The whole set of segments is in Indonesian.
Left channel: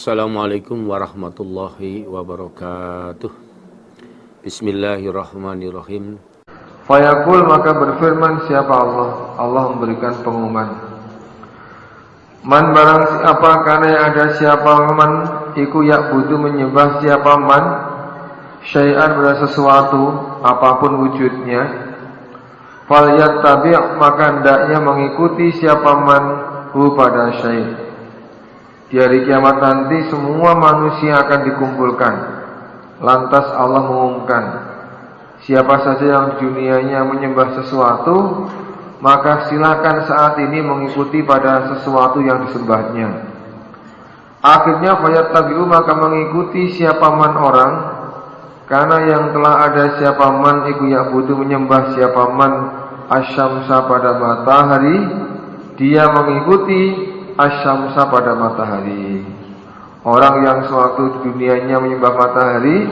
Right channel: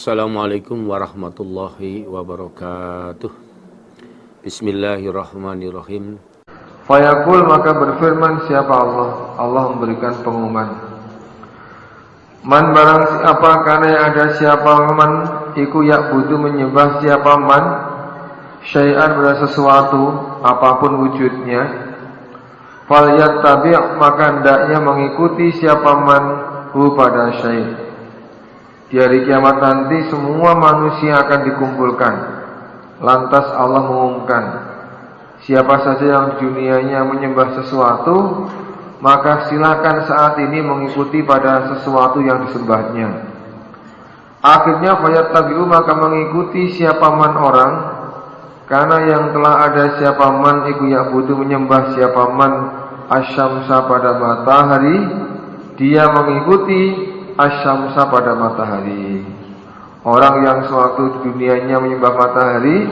Assalamualaikum warahmatullahi wabarakatuh. Bismillahirrahmanirrahim. Fayaqul, maka berfirman siapa Allah. Allah memberikan pengumuman. Man barang siapa, karena yang ada siapa man iku ya'budu menyembah siapa man syai'an pada sesuatu apapun wujudnya, falyattabi' maka hendaknya mengikuti siapa man hu pada syai'. Di hari kiamat nanti semua manusia akan dikumpulkan. Lantas Allah mengumumkan, siapa saja yang di dunianya menyembah sesuatu, maka silakan saat ini mengikuti pada sesuatu yang disembahnya. Akhirnya fayattabi'u, maka mengikuti siapa man orang, karena yang telah ada siapa man iku ya'budu menyembah siapa man asyamsa pada matahari, dia mengikuti asyamsa pada matahari. Orang yang sewaktu di dunianya menyembah matahari,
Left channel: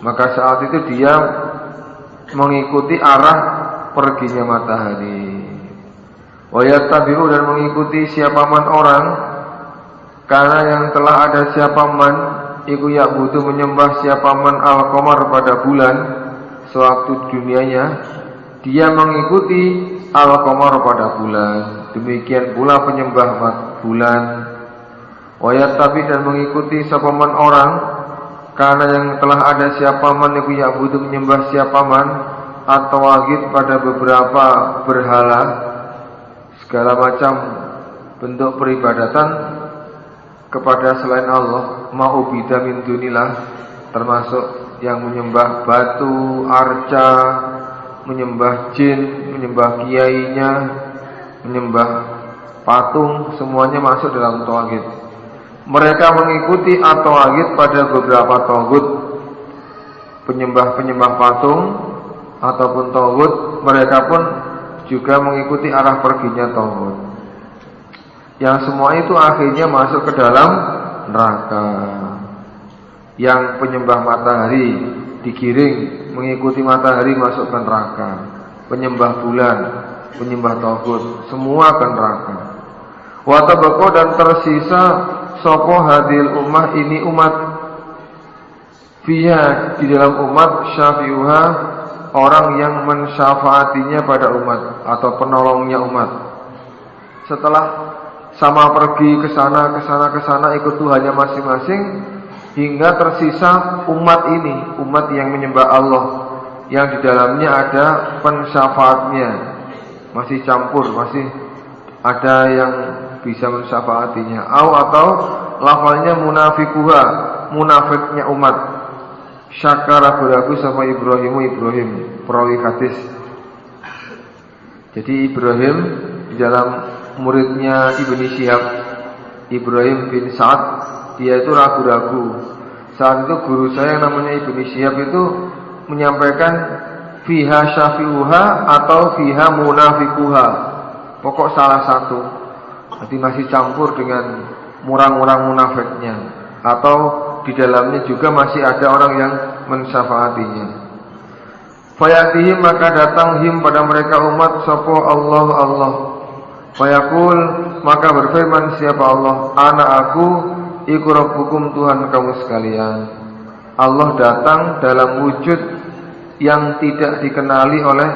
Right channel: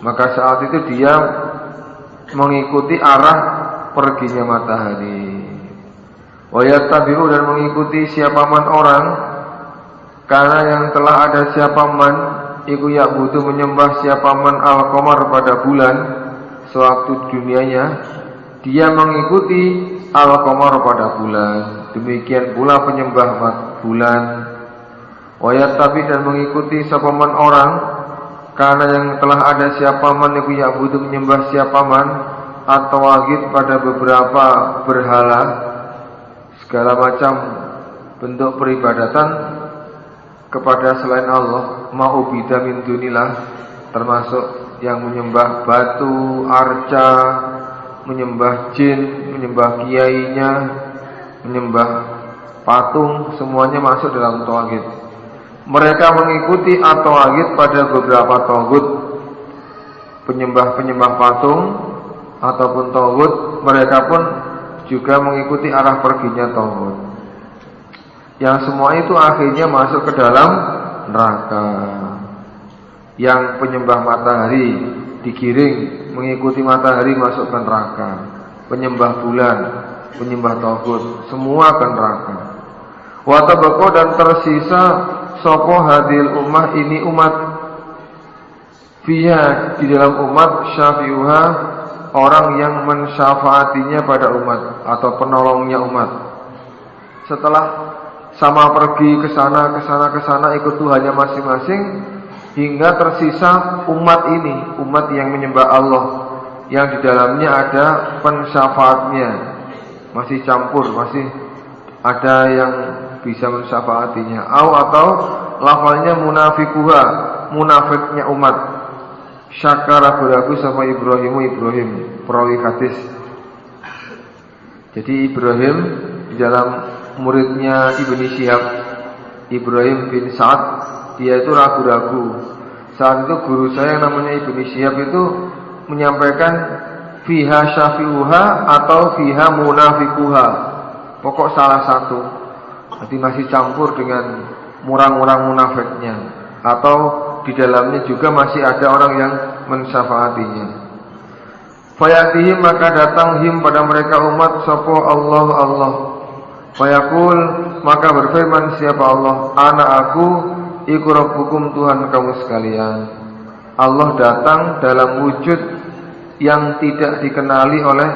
maka saat itu dia mengikuti arah perginya matahari. Wa yattabi'u, dan mengikuti siapa man orang, karena yang telah ada siapa man iku ya'budu menyembah siapa man al-qamar pada bulan sewaktu dunianya, dia mengikuti al-qamar pada bulan. Demikian pula penyembah bulan. Wa yattabi, dan mengikuti siapa man orang, karena yang telah ada siapa man iku ya'budu menyembah siapa man atau wagid pada beberapa berhala, segala macam bentuk peribadatan kepada selain Allah, ma'ubida min dunillah, termasuk yang menyembah batu, arca, menyembah jin, menyembah kiainya, menyembah patung, semuanya masuk dalam tauhid. Mereka mengikuti at-tauhid pada beberapa tauhid, penyembah-penyembah patung ataupun tauhid, mereka pun juga mengikuti arah perginya tauhid. Yang semua itu akhirnya masuk ke dalam neraka. Yang penyembah matahari digiring mengikuti matahari masuk ke neraka. Penyembah bulan, penyembah tauhid, semua ke neraka. Wa tabaqo, dan tersisa sopo hadil ummah, ini umat, fiha, di dalam umat, syafi'uha, orang yang mensyafaatinya pada umat atau penolongnya umat. Setelah sama pergi ke sana ikut Tuhannya masing-masing, hingga tersisa umat ini, umat yang menyembah Allah, yang di dalamnya ada pensyafaatnya, masih campur, masih ada yang bisa mensyafaatinya. Atau lafalnya munafikuha, munafiknya umat. Syakara beragu sama Ibrahim perawi hadis. Jadi Ibrahim di dalam muridnya Ibnu Syihab, Ibrahim bin Sa'ad, dia itu ragu-ragu. Saat itu guru saya yang namanya Ibnu Syihab itu menyampaikan fiha syafi'uha atau fiha munafikuha, pokok salah satu. Jadi masih campur dengan orang-orang munafiknya, atau di dalamnya juga masih ada orang yang mensyafaatinya. Fayatihim, maka datang him pada mereka umat sapa Allah. Fayaqul, maka berfirman siapa Allah, ana aku iku rabbukum, Tuhan kamu sekalian. Allah datang dalam wujud yang tidak dikenali oleh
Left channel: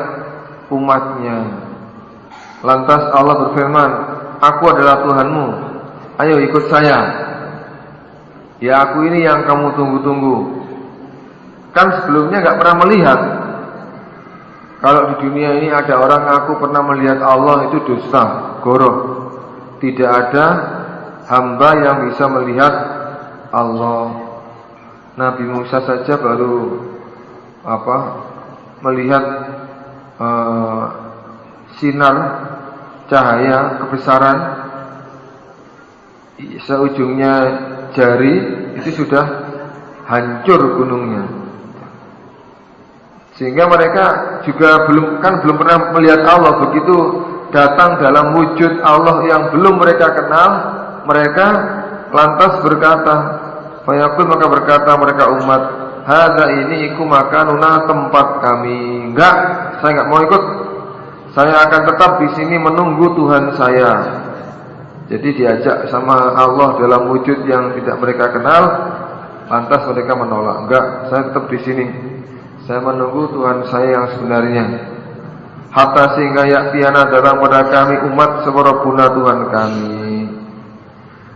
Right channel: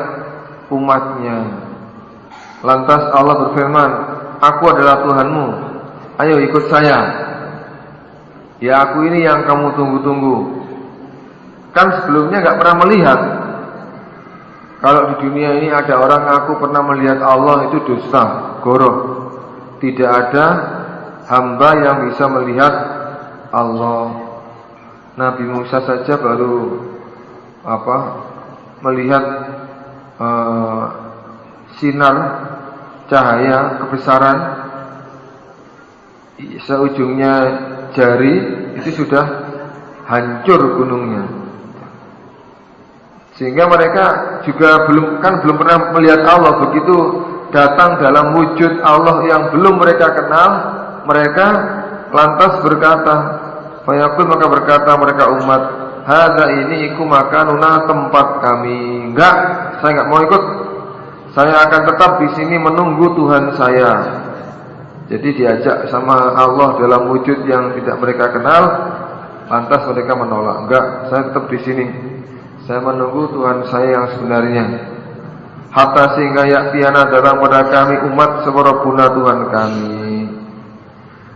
umatnya. Lantas Allah berfirman, aku adalah Tuhanmu, ayo ikut saya. Ya aku ini yang kamu tunggu-tunggu. Kan sebelumnya gak pernah melihat. Kalau di dunia ini ada orang aku pernah melihat Allah, itu dusta, goroh. Tidak ada hamba yang bisa melihat Allah. Nabi Musa saja baru melihat sinar cahaya kebesaran seujungnya jari, itu sudah hancur gunungnya. Sehingga mereka juga belum pernah melihat Allah. Begitu datang dalam wujud Allah yang belum mereka kenal, mereka lantas berkata, fayaqul, maka berkata mereka umat, hadza, ini iku makanuna, tempat kami. Enggak, saya enggak mau ikut. Saya akan tetap di sini menunggu Tuhan saya. Jadi diajak sama Allah dalam wujud yang tidak mereka kenal, lantas mereka menolak. Enggak, saya tetap di sini. Saya menunggu Tuhan saya yang sebenarnya. Hatta sehingga yaktiana datang pada kami umat separabuna Tuhan kami.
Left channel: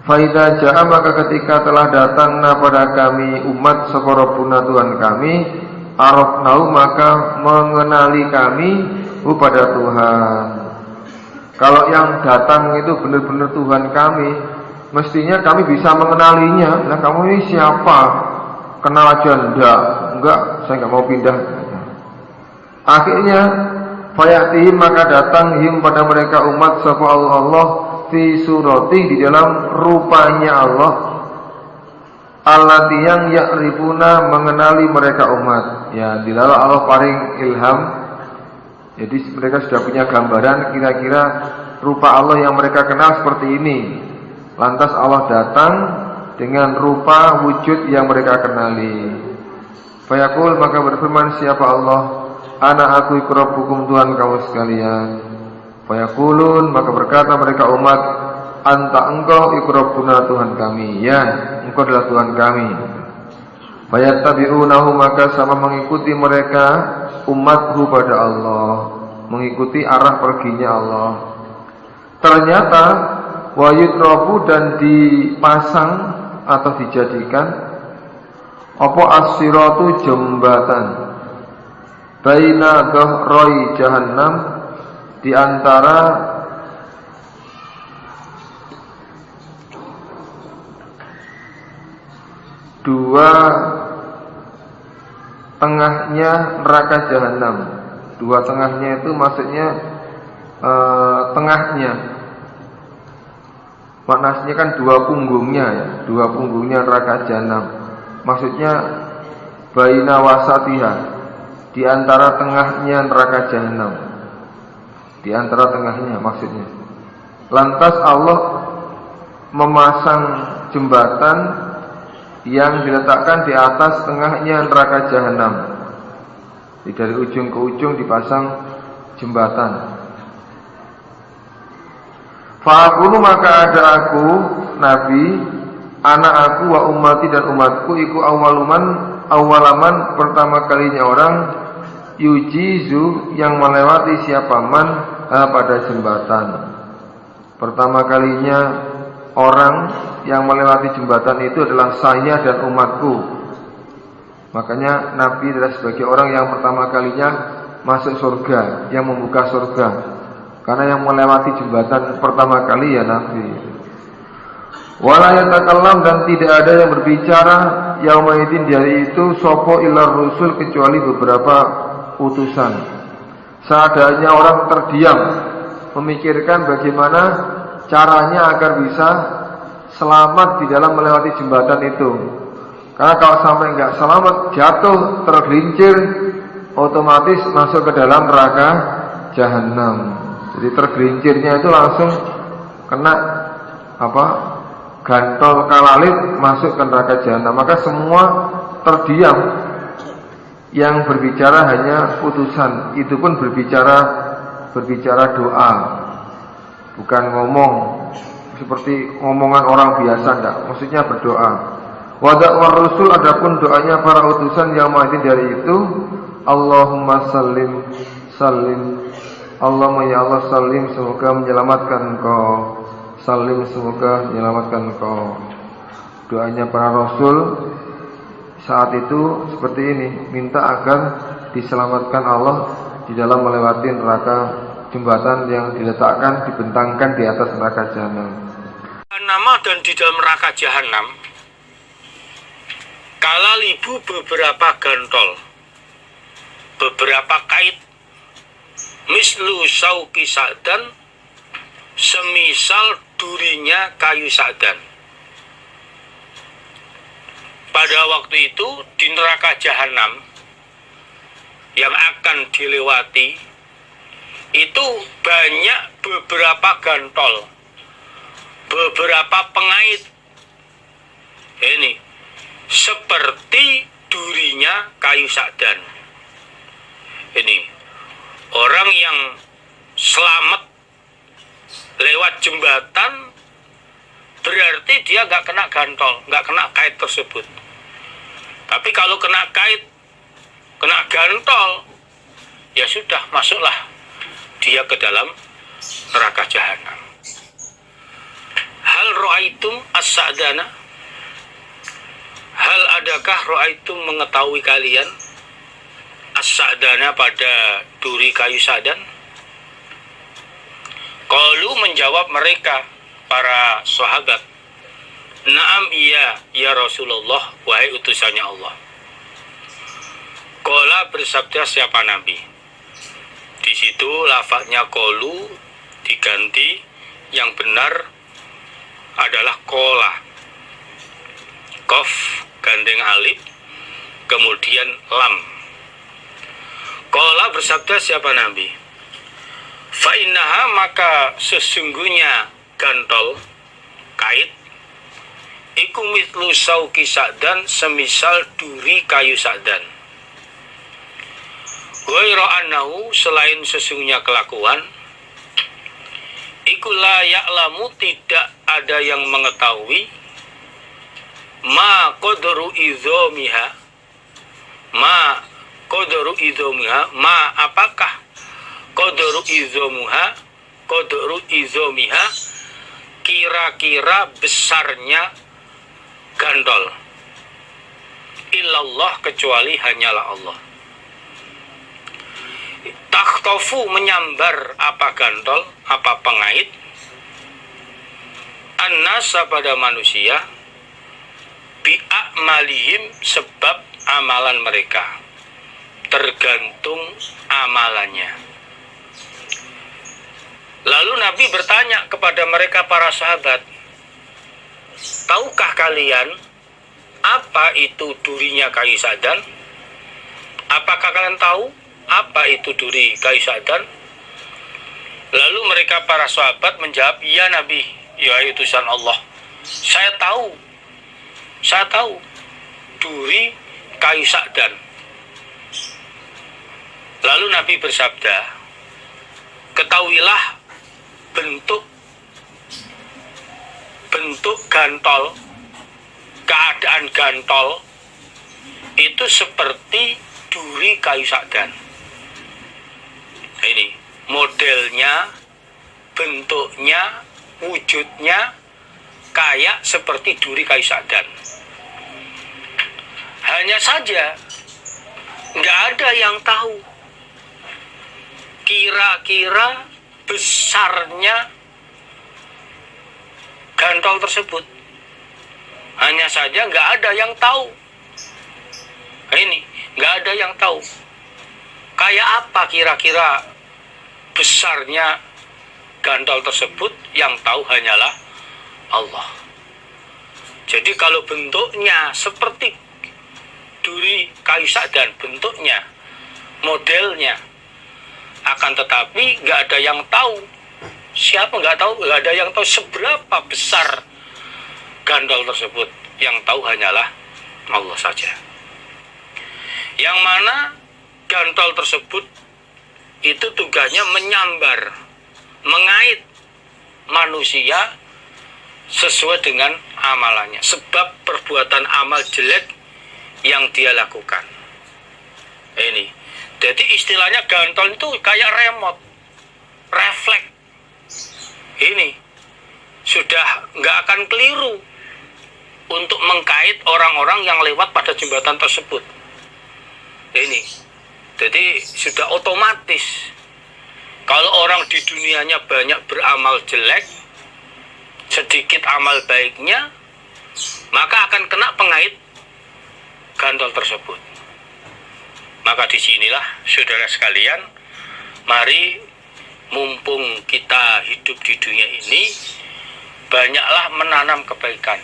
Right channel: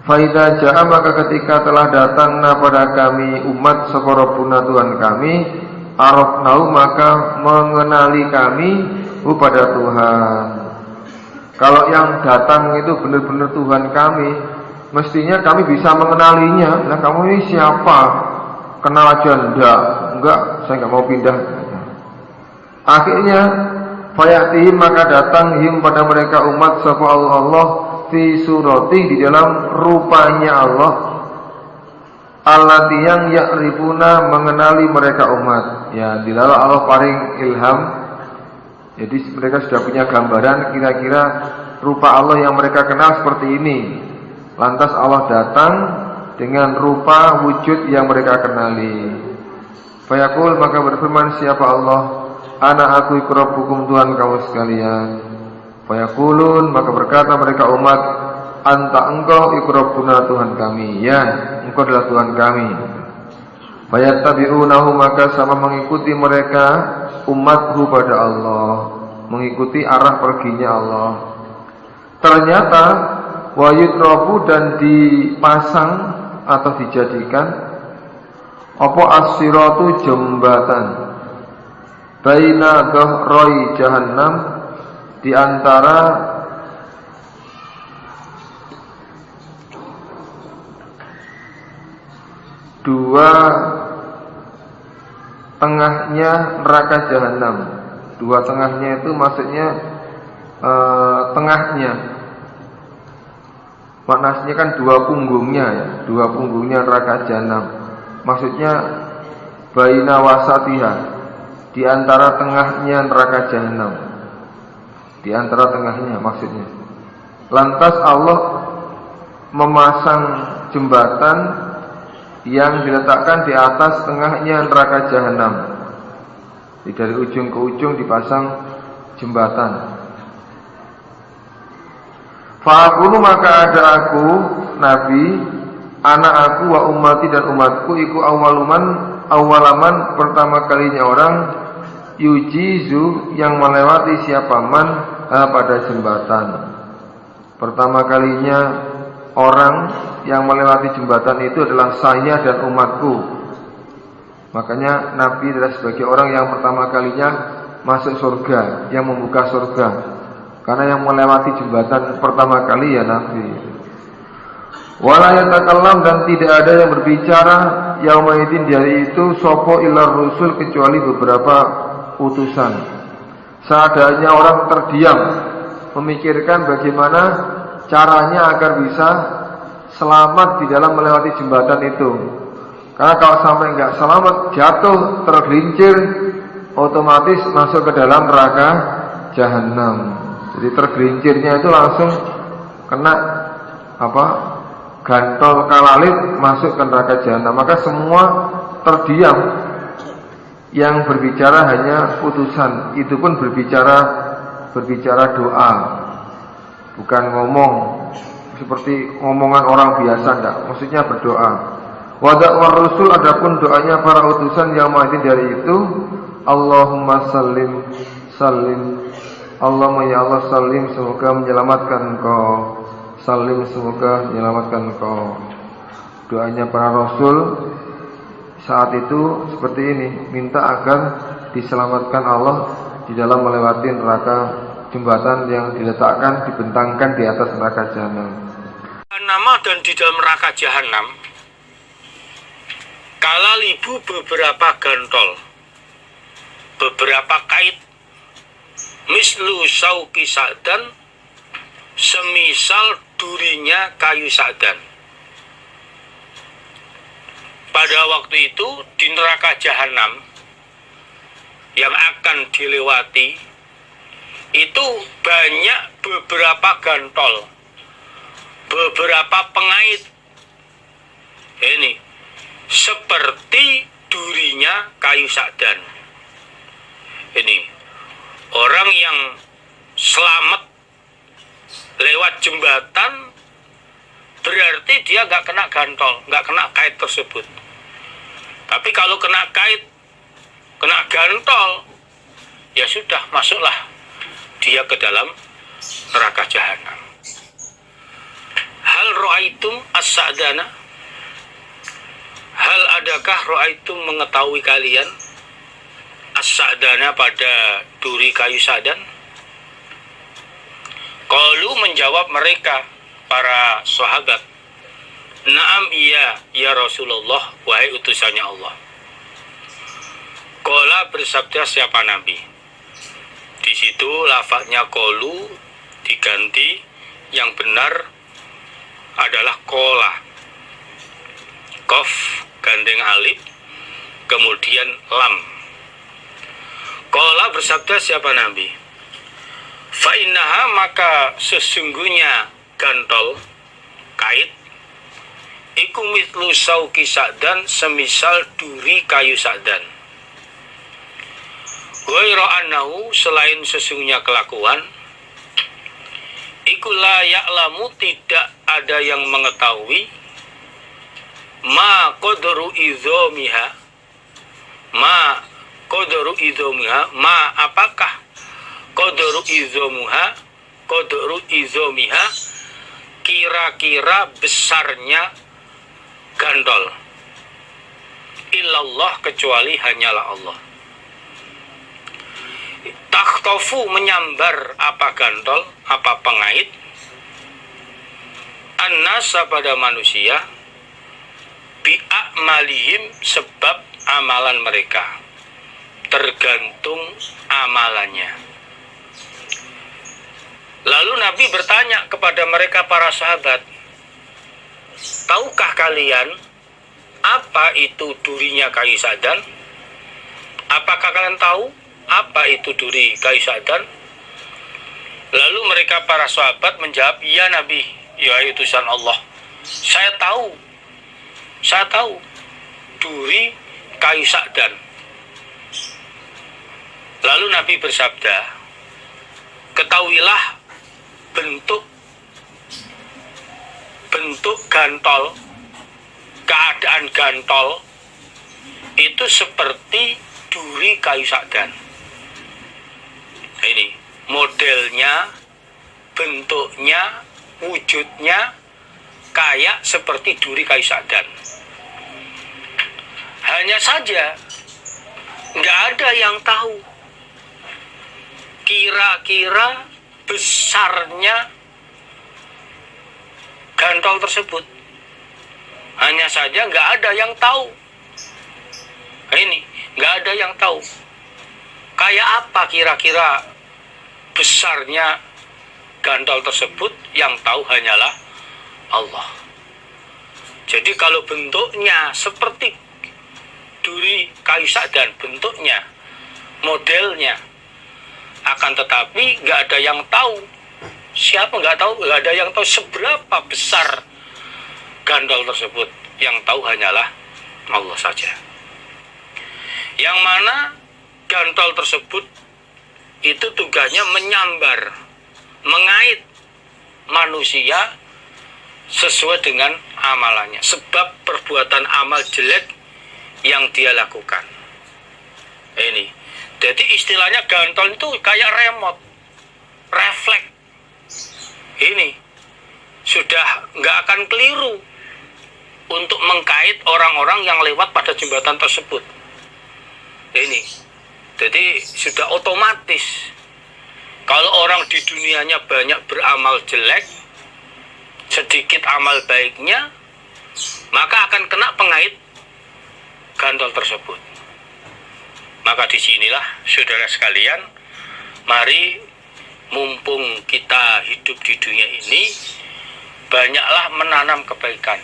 Faida ja'a maka ketika telah datang pada kami umat separabuna Tuhan kami, arafnahu maka mengenali kami pada Tuhan. Kalau yang datang itu benar-benar Tuhan kami, mestinya kami bisa mengenalinya. Nah, kamu ini siapa? Kenal aja enggak, saya enggak mau pindah. Akhirnya fayatihim maka datang him pada mereka umat sapa Allah fi surati di dalam rupanya Allah. Allati yang ya'rifuna mengenali mereka umat. Ya, dilalah Allah paring ilham. Jadi mereka sudah punya gambaran kira-kira rupa Allah yang mereka kenal seperti ini. Lantas Allah datang dengan rupa wujud yang mereka kenali. Fayaqul maka berfirman siapa Allah, ana aku iku rabbukum Tuhan kamu sekalian. Fayaqulun maka berkata mereka umat, anta engkau iku rabbuna Tuhan kami. Ya, engkau adalah Tuhan kami. Fayattabi'unahu maka sama mengikuti mereka umatku pada Allah, mengikuti arah perginya Allah. Ternyata wayutrafu dan dipasang atau dijadikan apa as-siratu jembatan baina dhahroi jahannam, di antara dua tengahnya neraka jahanam. Dua tengahnya itu maksudnya tengahnya, maknanya kan dua punggungnya ya, dua punggungnya neraka jahanam. Maksudnya baina wasatiha, di antara tengahnya neraka jahanam, di antara tengahnya maksudnya. Lantas Allah memasang jembatan yang diletakkan di atas tengahnya neraka jahanam. Dari ujung ke ujung dipasang jembatan. Fa'akunu maka ada aku Nabi, anak aku wa ummati dan umatku iku awalaman pertama kalinya orang yujizu yang melewati siapa man pada jembatan. Pertama kalinya orang yang melewati jembatan itu adalah saya dan umatku. Makanya Nabi adalah sebagai orang yang pertama kalinya masuk surga, yang membuka surga. Karena yang melewati jembatan pertama kali ya Nabi. Wala yatakallam dan tidak ada yang berbicara yaumaidin di hari itu sopo ilar rusul kecuali beberapa utusan. Seadanya orang terdiam memikirkan bagaimana caranya agar bisa selamat di dalam melewati jembatan itu. Karena kalau sampai enggak selamat, jatuh, tergelincir, otomatis masuk ke dalam neraka jahanam. Jadi tergelincirnya itu langsung kena gantol kalalit masuk ke neraka jahanam. Maka semua terdiam. Yang berbicara hanya utusan. Itu pun berbicara doa, bukan ngomong seperti ngomongan orang biasa, enggak. Maksudnya berdoa. Wadakwar Rasul adapun doanya para utusan yang mati dari itu, Allahumma sallim sallim, Allahumma ya Allah sallim, semoga menyelamatkan engkau, sallim semoga menyelamatkan engkau. Doanya para Rasul saat itu seperti ini, minta agar diselamatkan Allah di dalam melewati neraka jembatan yang diletakkan, dibentangkan di atas neraka jahanam. Nama dan di dalam neraka jahanam kalalibu beberapa gantol, beberapa kait, mislu sauki sa'dan, semisal durinya kayu sa'dan. Pada waktu itu di neraka jahanam yang akan dilewati itu banyak beberapa gantol, beberapa pengait. Ini seperti durinya kayu sa'dan. Ini orang yang selamat lewat jembatan dia nggak kena gantol, nggak kena kait tersebut. Tapi kalau kena kait, kena gantol, ya sudah, masuklah dia ke dalam neraka jahanam. Hal ra'aitum as-sa'dana? Hal adakah ra'aitum mengetahui kalian as-sa'dana pada duri kayu sadan? Qalu menjawab mereka para sahabat, "Na'am, iya ya Rasulullah, wahai utusannya Allah." Qala bersabda siapa Nabi? Di situ lafadznya qalu diganti, yang benar adalah qala. Qaf gandeng alif, kemudian lam. Qala bersabda siapa Nabi? Fa innaha, maka sesungguhnya gantol kait iku mithlu sauki sa'dan, semisal duri kayu sa'dan. Ghairu annahu, selain sesungguhnya kelakuan, iku la ya'lamu, tidak ada yang mengetahui, ma qadru idzomiha, ma qadru idzomiha, ma apakah qadru idzomuha, qadru idzomiha, kira-kira besarnya gantol, illallah, kecuali hanyalah Allah. Takhtofu, menyambar apa gantol, apa pengait, annasa, pada manusia, bi'a'malihim, sebab amalan mereka, tergantung amalannya. Lalu Nabi bertanya kepada mereka para sahabat, tahukah kalian apa itu durinya kayu sadan? Apakah kalian tahu apa itu duri kayu sadan? Lalu mereka para sahabat menjawab, iya Nabi, ya utusan Allah, saya tahu duri kayu sadan. Lalu Nabi bersabda, ketahuilah bentuk gantol, keadaan gantol itu seperti duri kayu sadan. Nah, ini modelnya, bentuknya, wujudnya kayak seperti duri kayu sadan. Hanya saja nggak ada yang tahu kira-kira besarnya gantol tersebut. Hanya saja nggak ada yang tahu. Nah, ini nggak ada yang tahu kayak apa kira-kira besarnya gantol tersebut, yang tahu hanyalah Allah. Jadi kalau bentuknya seperti duri kayu sadan, bentuknya, modelnya, akan tetapi nggak ada yang tahu. Siapa nggak tahu? Nggak ada yang tahu seberapa besar gantol tersebut. Yang tahu hanyalah Allah saja. Yang mana gantol tersebut itu tugasnya menyambar, mengait manusia sesuai dengan amalannya, sebab perbuatan amal jelek yang dia lakukan. Ini, jadi istilahnya gantol itu kayak remote, refleks. Ini sudah nggak akan keliru untuk mengkait orang-orang yang lewat pada jembatan tersebut. Ini, jadi sudah otomatis. Kalau orang di dunianya banyak beramal jelek, sedikit amal baiknya, maka akan kena pengait gantol tersebut. Maka disinilah saudara sekalian, mari mumpung kita hidup di dunia ini, banyaklah menanam kebaikan.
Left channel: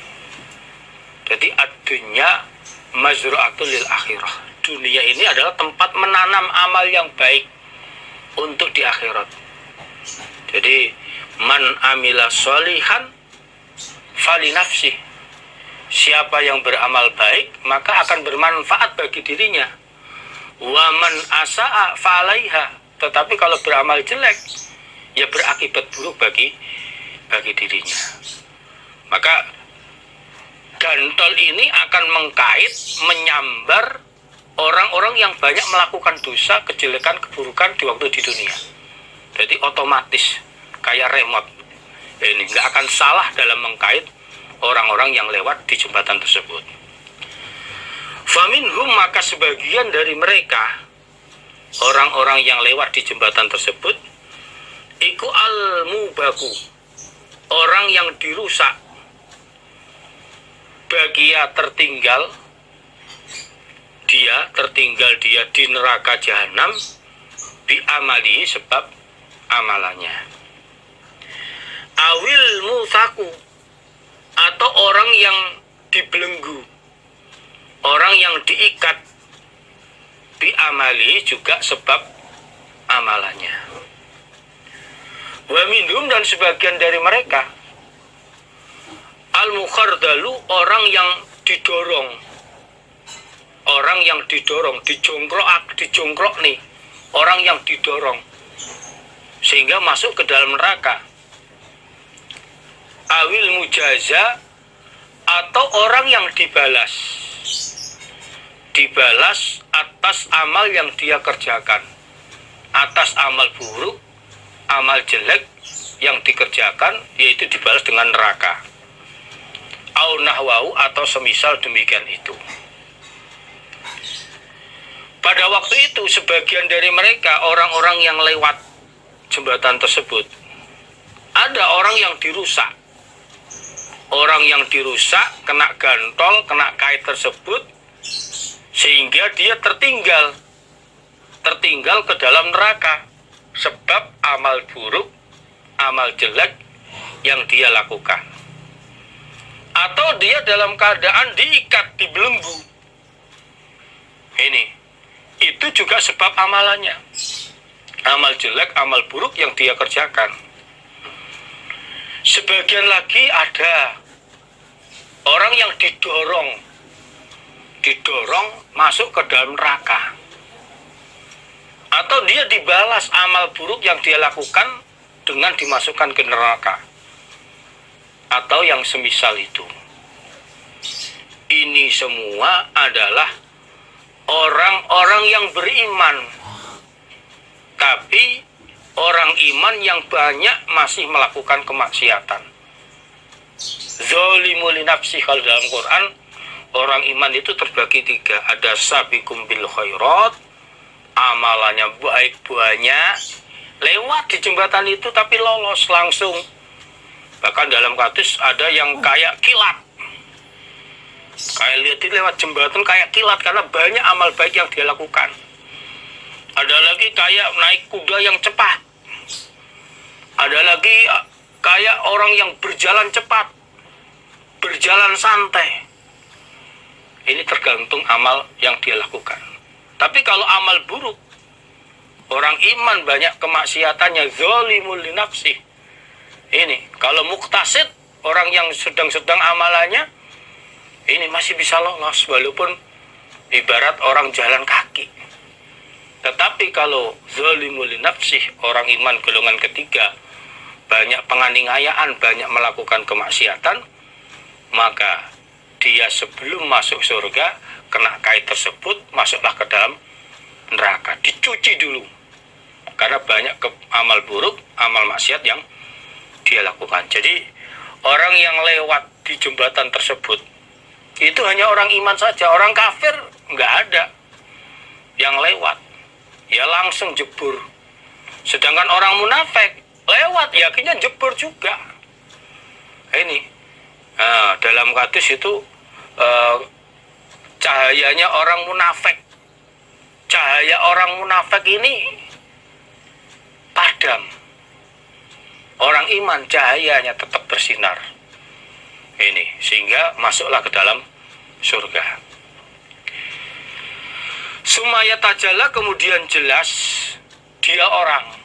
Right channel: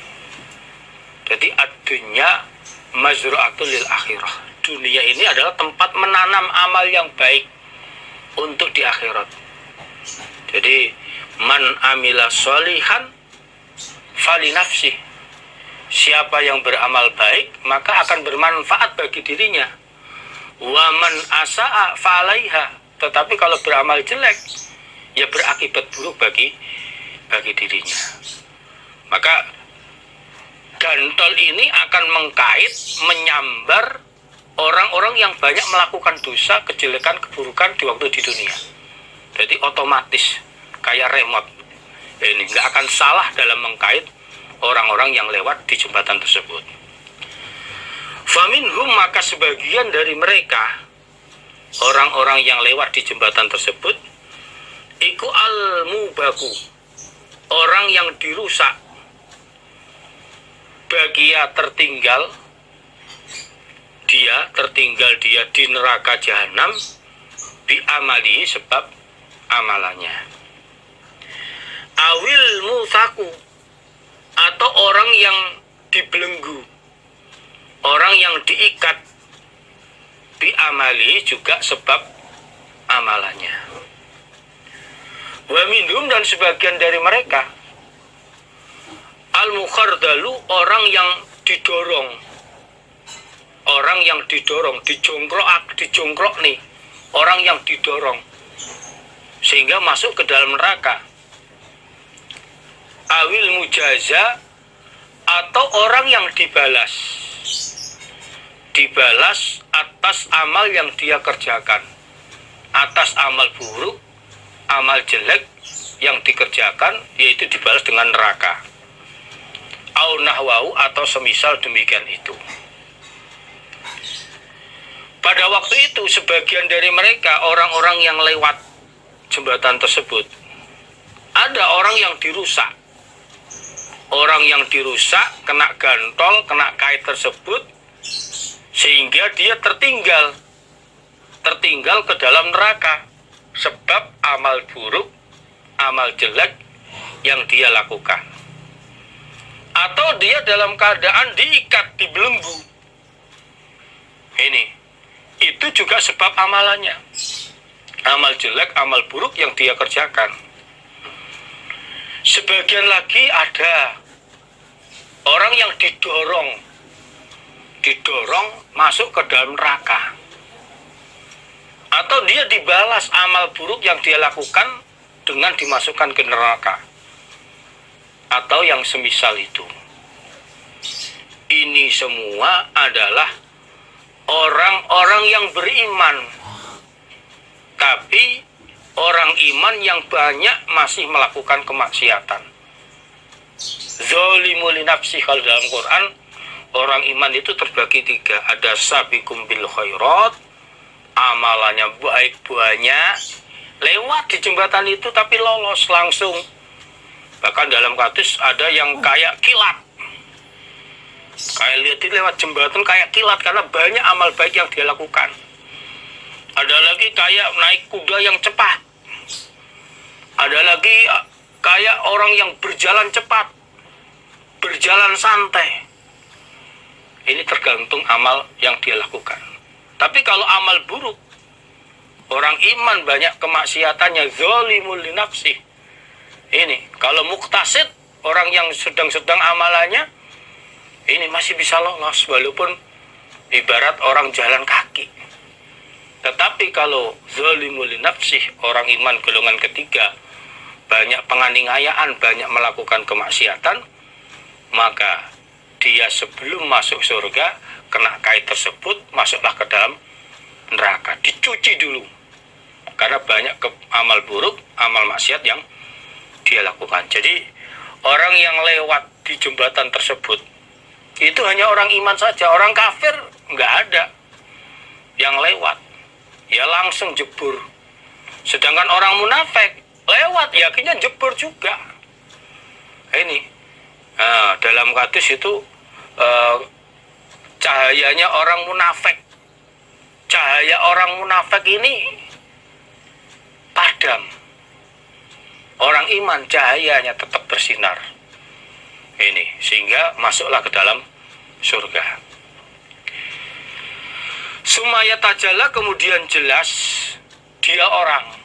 Jadi ad-dunya mazru'atul lil akhirah. Dunia ini adalah tempat menanam amal yang baik untuk di akhirat. Jadi man amila sholihan fali nafsih. Siapa yang beramal baik maka akan bermanfaat bagi dirinya. Wa man asa'a falaiha. Tetapi kalau beramal jelek ya berakibat buruk bagi dirinya. Maka gantol ini akan mengkait, menyambar orang-orang yang banyak melakukan dosa, kejelekan, keburukan di waktu di dunia. Jadi otomatis kayak remote. Ini nggak akan salah dalam mengkait orang-orang yang lewat di jembatan tersebut. Faminhum, maka sebagian dari mereka, orang-orang yang lewat di jembatan tersebut, iku al-mubaku, orang yang dirusak, bagia tertinggal dia di neraka jahanam, bi amali, sebab amalannya. Awil musaku, atau orang yang dibelenggu, orang yang diikat, bi amali, juga sebab amalannya. Wa minhum, dan sebagian dari mereka, al-mukhardalu, orang yang didorong, dijongkrok nih, orang yang didorong sehingga masuk ke dalam neraka. Awil mujaza, atau orang yang dibalas atas amal yang dia kerjakan, atas amal buruk, amal jelek yang dikerjakan, yaitu dibalas dengan neraka. Au nahwau, atau semisal demikian itu. Pada waktu itu sebagian dari mereka, orang-orang yang lewat jembatan tersebut, ada orang yang dirusak. Orang yang dirusak, kena gantol, kena kait tersebut, sehingga dia tertinggal ke dalam neraka, sebab amal buruk, amal jelek yang dia lakukan. Atau dia dalam keadaan diikat, dibelenggu. Itu juga sebab amalannya, amal jelek, amal buruk yang dia kerjakan. Sebagian lagi ada orang yang didorong masuk ke dalam neraka, atau dia dibalas amal buruk yang dia lakukan dengan dimasukkan ke neraka, atau yang semisal itu. Ini semua adalah orang-orang yang beriman, tapi orang iman yang banyak masih melakukan kemaksiatan. Zalimu li nafsi, kalau dalam Quran orang iman itu terbagi 3. Ada sabiqum bil khairat, amalannya baik banyak, lewat di jembatan itu tapi lolos langsung. Bahkan dalam hadis ada yang kayak kilat, kayak lihat lewat jembatan kayak kilat, karena banyak amal baik yang dia lakukan. Ada lagi kayak naik kuda yang cepat. Ada lagi kayak orang yang berjalan cepat, berjalan santai. Ini tergantung amal yang dia lakukan. Tapi kalau amal buruk, orang iman banyak kemaksiatannya, zalimul li nafsi. Ini kalau muktasid, orang yang sedang-sedang amalannya, ini masih bisa lolos walaupun ibarat orang jalan kaki. Tetapi kalau zalimul li nafsi, orang iman golongan ketiga, banyak penganiayaan, banyak melakukan kemaksiatan, maka dia sebelum masuk surga, kena kait tersebut, masuklah ke dalam neraka. Dicuci dulu, karena banyak amal buruk, amal maksiat yang dia lakukan. Jadi orang yang lewat di jembatan tersebut itu hanya orang iman saja. Orang kafir nggak ada yang lewat, ya langsung jebur. Sedangkan orang munafik lewat, yakinnya jebur juga. Dalam hadis itu cahayanya orang munafik, cahaya orang munafik ini padam. Orang iman cahayanya tetap bersinar. Sehingga masuklah ke dalam surga. Sumaya tajalla, kemudian jelas dia orang,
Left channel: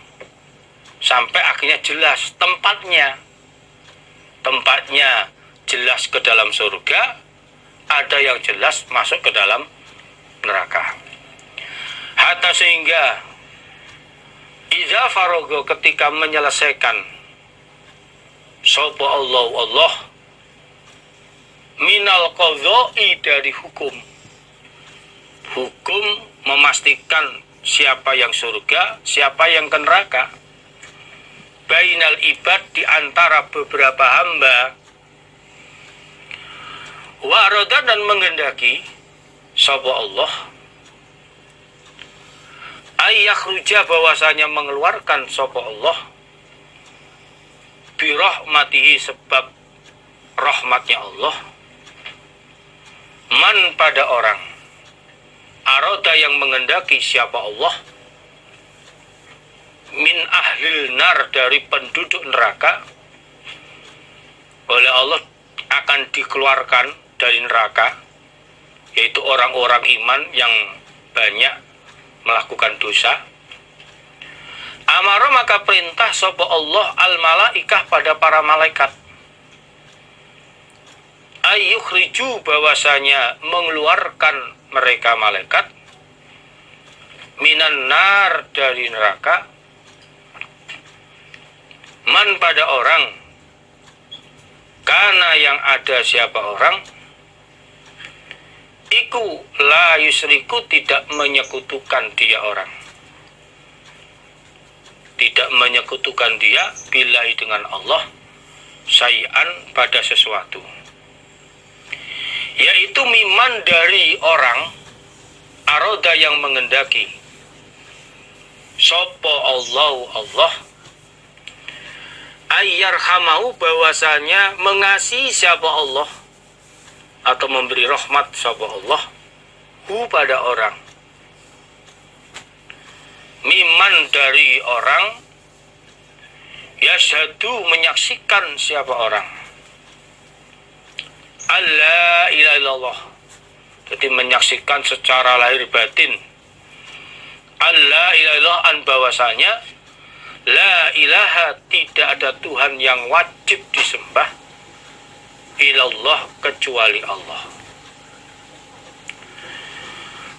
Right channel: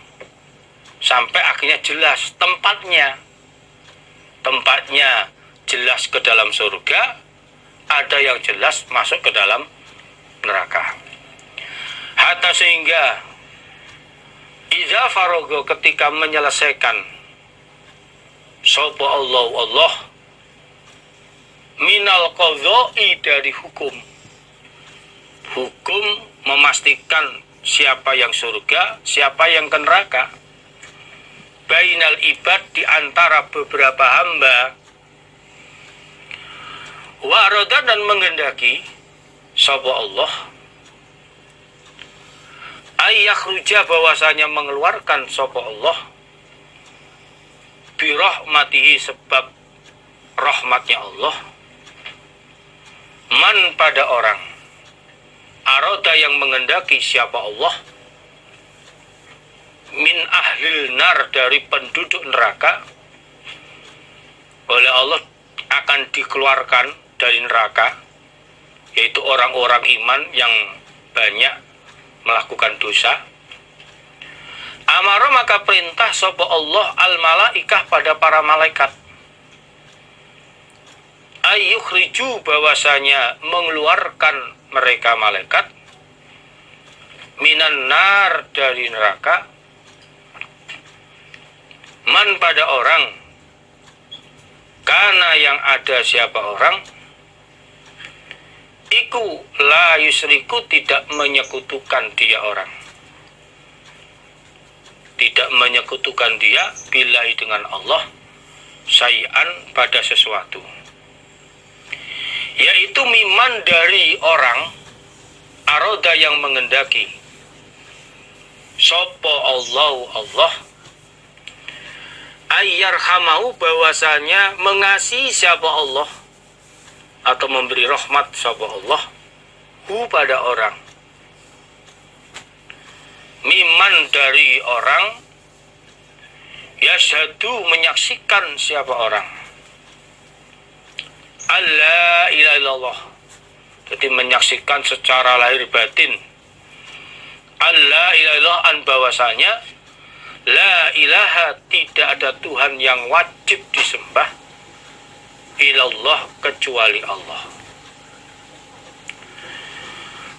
sampai akhirnya jelas tempatnya jelas ke dalam surga, ada yang jelas masuk ke dalam neraka. Hatta sehingga idza farogo, ketika menyelesaikan sapa Allah minal minal qadha'i, dari hukum. Hukum memastikan siapa yang surga, siapa yang ke neraka. Bainal ibad, di antara beberapa hamba. Wa arada, dan menghendaki sapa Allah, ayyakhruja, bahwasanya mengeluarkan sapa Allah, bi rahmatihi, sebab rahmatnya Allah, man, pada orang, arada, yang menghendaki siapa Allah, min ahlil nar, dari penduduk neraka. Oleh Allah akan dikeluarkan dari neraka, yaitu orang-orang iman yang banyak melakukan dosa. Amara, maka perintah sapa Allah al malaikah, pada para malaikat, ayyukhriju, bahwasanya mengeluarkan mereka malaikat, minan nar, dari neraka, man, pada orang, karena yang ada siapa orang, iku la yusriku, tidak menyekutukan dia orang, tidak menyekutukan dia billahi, dengan Allah, syai'an, pada sesuatu, yaitu miman, dari orang, aroda, yang menghendaki sopo Allah ayyarhamahu, bahwasanya mengasihi siapa Allah, atau memberi rahmat sapa Allah, hu, pada orang, miman, dari orang, yashhadu, menyaksikan siapa orang, alla ilaha illallah, jadi menyaksikan secara lahir batin, alla ilaha illallah, an, bahwasanya la ilaha, tidak ada Tuhan yang wajib disembah, ilallah, kecuali Allah.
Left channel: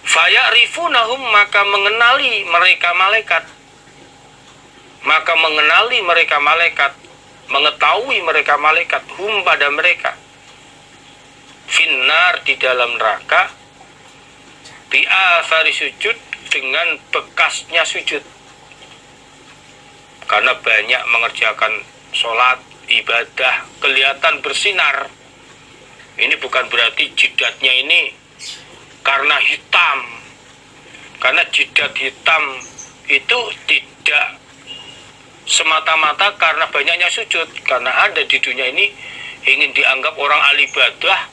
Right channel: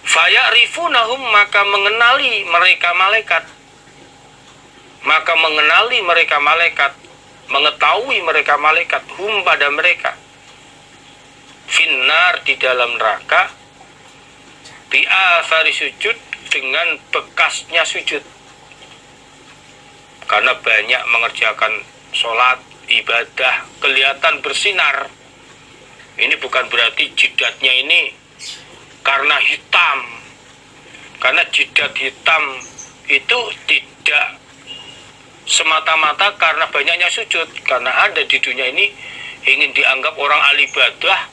Faya'rifunahum, maka mengenali mereka malaikat, mengetahui mereka malaikat, hum, pada mereka, finnar, di dalam neraka, bi athari sujud, dengan bekasnya sujud, karena banyak mengerjakan sholat, ibadah, kelihatan bersinar. Ini bukan berarti jidatnya ini karena hitam, karena jidat hitam itu tidak semata-mata karena banyaknya sujud, karena ada di dunia ini ingin dianggap orang ahli ibadah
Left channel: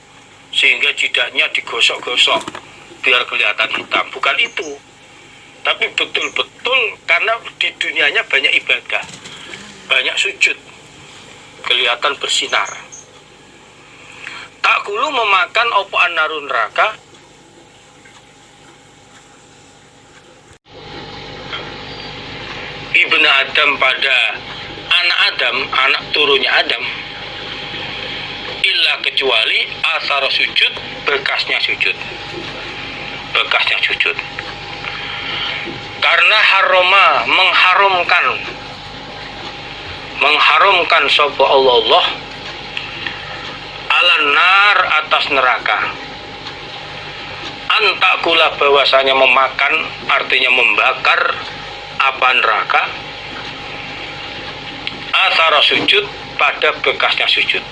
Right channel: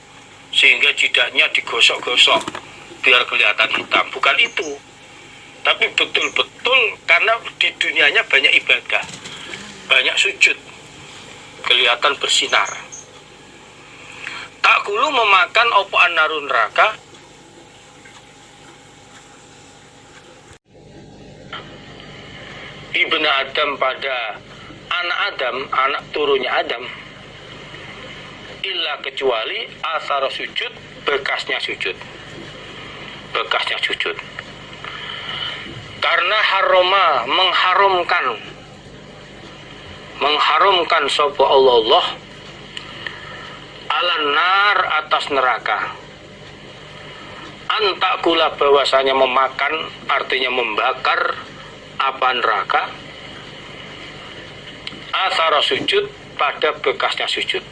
sehingga jidatnya digosok-gosok biar kelihatan hitam. Bukan itu, tapi betul-betul karena di dunianya banyak ibadah, banyak sujud, kelihatan bersinar. Tak kulu, memakan opo an-narun, neraka, ibnu Adam, pada anak Adam, anak turunnya Adam, illa, kecuali asar sujud, bekasnya sujud, karena haroma, mengharamkan sapa Allah ala nar, atas neraka, antakula, bahwasanya memakan, artinya membakar, apa, neraka, asara sujud, pada bekasnya sujud,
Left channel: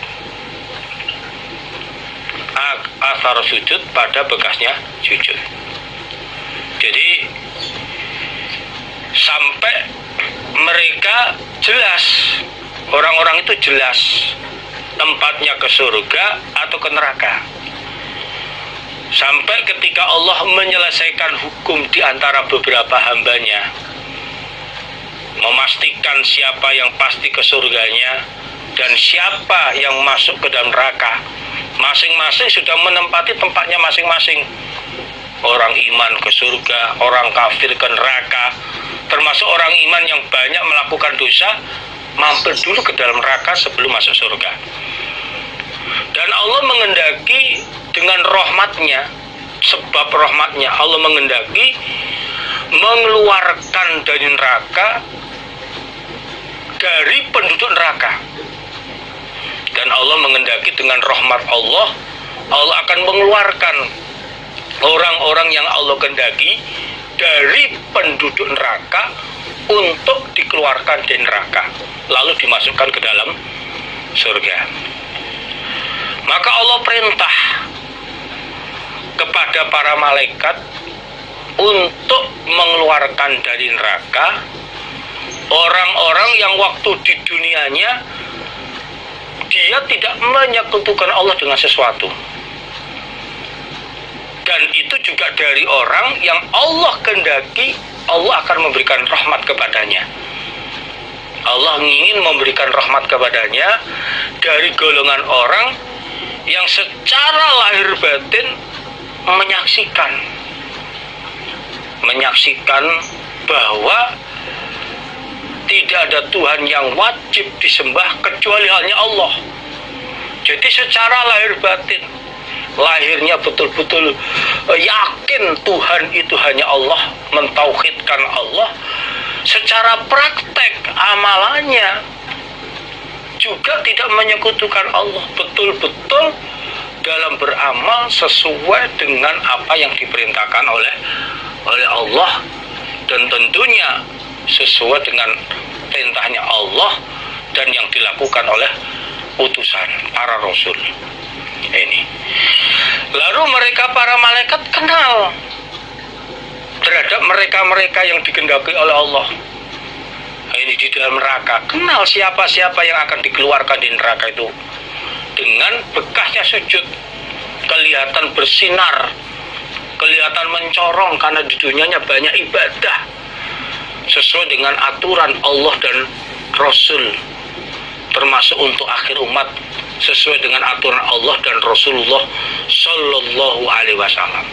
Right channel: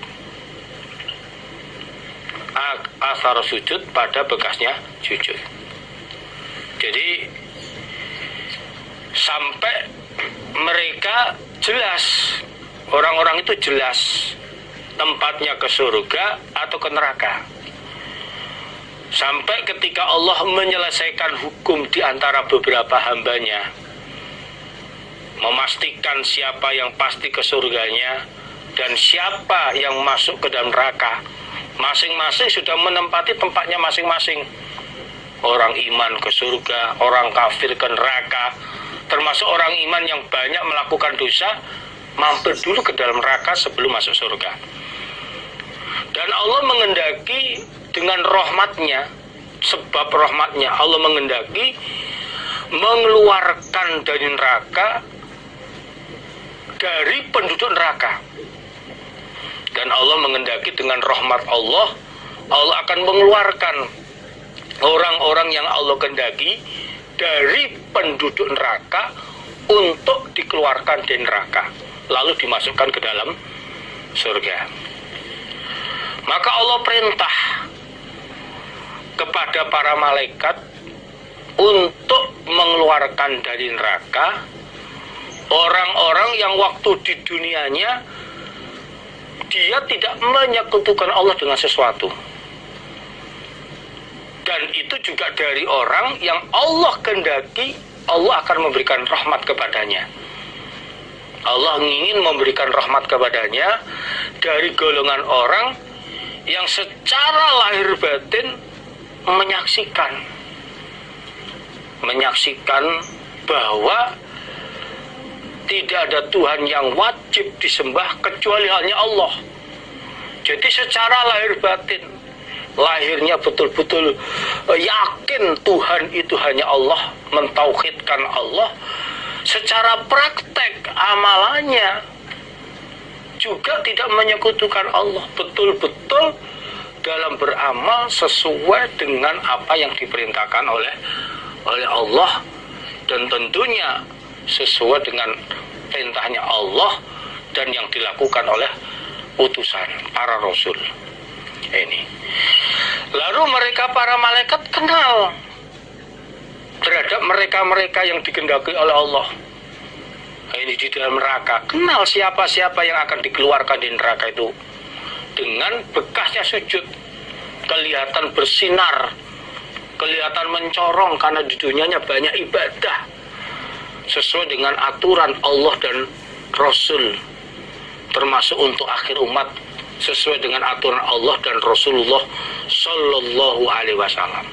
asara sujud, pada bekasnya sujud. Jadi sampai mereka jelas, orang-orang itu jelas tempatnya ke surga atau ke neraka. Sampai ketika Allah menyelesaikan hukum di antara beberapa hambanya, memastikan siapa yang pasti ke surganya dan siapa yang masuk ke dalam neraka, masing-masing sudah menempati tempatnya masing-masing. Orang iman ke surga, orang kafir ke neraka, termasuk orang iman yang banyak melakukan dosa, mampir dulu ke dalam neraka sebelum masuk surga. Dan Allah menghendaki dengan rahmatnya, sebab rahmatnya Allah menghendaki mengeluarkan dari neraka, dari penduduk neraka. Dan Allah menghendaki dengan rahmat Allah Allah akan mengeluarkan orang-orang yang Allah kehendaki dari penduduk neraka untuk dikeluarkan dari neraka, lalu dimasukkan ke dalam surga. Maka Allah perintah kepada para malaikat untuk mengeluarkan dari neraka orang-orang yang waktu di dunianya dia tidak menyekutukan Allah dengan sesuatu. Dan itu juga dari orang yang Allah kehendaki Allah akan memberikan rahmat kepadanya. Allah ingin memberikan rahmat kepadanya dari golongan orang yang secara lahir batin menyaksikan bahwa tidak ada Tuhan yang wajib disembah kecuali hanya Allah. Jadi secara lahir batin, lahirnya betul-betul yakin Tuhan itu hanya Allah, mentauhidkan Allah. Secara praktek amalannya juga tidak menyekutukan Allah, betul-betul dalam beramal sesuai dengan apa yang diperintahkan oleh Allah, dan tentunya sesuai dengan perintahnya Allah dan yang dilakukan oleh utusan para rasul ini. Lalu mereka para malaikat kenal terhadap mereka-mereka yang dikehendaki oleh Allah ini di dalam neraka. Kenal siapa-siapa yang akan dikeluarkan di neraka itu dengan bekasnya sujud, kelihatan bersinar, kelihatan mencorong karena di dunianya banyak ibadah sesuai dengan aturan Allah dan Rasul, termasuk untuk akhir umat sesuai dengan aturan Allah dan Rasulullah Sallallahu Alaihi Wasallam.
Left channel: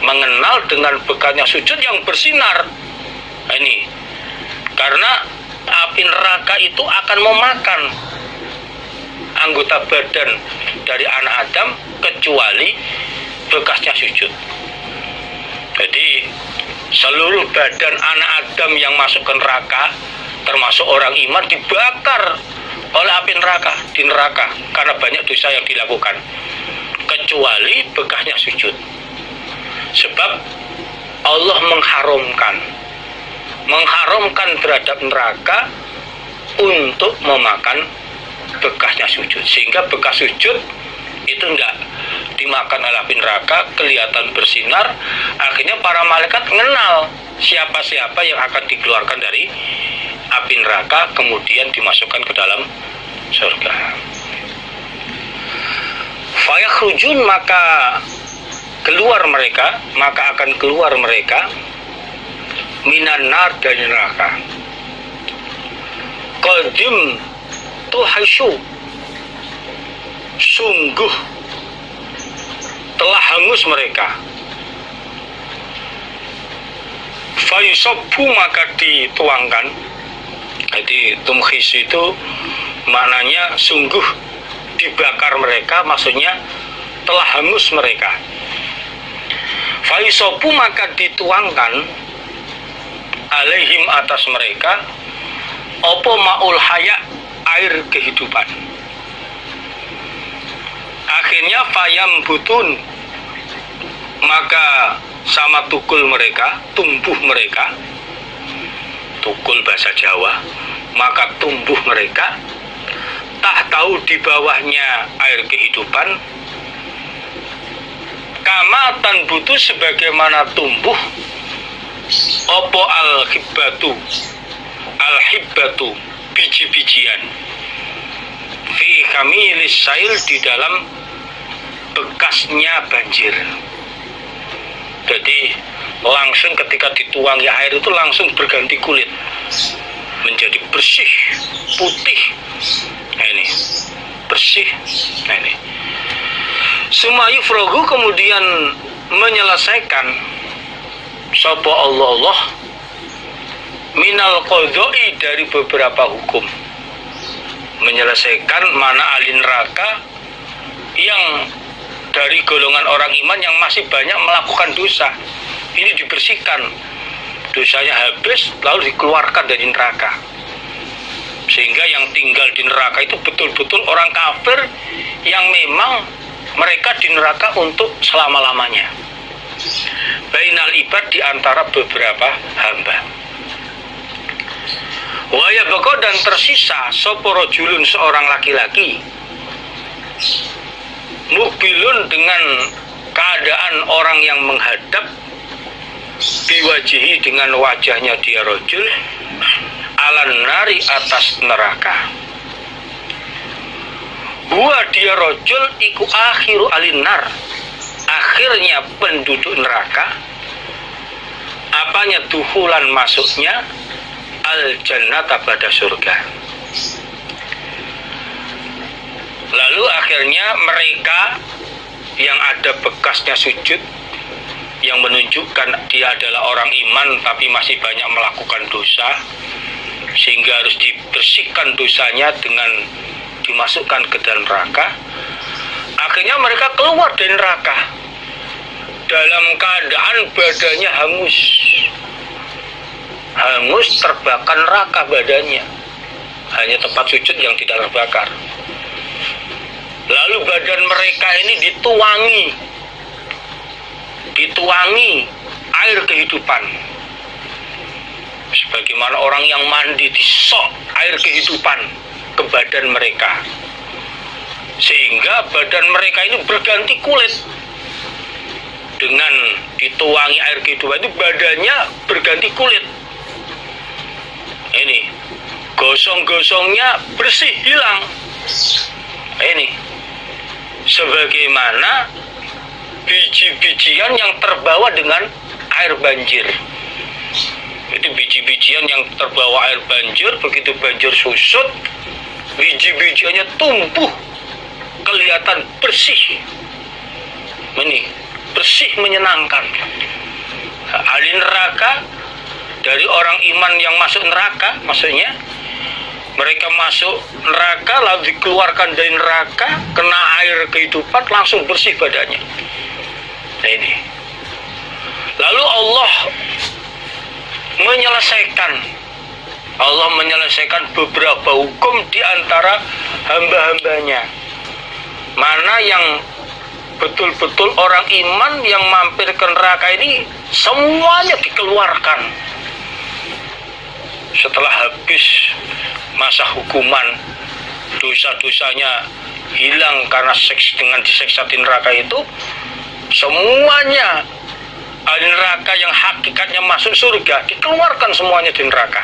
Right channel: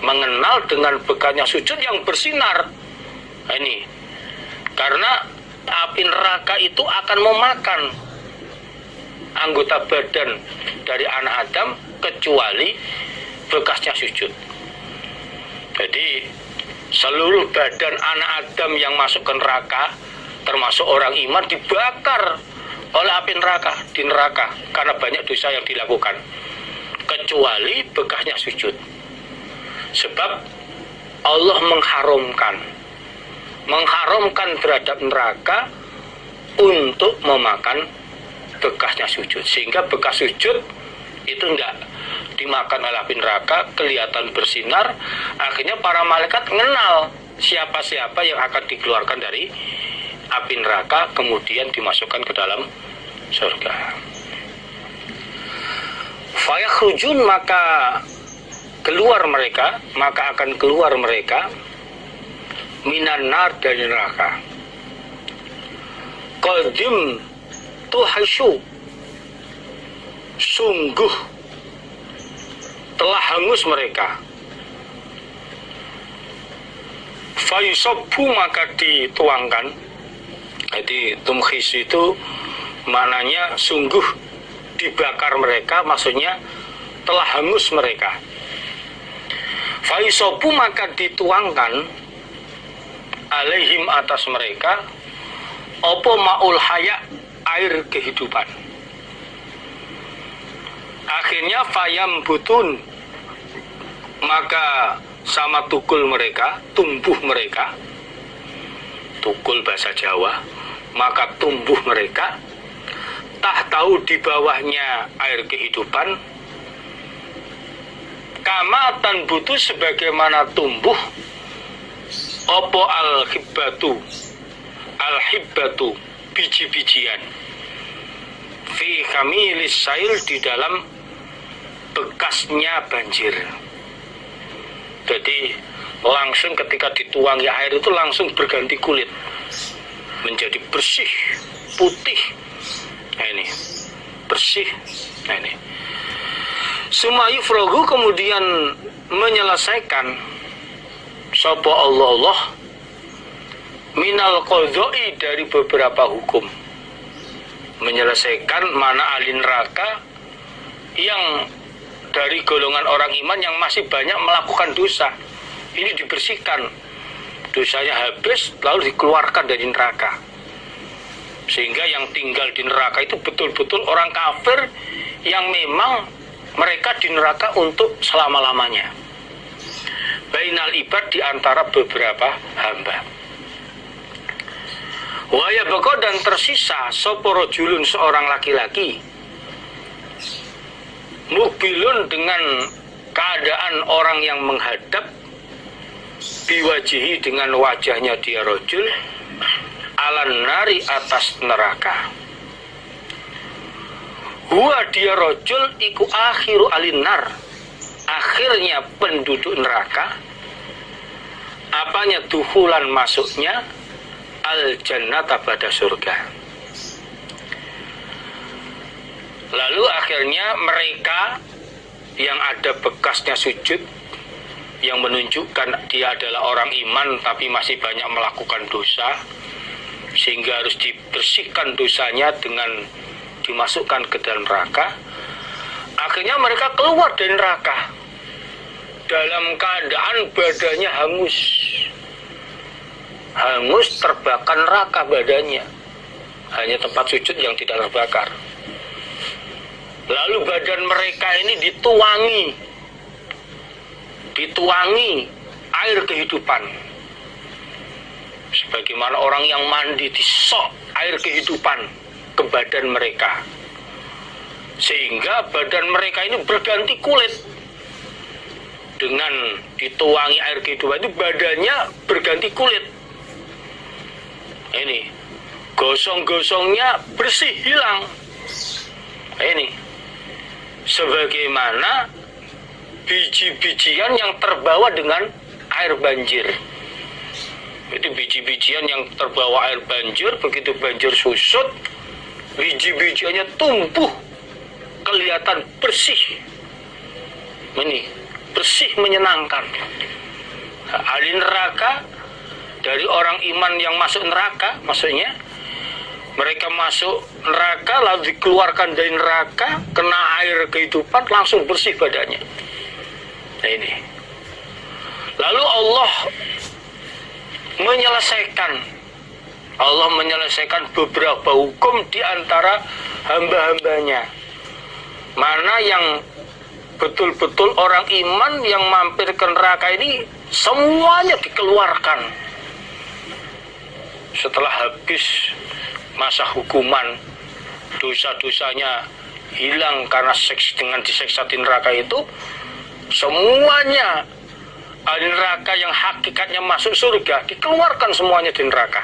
Mengenal dengan bekasnya sujud yang bersinar ini, karena api neraka itu akan memakan anggota badan dari anak Adam kecuali bekasnya sujud. Jadi seluruh badan anak Adam yang masuk ke neraka termasuk orang iman dibakar oleh api neraka di neraka karena banyak dosa yang dilakukan kecuali bekasnya sujud. Sebab Allah mengharamkan terhadap neraka untuk memakan bekasnya sujud, sehingga bekas sujud itu tidak dimakan oleh api neraka, kelihatan bersinar. Akhirnya para malaikat mengenal siapa-siapa yang akan dikeluarkan dari api neraka kemudian dimasukkan ke dalam surga. Fayakhrujun, maka akan keluar mereka minan nar, dari neraka. Qadim tuhasyu, sungguh telah hangus mereka. Fayusobbu, maka dituangkan. Jadi tumhis itu maknanya sungguh dibakar mereka, maksudnya telah hangus mereka. Fayusobbu, maka dituangkan alaihim, atas mereka, opo ma'ul haya, air kehidupan. Akhirnya fayam butun, maka sama tukul mereka, tumbuh mereka, tukul bahasa Jawa, maka tumbuh mereka, tak tahu di bawahnya air kehidupan, kamatan butuh, sebagaimana tumbuh opo al-hibbatu, biji-bijian, fi kamilis sail, di dalam bekasnya banjir. Jadi langsung ketika dituangi air itu langsung berganti kulit, menjadi bersih, putih. Nah ini bersih. Nah ini sumayu frogu, kemudian menyelesaikan sapa Allah minal qadha'i, dari beberapa hukum, menyelesaikan mana ahli neraka yang dari golongan orang iman yang masih banyak melakukan dosa, ini dibersihkan, dosanya habis lalu dikeluarkan dari neraka, sehingga yang tinggal di neraka itu betul-betul orang kafir yang memang mereka di neraka untuk selama-lamanya. Bainal ibad, di antara beberapa hamba. Wa yabqa, dan tersisa sapa rajulun, seorang laki-laki, mubilun, dengan keadaan orang yang menghadap, biwajihi, dengan wajahnya dia rajul, alan nari, atas neraka. Huwa, dia rajul, iku akhiru alinar, akhirnya penduduk neraka. Apanya? Duhulan, masuknya, al jannata, pada surga. Lalu akhirnya mereka yang ada bekasnya sujud, yang menunjukkan dia adalah orang iman tapi masih banyak melakukan dosa, sehingga harus dibersihkan dosanya dengan dimasukkan ke dalam neraka. Akhirnya mereka keluar dari neraka dalam keadaan badannya hangus, terbakar neraka badannya, hanya tempat sujud yang tidak terbakar. Lalu badan mereka ini dituangi air kehidupan, sebagaimana orang yang mandi disok air kehidupan ke badan mereka, sehingga badan mereka ini berganti kulit. Dengan dituangi air kehidupan itu badannya berganti kulit. Ini gosong-gosongnya bersih, hilang. Ini sebagaimana biji-bijian yang terbawa dengan air banjir. Itu biji-bijian yang terbawa air banjir, begitu banjir susut, biji-bijiannya tumbuh, kelihatan bersih. Ini bersih, menyenangkan. Ahli neraka, dari orang iman yang masuk neraka, maksudnya mereka masuk neraka lalu dikeluarkan dari neraka, kena air kehidupan, langsung bersih badannya. Nah ini. Lalu Allah menyelesaikan beberapa hukum di antara hamba-hambanya. Mana yang betul-betul orang iman yang mampir ke neraka ini, semuanya dikeluarkan setelah habis masa hukuman, dosa-dosanya hilang karena dengan diseksa di neraka itu. Semuanya ahli neraka yang hakikatnya masuk surga dikeluarkan semuanya di neraka,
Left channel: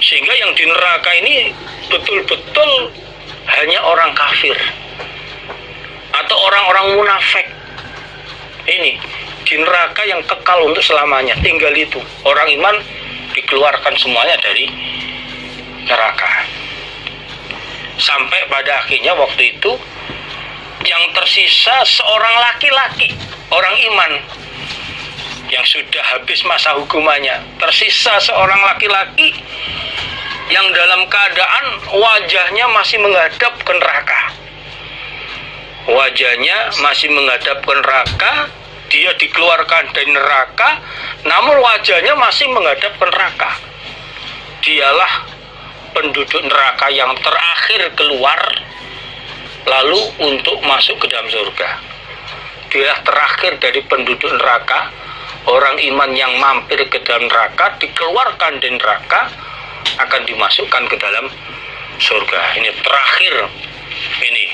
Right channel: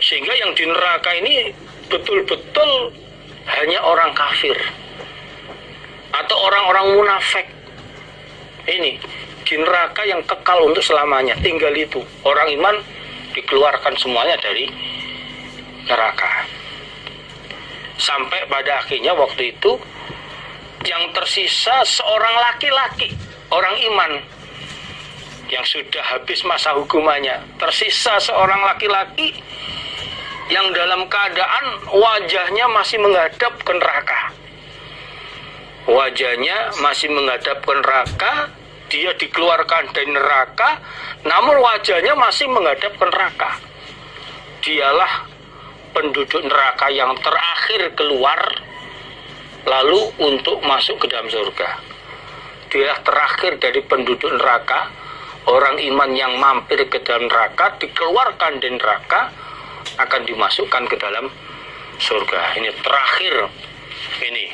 sehingga yang di neraka ini betul-betul hanya orang kafir atau orang-orang munafik. Ini di neraka yang kekal untuk selamanya, tinggal itu. Orang iman dikeluarkan semuanya dari neraka, sampai pada akhirnya waktu itu yang tersisa seorang laki-laki, orang iman yang sudah habis masa hukumannya. Tersisa seorang laki-laki yang dalam keadaan wajahnya masih menghadap ke neraka. Wajahnya masih menghadap ke neraka, dia dikeluarkan dari neraka, namun wajahnya masih menghadap ke neraka. Dialah penduduk neraka yang terakhir keluar, lalu untuk masuk ke dalam surga. Dialah terakhir dari penduduk neraka, orang iman yang mampir ke dalam neraka, dikeluarkan dari neraka, akan dimasukkan ke dalam surga. Ini terakhir, ini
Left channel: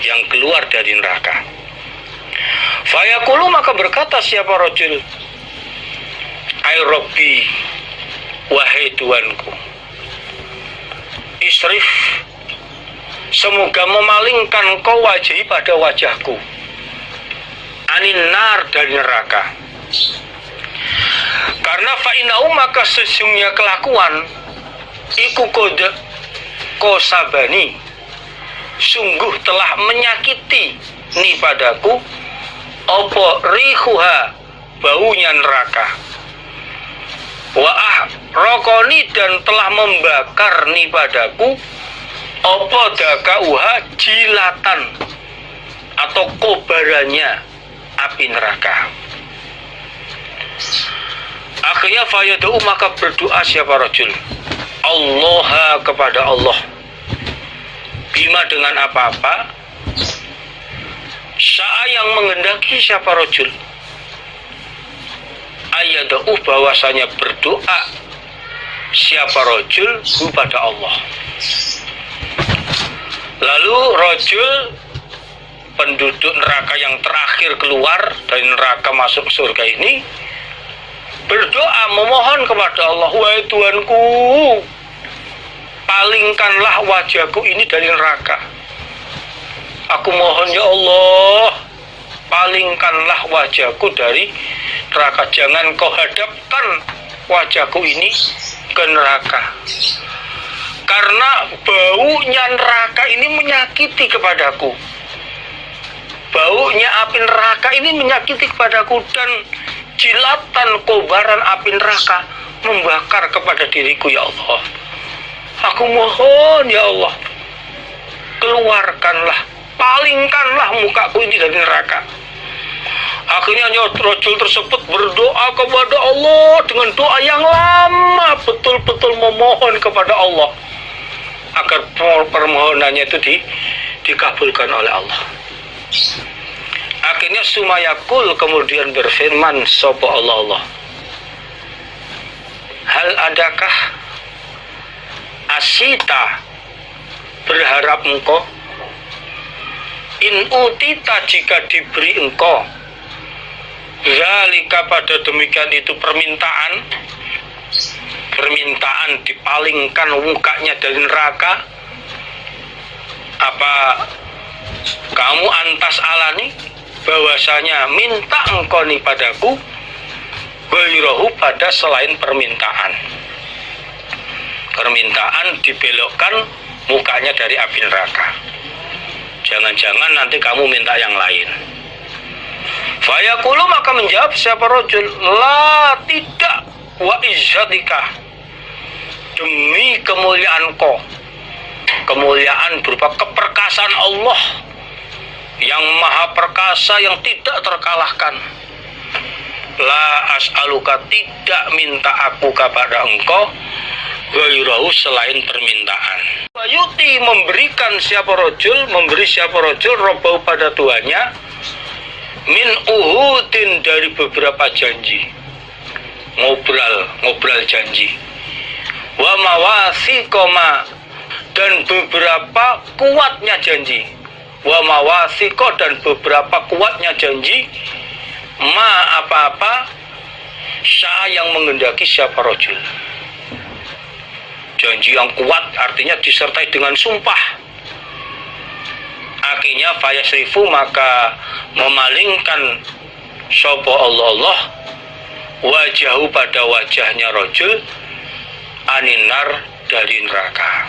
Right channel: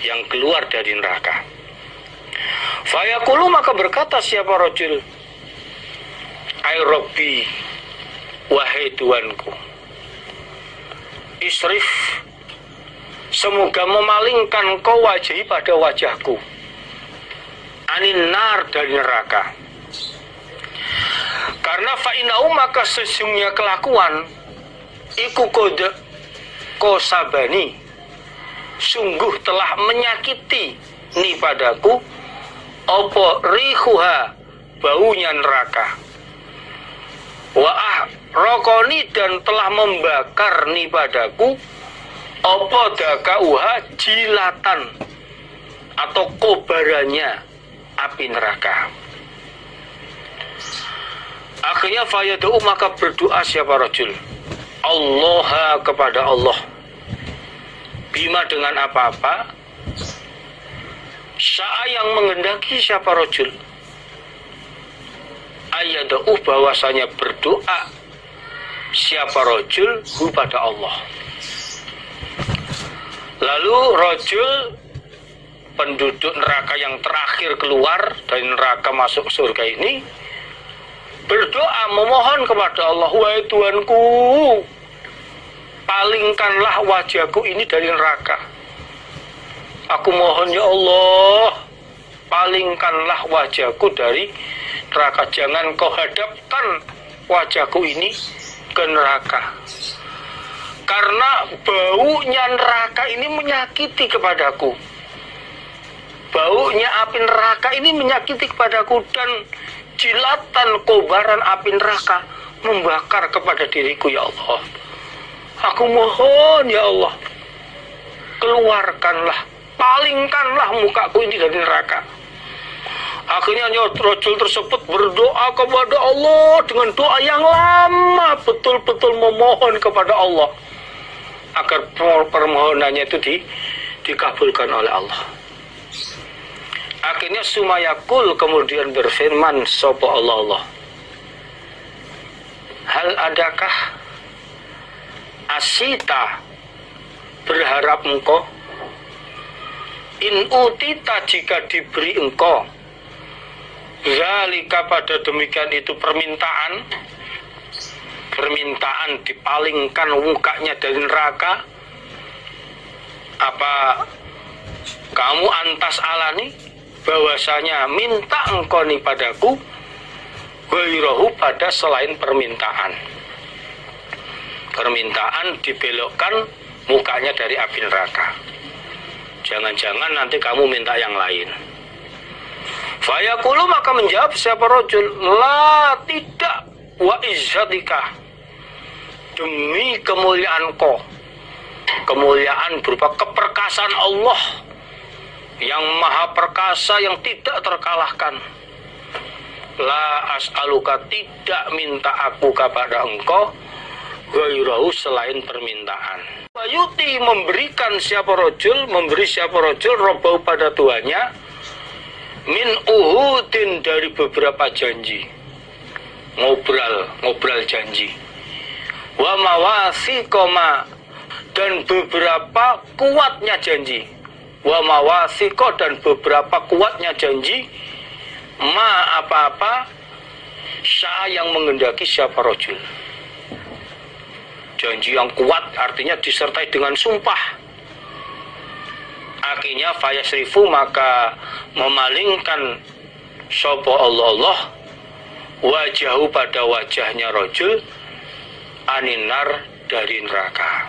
yang keluar dari neraka. Fayaqulu, maka berkata siapa rajul, ay Rabbi, wahai Tuanku, isrif, semoga memalingkan kau wajahi pada wajahku, anin nar, dari neraka. Karena fa'inau, maka sesungguhnya kelakuan iku kode kosabani, sungguh telah menyakiti ni padaku, opo rihuha, baunya neraka, wa'ah rokoni, dan telah membakar ni padaku, opo dakauha, jilatan atau kobarannya api neraka. Akhirnya fayadau, maka berdoa siapa rajul, Allah, kepada Allah, bima, dengan apa-apa, menghendaki siapa rojul ayada'u bahwasanya berdoa siapa rojul kepada Allah. Lalu rojul penduduk neraka yang terakhir keluar dari neraka masuk surga ini berdoa memohon kepada Allah, wahai Tuhanku, palingkanlah wajahku ini dari neraka. Aku mohon ya Allah, palingkanlah wajahku dari neraka. Jangan kau hadapkan wajahku ini ke neraka. Karena baunya neraka ini menyakiti kepadaku. Baunya api neraka ini menyakiti kepadaku, dan jilatan kobaran api neraka membakar kepada diriku ya Allah. Aku mohon ya Allah, keluarkanlah, palingkanlah mukaku ini dari neraka. Akhirnya rojul tersebut berdoa kepada Allah dengan doa yang lama, betul-betul memohon kepada Allah agar permohonannya itu dikabulkan oleh Allah. Akhirnya sumayakul kemudian berfirman sapa Allah, hal adakah asita berharap engkau, in utita jika diberi engkau, zalika pada demikian itu permintaan dipalingkan mukanya dari neraka, apa kamu antas alani bahwasanya minta engkau nih padaku gairahu pada selain permintaan dibelokkan mukanya dari api neraka. Jangan-jangan nanti kamu minta yang lain. Fayaqulu maka menjawab siapa rajul, la tidak, wa izzatika, demi kemuliaanku, kemuliaan berupa keperkasaan Allah yang maha perkasa yang tidak terkalahkan. La as'aluka, tidak minta aku kepada engkau, gairahu selain permintaan. Wayuti memberikan siapa rajul, memberi siapa rajul robau pada tuannya, min uhudin dari beberapa janji, ngobrol janji, wa mawasiqoma dan beberapa kuatnya janji, wa mawasiqo dan beberapa kuatnya janji, ma apa-apa sya yang menghendaki siapa rajul. Janji yang kuat artinya disertai dengan sumpah. Akhirnya fayasrifu maka memalingkan sapa Allah wajahu pada wajahnya rajul aninar dari neraka.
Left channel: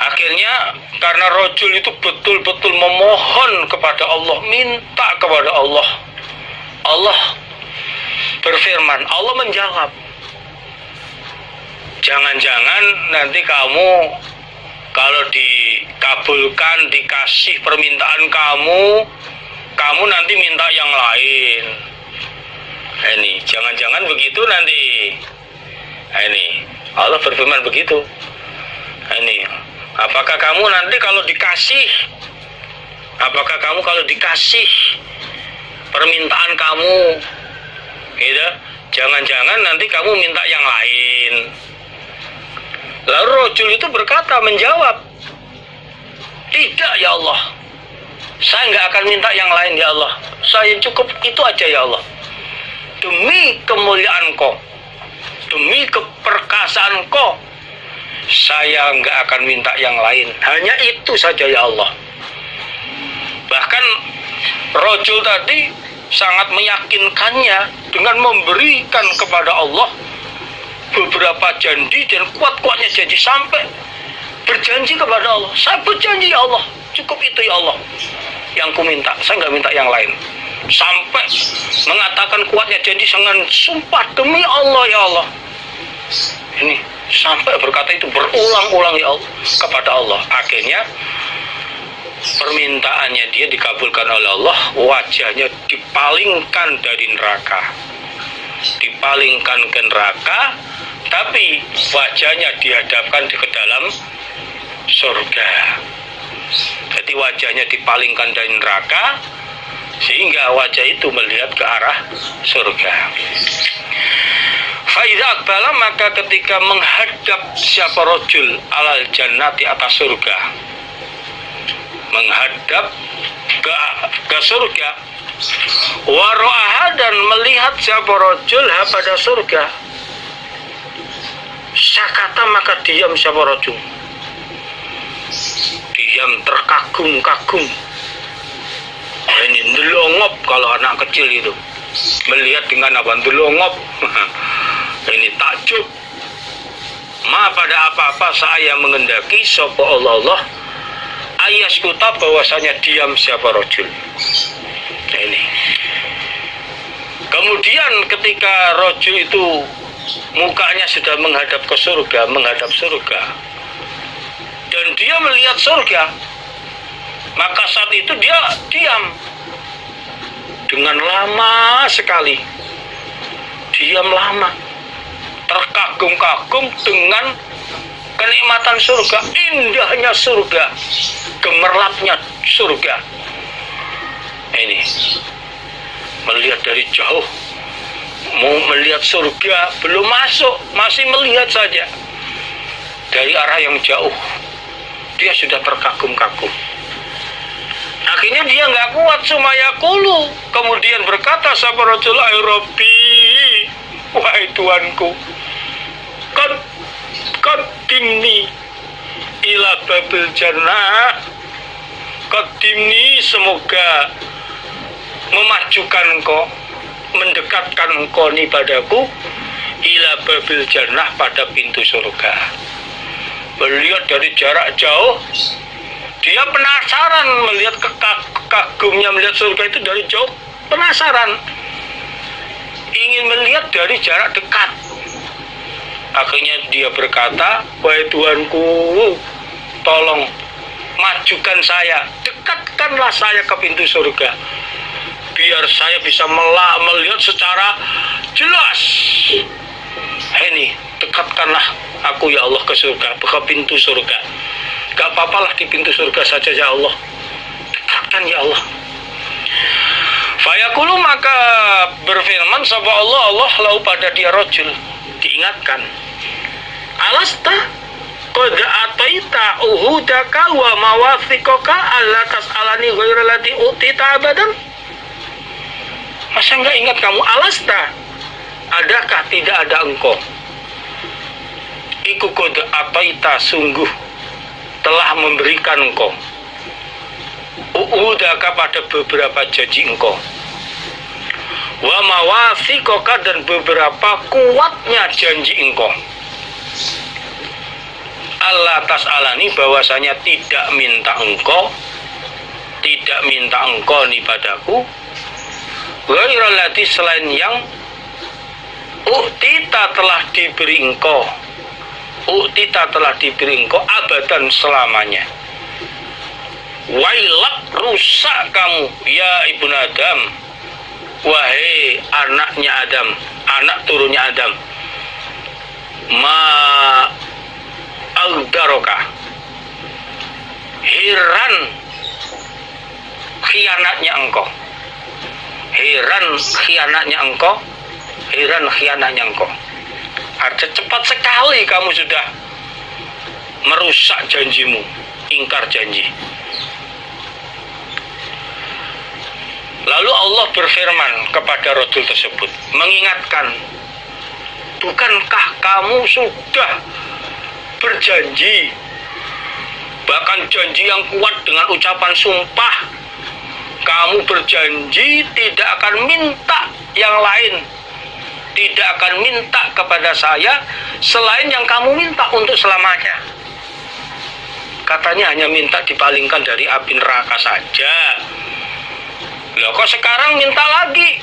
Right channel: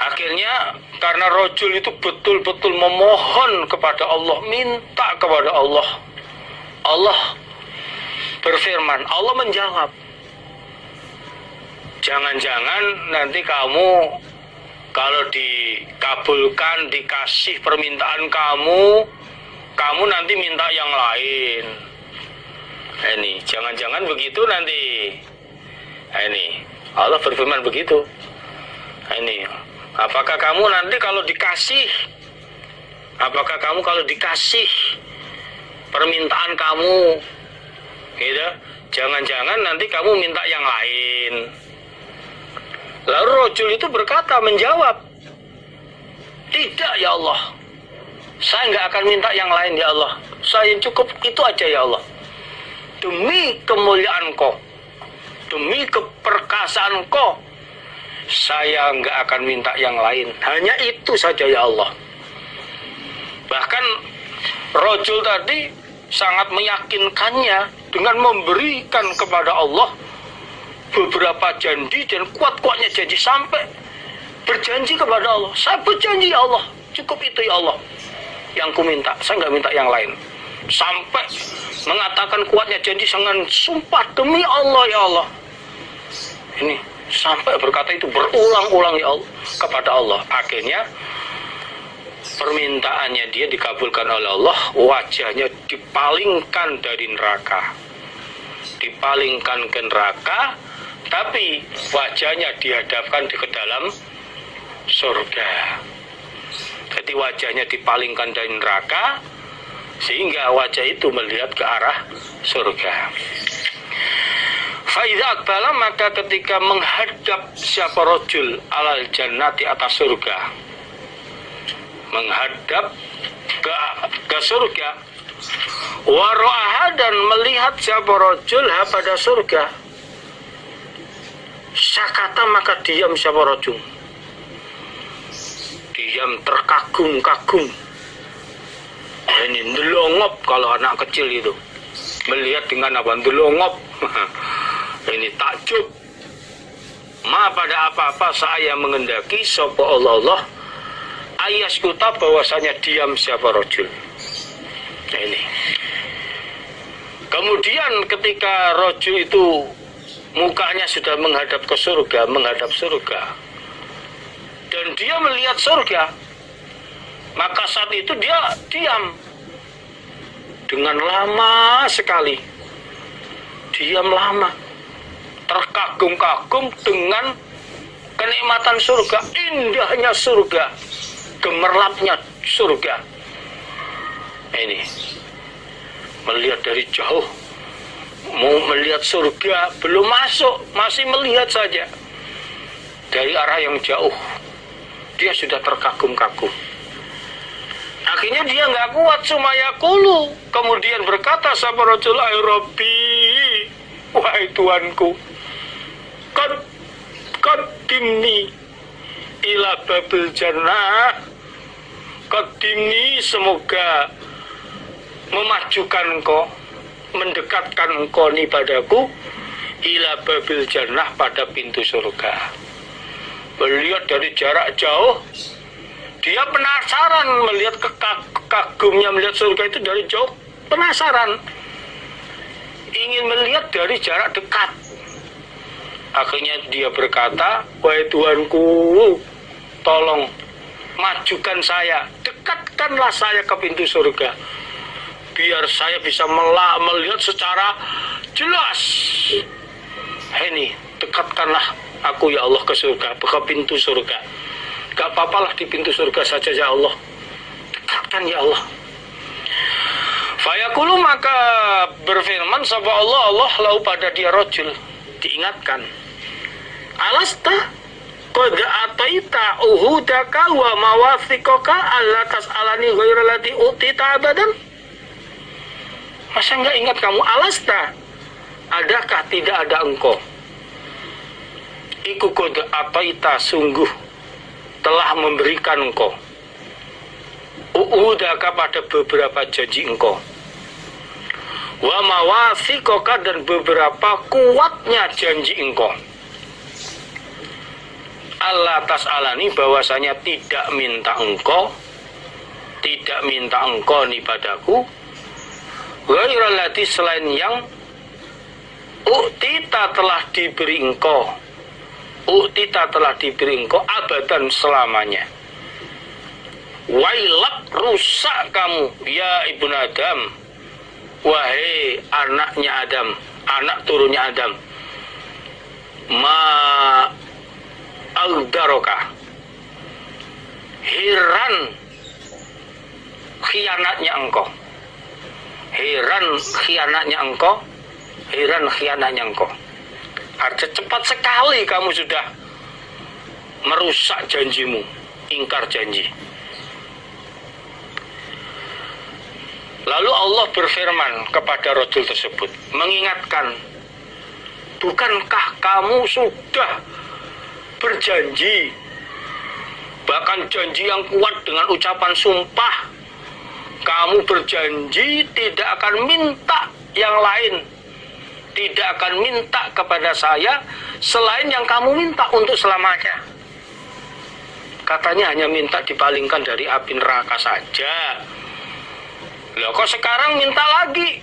Akhirnya karena rajul itu betul-betul memohon kepada Allah, minta kepada Allah, Allah berfirman, Allah menjawab, jangan-jangan nanti kamu kalau dikabulkan, dikasih permintaan kamu nanti minta yang lain. Ini jangan-jangan begitu nanti. Ini Allah berfirman begitu. Ini apakah kamu nanti kalau dikasih, permintaan kamu, gitu, jangan-jangan nanti kamu minta yang lain. Lalu rajul itu berkata, menjawab, tidak ya Allah, saya nggak akan minta yang lain ya Allah, saya cukup itu aja ya Allah. Demi kemuliaan-Kau, demi keperkasaan-Kau, saya nggak akan minta yang lain, hanya itu saja ya Allah. Bahkan rajul tadi sangat meyakinkannya dengan memberikan kepada Allah beberapa janji dan kuat-kuatnya janji, sampai berjanji kepada Allah, saya berjanji ya Allah, cukup itu ya Allah yang ku minta, saya nggak minta yang lain. Sampai mengatakan kuatnya janji dengan sumpah, demi Allah ya Allah. Ini sampai berkata itu berulang-ulang ya Allah kepada Allah. Akhirnya permintaannya dia dikabulkan oleh Allah, wajahnya dipalingkan dari neraka, dipalingkan ke neraka, tapi wajahnya dihadapkan ke dalam surga. Jadi wajahnya dipalingkan dari neraka, sehingga wajah itu melihat ke arah surga. Faiza akbala, maka ketika menghadap siapa rojul alal jannati, atas surga, menghadap ke surga, waro'aha, dan melihat siapa rojul pada surga, sakata, maka diam siapa rojul, diam terkagum-kagum. Ini ndelongop, kalau anak kecil itu melihat dengan apa? Ndelongop. Ini takjub. Ma pada apa-apa saya mengendaki sapa Allah ayaskuta, bahwasanya diam siapa rojul. Nah, ini. Kemudian ketika rojul itu mukanya sudah menghadap ke surga, menghadap surga, dan dia melihat surga, maka saat itu dia diam dengan lama sekali, diam lama, terkagum-kagum dengan kenikmatan surga, indahnya surga, gemerlapnya surga. Ini melihat dari jauh, mau melihat surga, belum masuk, masih melihat saja dari arah yang jauh, dia sudah terkagum-kagum. Akhirnya dia nggak kuat, sumayakulu, kemudian berkata sapa rajul, ay Rabbi, wahai Tuanku, qaddimni ila babil jannah, qaddimni, semoga memajukan engkau, mendekatkan engkau ni padaku, ila babil jannah, pada pintu surga. Melihat dari jarak jauh, dia penasaran melihat kagumnya melihat surga itu dari jauh, penasaran, ingin melihat dari jarak dekat. Akhirnya dia berkata, wahai Tuanku, tolong majukan saya, dekatkanlah saya ke pintu surga, biar saya bisa melihat secara jelas. Ini, dekatkanlah aku ya Allah ke surga, ke pintu surga. Gak apa-apalah di pintu surga saja ya Allah, dekatkan ya Allah. Fayaqulu, maka berfirman sapa Allah lahu pada dia rojul, diingatkan, alasta qad ataita uhudaka wa mawathiqaka alla tas'alani ghairal lati utita abadan. Masa enggak ingat kamu? Alasta, adakah tidak ada engkau, iku qad ataita, sungguh telah memberikan engkau, uhudaka, pada beberapa janji engkau, wa mawathiqaka, dan beberapa kuatnya janji engkau, Allah tas'alani, bahwasanya tidak minta engkau ni padaku, ghairal lati, selain yang uktita telah diberi engkau, abadan, selamanya. Wailak, rusak kamu ya ibnu Adam, wahai anaknya Adam, anak turunnya Adam, ma aldaroka, heran khianatnya engkau, Artinya cepat sekali kamu sudah merusak janjimu, ingkar janji. Lalu Allah berfirman kepada rajul tersebut, mengingatkan, bukankah kamu sudah berjanji, bahkan janji yang kuat dengan ucapan sumpah, kamu berjanji tidak akan minta yang lain, tidak akan minta kepada saya selain yang kamu minta untuk selamanya. Katanya hanya minta dipalingkan dari api neraka saja. Loh, kok sekarang minta lagi?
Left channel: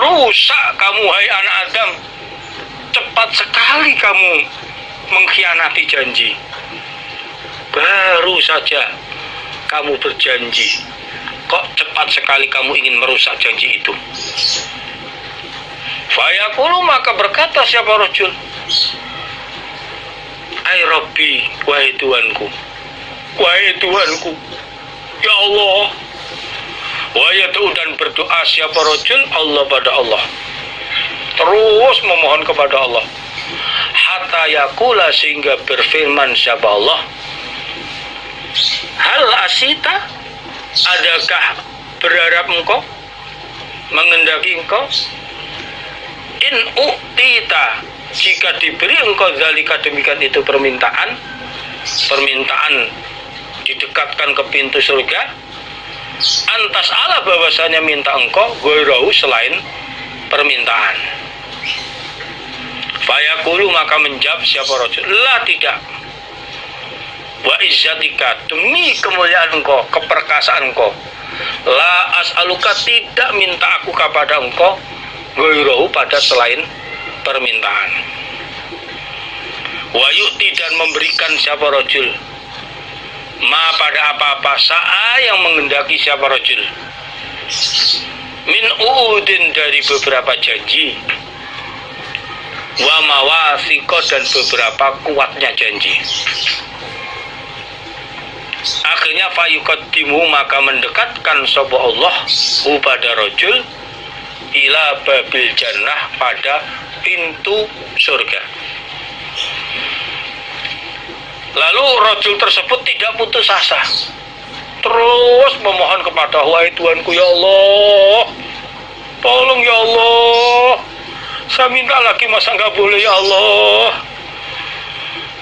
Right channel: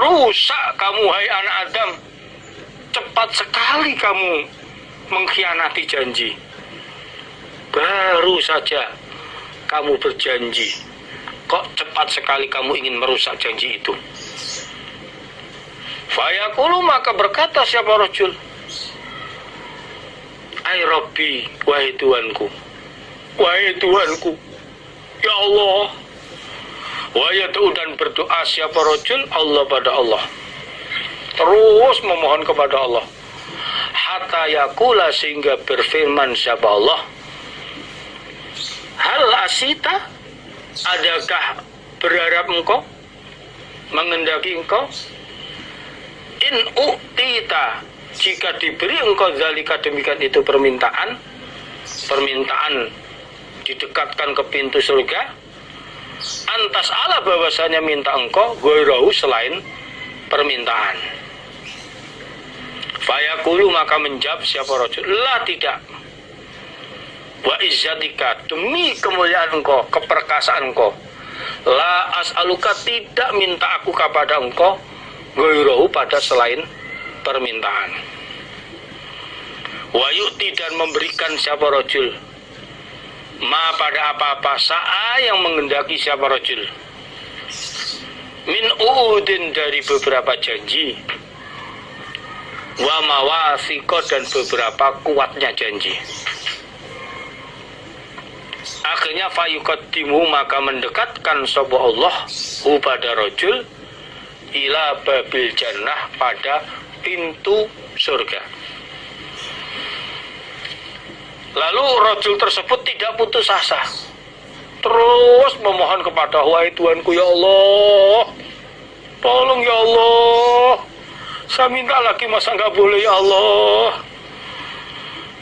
Rusak kamu, hai anak Adam. Cepat sekali kamu mengkhianati janji. Baru saja kamu berjanji, kok cepat sekali kamu ingin merusak janji itu. Fayaqulu, maka berkata siapa rajul, ai Rabbi, wahai Tuanku, wahai Tuhanku, ya Allah. Wa yad'u, dan berdoa siapa rajul Allah pada Allah, terus memohon kepada Allah, hatta yakula, sehingga berfirman siapa Allah, hal asita, adakah berharap engkau, mengendaki engkau, in u'tita, jika diberi engkau zalika, demikian itu permintaan didekatkan ke pintu surga, antas ala, bahwasanya minta engkau goirahu, selain permintaan. Fayaqulu, maka menjawab siapa rajul, la, tidak. Wa izzatika, demi kemuliaan engkau, keperkasaan engkau, la as'aluka, tidak minta aku kepada engkau, goirahu, pada selain permintaan. Wa yu'ti, dan memberikan siapa rajul, ma, pada apa-apa, sa'a, yang mengendaki siapa rajul, min uudin, dari beberapa janji, wa mawasiko, dan beberapa kuatnya janji. Akhirnya fayuqaddimu, maka mendekatkan sapa Allah pada rajul, ila babil jannah, pada pintu surga. Lalu rajul tersebut tidak putus asa, terus memohon kepada, wahai Tuhanku, ya Allah, tolong ya Allah, saya minta lagi, masa nggak boleh ya Allah.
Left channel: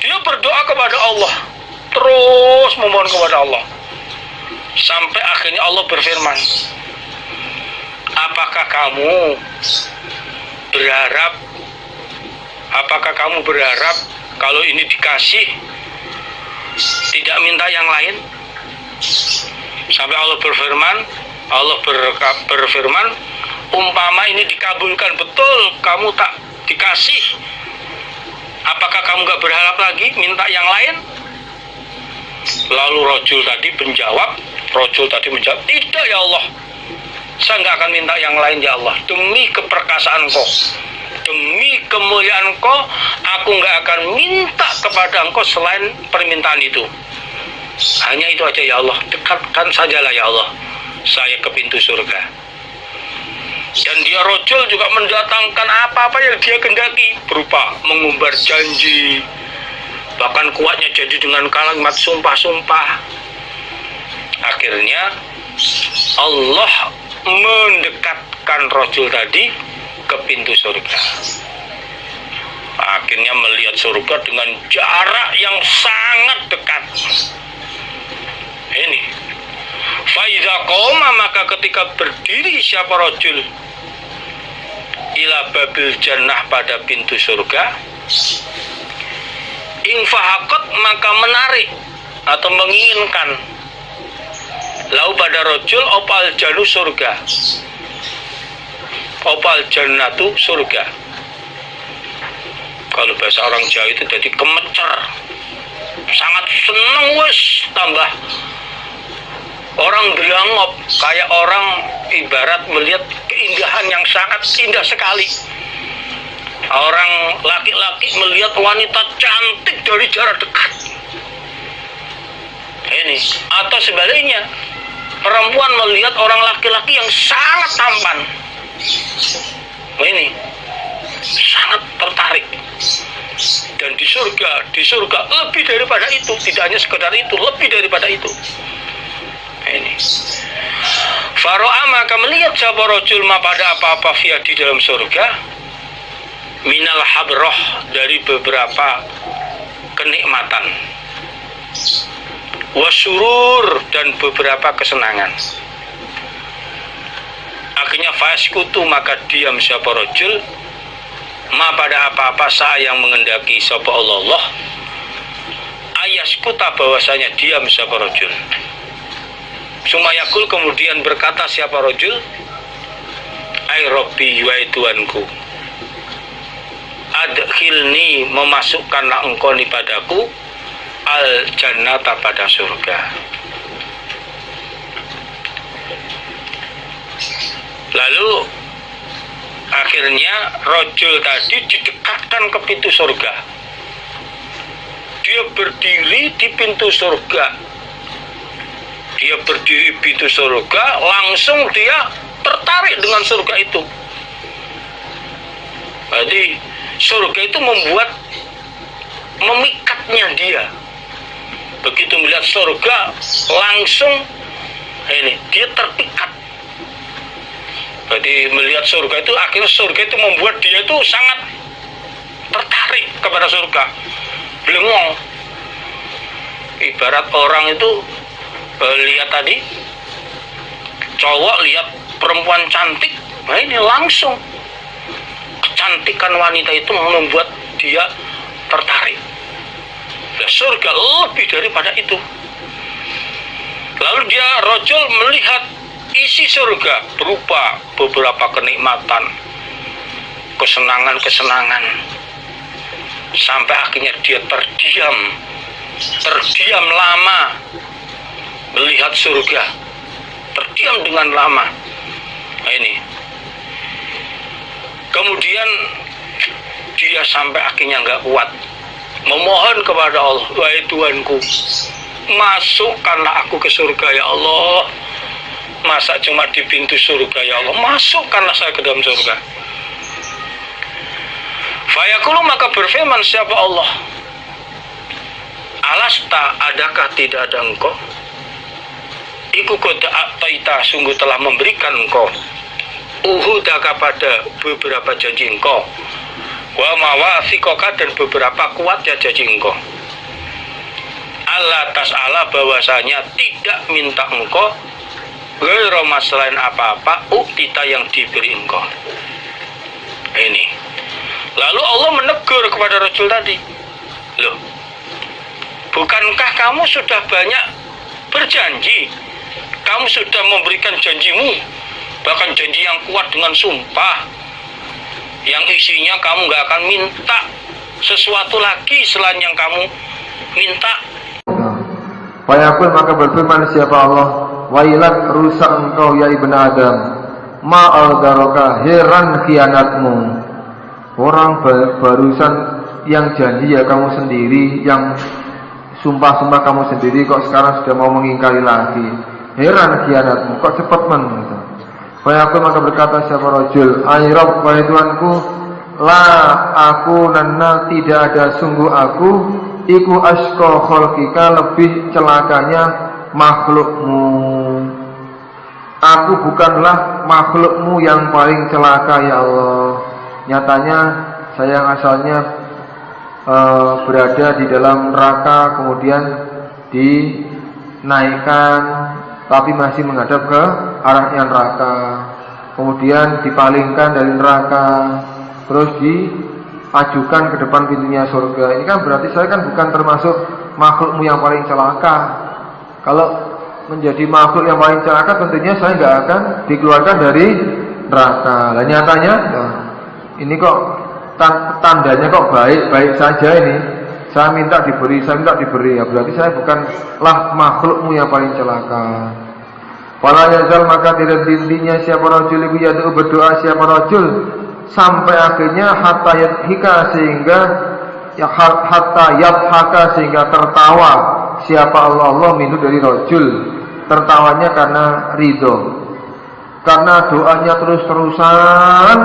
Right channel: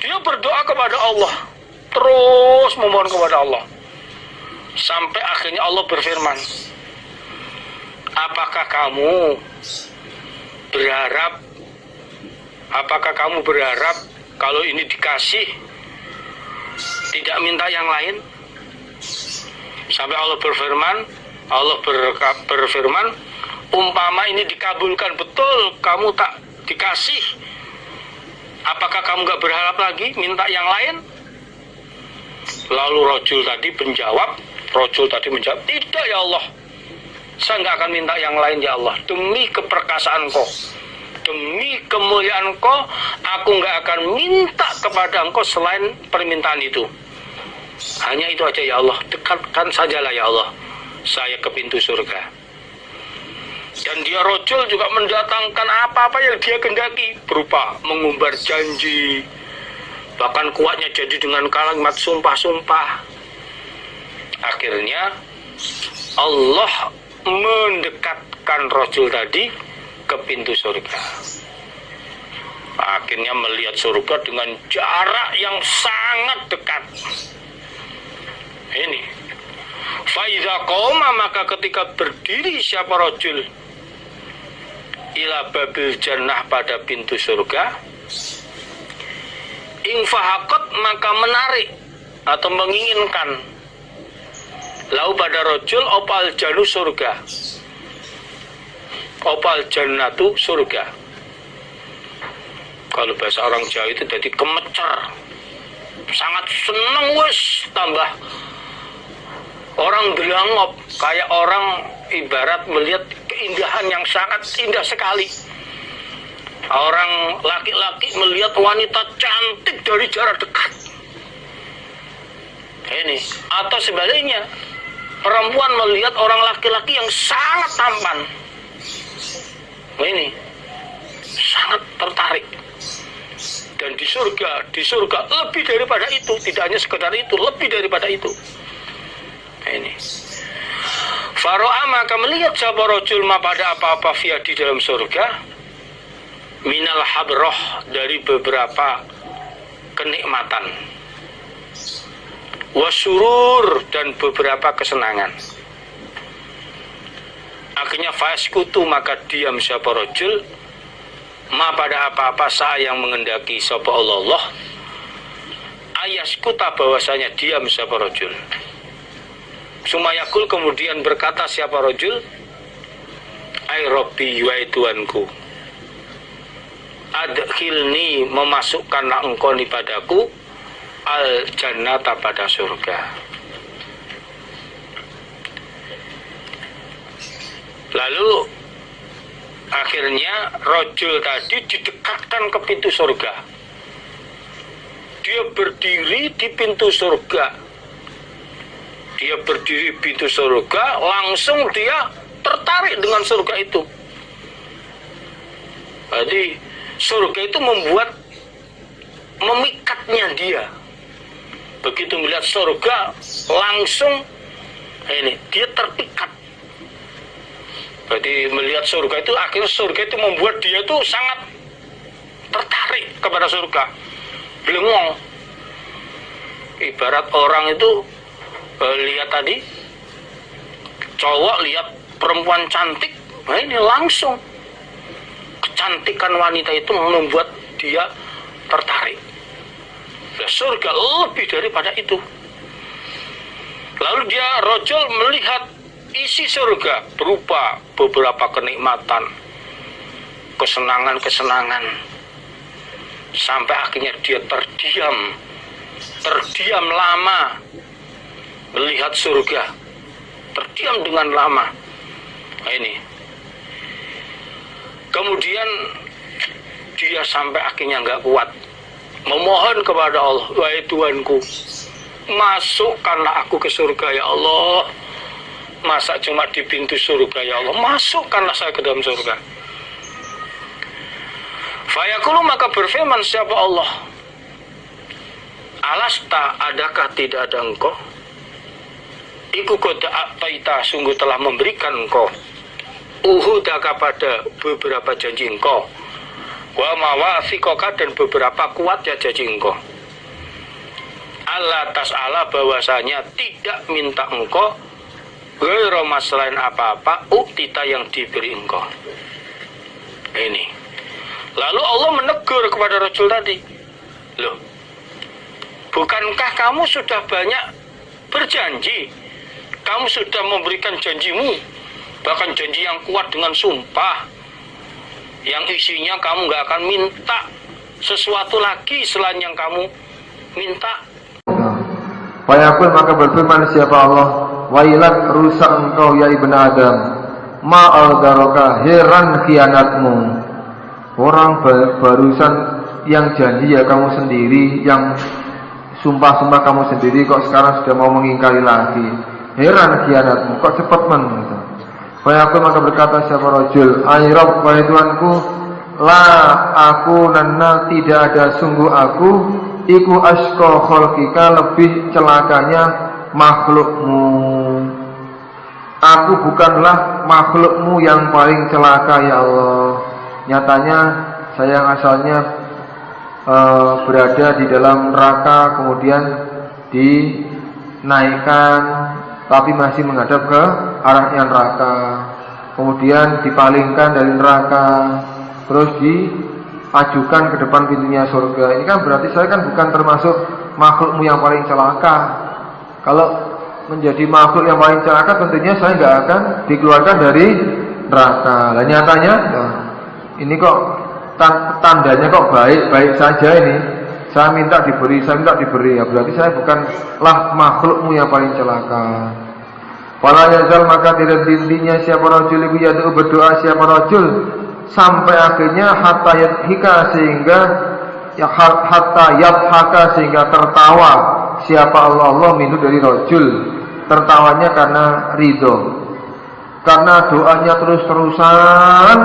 Dia berdoa kepada Allah, terus memohon kepada Allah, sampai akhirnya Allah berfirman, apakah kamu berharap kalau ini dikasih, tidak minta yang lain? Sampai Allah berfirman, umpama ini dikabulkan betul, kamu tak dikasih, apakah kamu gak berharap lagi minta yang lain? Lalu rajul tadi menjawab, tidak ya Allah, saya gak akan minta yang lain ya Allah, demi keperkasaan Engkau, demi kemuliaan Engkau, aku gak akan minta kepada Engkau selain permintaan itu. Hanya itu aja ya Allah, dekatkan sajalah ya Allah saya ke pintu surga. Dan dia rajul juga mendatangkan apa-apa yang dia kendaki, berupa mengumbar janji, bahkan kuatnya jadi dengan kalimat sumpah-sumpah. Akhirnya Allah mendekatkan rajul tadi ke pintu surga. Akhirnya melihat surga dengan jarak yang sangat dekat. Ini faidha qoma, maka ketika berdiri siapa rajul ila babil jannah, pada pintu surga, infahakot, maka menarik atau menginginkan, lau pada rajul opal janu, surga, opal jannatu, surga. Kalau bahasa orang Jawa itu jadi kemecer, sangat seneng, wes tambah orang gelangop, kayak orang ibarat melihat keindahan yang sangat indah sekali. Orang laki-laki melihat wanita cantik dari jarak dekat. Ini, atau sebaliknya, perempuan melihat orang laki-laki yang sangat tampan. Ini sangat tertarik. Dan di surga lebih daripada itu, tidak hanya sekedar itu, lebih daripada itu. Ini faro'a, maka melihat siapa rajul ma, pada apa-apa, via di dalam surga, minal habroh, dari beberapa kenikmatan, wasurur, dan beberapa kesenangan. Akhirnya faskutu, maka diam siapa rajul ma, pada apa-apa, saat yang mengendaki siapa Allah, ayaskuta, bahwasanya diam siapa rajul. Sumayakul, kemudian berkata siapa rajul, ay Rabbi, wahai Tuhanku, adkhilni, memasukkanlah engkau ni padaku, al jannata, pada surga. Lalu akhirnya rajul tadi didekatkan ke pintu surga. Dia berdiri di pintu surga, dia berdiri pintu surga, langsung dia tertarik dengan surga itu. Jadi surga itu memikatnya dia. Begitu melihat surga, langsung dia terpikat. Jadi melihat surga itu, akhirnya surga itu membuat dia itu sangat tertarik kepada surga. Belengong. Ibarat orang itu lihat tadi, cowok lihat perempuan cantik, nah ini langsung kecantikan wanita itu membuat dia tertarik. Nah, surga lebih daripada itu. Lalu dia rojul melihat isi surga berupa beberapa kenikmatan, kesenangan-kesenangan, sampai akhirnya dia terdiam lama melihat surga, terdiam dengan lama. Nah, ini kemudian dia sampai akhirnya nggak kuat, memohon kepada Allah, wahai Tuhanku, masukkanlah aku ke surga ya Allah. Masa cuma di pintu surga ya Allah, masukkanlah saya ke dalam surga. Fayaqulu, maka berfirman siapa Allah, alasta, adakah tidak ada engkau, iku qad a'taita, sungguh telah memberikan engkau, uhudaka, pada beberapa janji engkau, wa mawathiqaka, dan beberapa kuat ya janji engkau, Allah tas'ala, bahwasanya tidak minta engkau, ghairu selain apa-apa, uktita, yang diberi engkau. Ini. Lalu Allah menegur kepada rajul tadi, loh, bukankah kamu sudah banyak berjanji? Kamu sudah memberikan janjimu, bahkan janji yang kuat dengan sumpah, yang isinya kamu gak akan minta sesuatu lagi selain yang kamu minta. Fayaqul, maka berfirman siapa Allah, wailak, rusak engkau ya ibn Adam, ma'aldaroka, heran khianatmu. Orang barusan yang janji ya kamu sendiri, yang sumpah-sumpah kamu sendiri, kok sekarang sudah mau mengingkari lagi. Heran khianatmu, kok cepat gitu. Fayaqul, maka berkata siapa rajul, ay Rabb, wahai Tuhanku, la aku nana, tidak ada sungguh aku, iku asqa khalqika, lebih celakanya makhlukmu. Aku bukanlah makhlukmu yang paling celaka ya Allah. Nyatanya saya yang asalnya berada di dalam neraka, kemudian dinaikkan tapi masih menghadap ke arahnya neraka, kemudian dipalingkan dari neraka, terus diajukan ke depan pintunya surga. Ini kan berarti saya kan bukan termasuk makhlukmu yang paling celaka. Kalau menjadi makhluk yang paling celaka, tentunya saya nggak akan dikeluarkan dari neraka. Dan nyatanya ini kok tandanya kok baik-baik saja ini. Saya minta diberi, ya berarti saya bukanlah makhlukmu yang paling celaka. Fala yazal, maka tidak hentinya siapa rajul iku yad'u, berdoa siapa rajul, sampai akhirnya hatta yadhika, sehingga ya hatta yadhaka, sehingga tertawa siapa Allah minhu, dari rajul. Tertawanya karena ridho, karena doanya terus-terusan,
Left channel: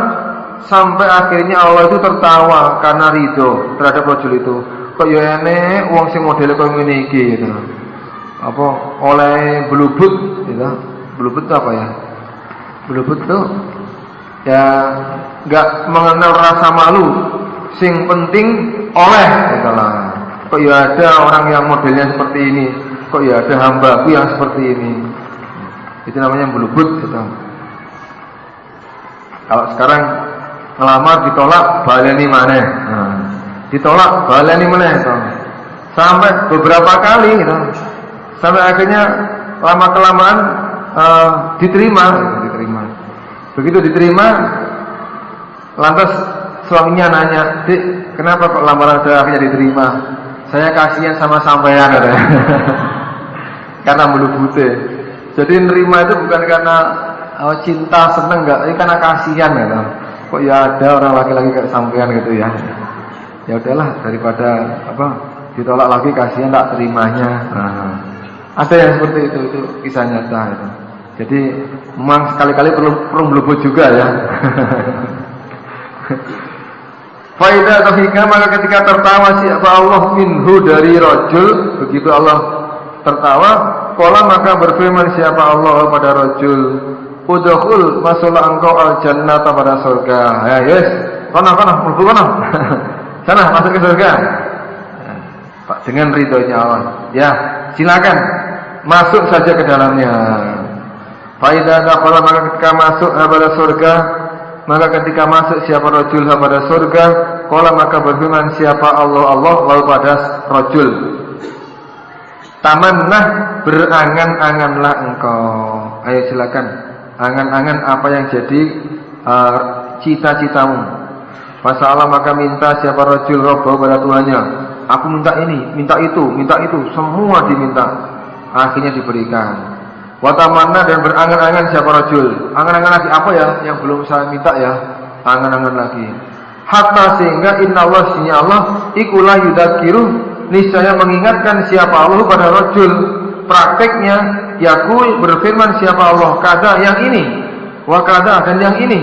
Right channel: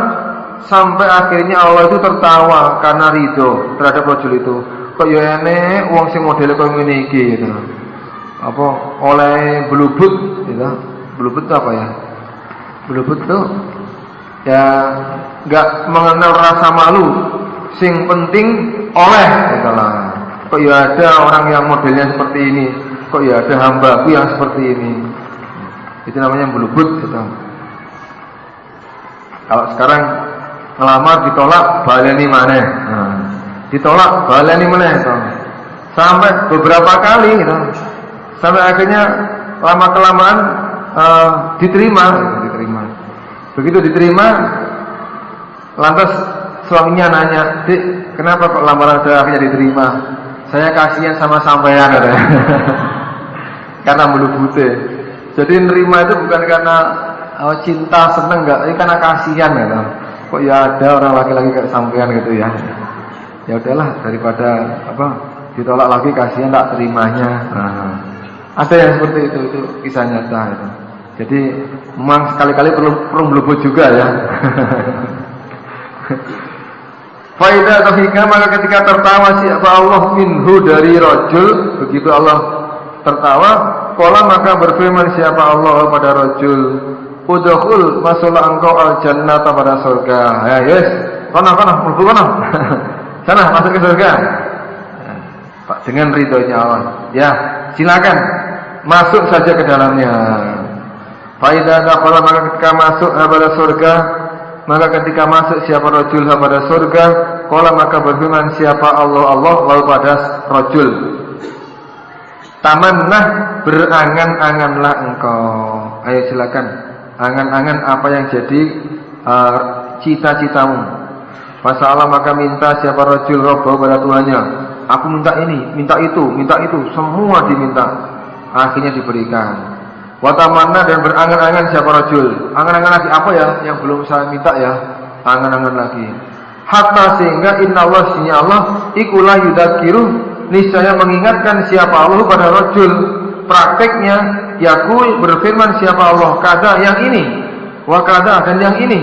sampai akhirnya Allah itu tertawa karena ridho terhadap rajul itu. Kok ya enek wong sing modele koyo ngene iki gitu. Apa oleh blubut gitu. Blubut itu apa ya? Blubut itu ya enggak mengenal rasa malu. Sing penting oleh gitu lah. Kok ya ada orang yang modelnya seperti ini. Kok ya ada hambaku yang seperti ini. Itu namanya blubut gitu. Kalau sekarang ngelamar ditolak, baleni maneh. Ditolak, baleni maneh gitu. Sampai beberapa kali gitu. Sampai akhirnya lama-kelamaan diterima. Begitu diterima, lantas suaminya nanya, "Dik, kenapa kok lamaran saya akhirnya diterima?" "Saya kasihan sama sampean," katanya. Karena melubute. Jadi nerima itu bukan karena cinta, seneng, enggak, ini karena kasihan gitu. Kok ya ada orang laki-laki kayak sampean gitu ya. Ya udahlah, daripada ditolak lagi, kasihan tak terimanya. Ada yang seperti itu kisah nyata itu. Jadi memang sekali-kali perlu melebut juga ya. Faidah atau hikmah, maka ketika tertawa siapa Allah minhu dari rajul, begitu Allah tertawa, qala maka berfirman siapa Allah pada rajul, udkhul, masuklah engkau al-jannah pada surga. Ya yes, kono mlebu kono. Sana masuk ke surga. Pak, dengan ridhonya Allah. Ya, silakan masuk saja ke dalamnya. Faidah dakhala, maka ketika masuk pada surga, maka ketika masuk siapa rajul pada surga, qala maka berfirman siapa Allah lalu pada rajul, tamannah, berangan-anganlah engkau. Ayo silakan, angan-angan apa yang jadi cita-citamu. Masalah maka minta siapa rajul rabbahu pada Tuhannya, aku minta ini, minta itu, semua diminta, akhirnya diberikan. Watamanna, dan berangan-angan siapa rajul, angan-angan lagi apa ya yang belum saya minta ya, angan-angan lagi. Hatta sehingga innallaha, sesungguhnya Allah ikulah yudakiru, niscaya mengingatkan siapa Allah pada rajul. Prakteknya yakul, berfirman siapa Allah kada yang ini, wa kada dan yang ini.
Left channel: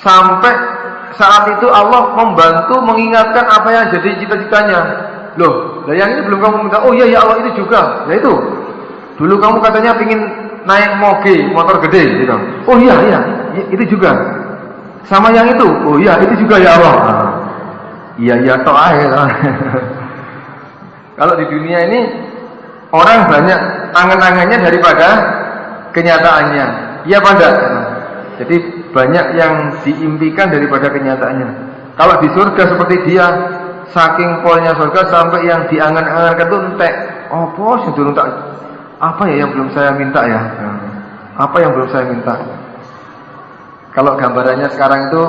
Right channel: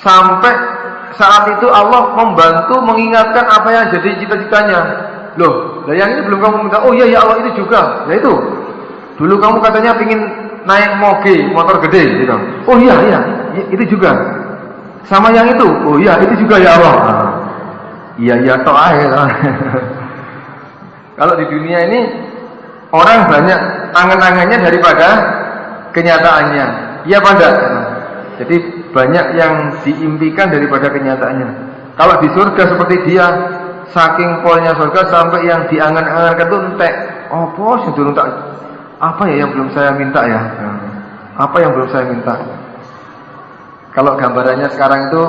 Sampai saat itu Allah membantu mengingatkan apa yang jadi cita-citanya. Loh, yang ini belum kamu minta. Oh iya ya Allah, itu juga. Ya itu. Dulu kamu katanya pingin naik motor gede gitu. Oh iya, itu juga. Sama yang itu. Oh iya, itu juga ya Allah. Iya toh aja. Kalau di dunia ini orang banyak angan-angannya daripada kenyataannya. Iya pada. Jadi banyak yang diimpikan daripada kenyataannya. Kalau di surga seperti dia, saking polnya surga sampai yang diangan-angankan itu entek. Oh bos, itu entek. Apa ya yang belum saya minta ya? Apa yang belum saya minta? Kalau gambarannya sekarang itu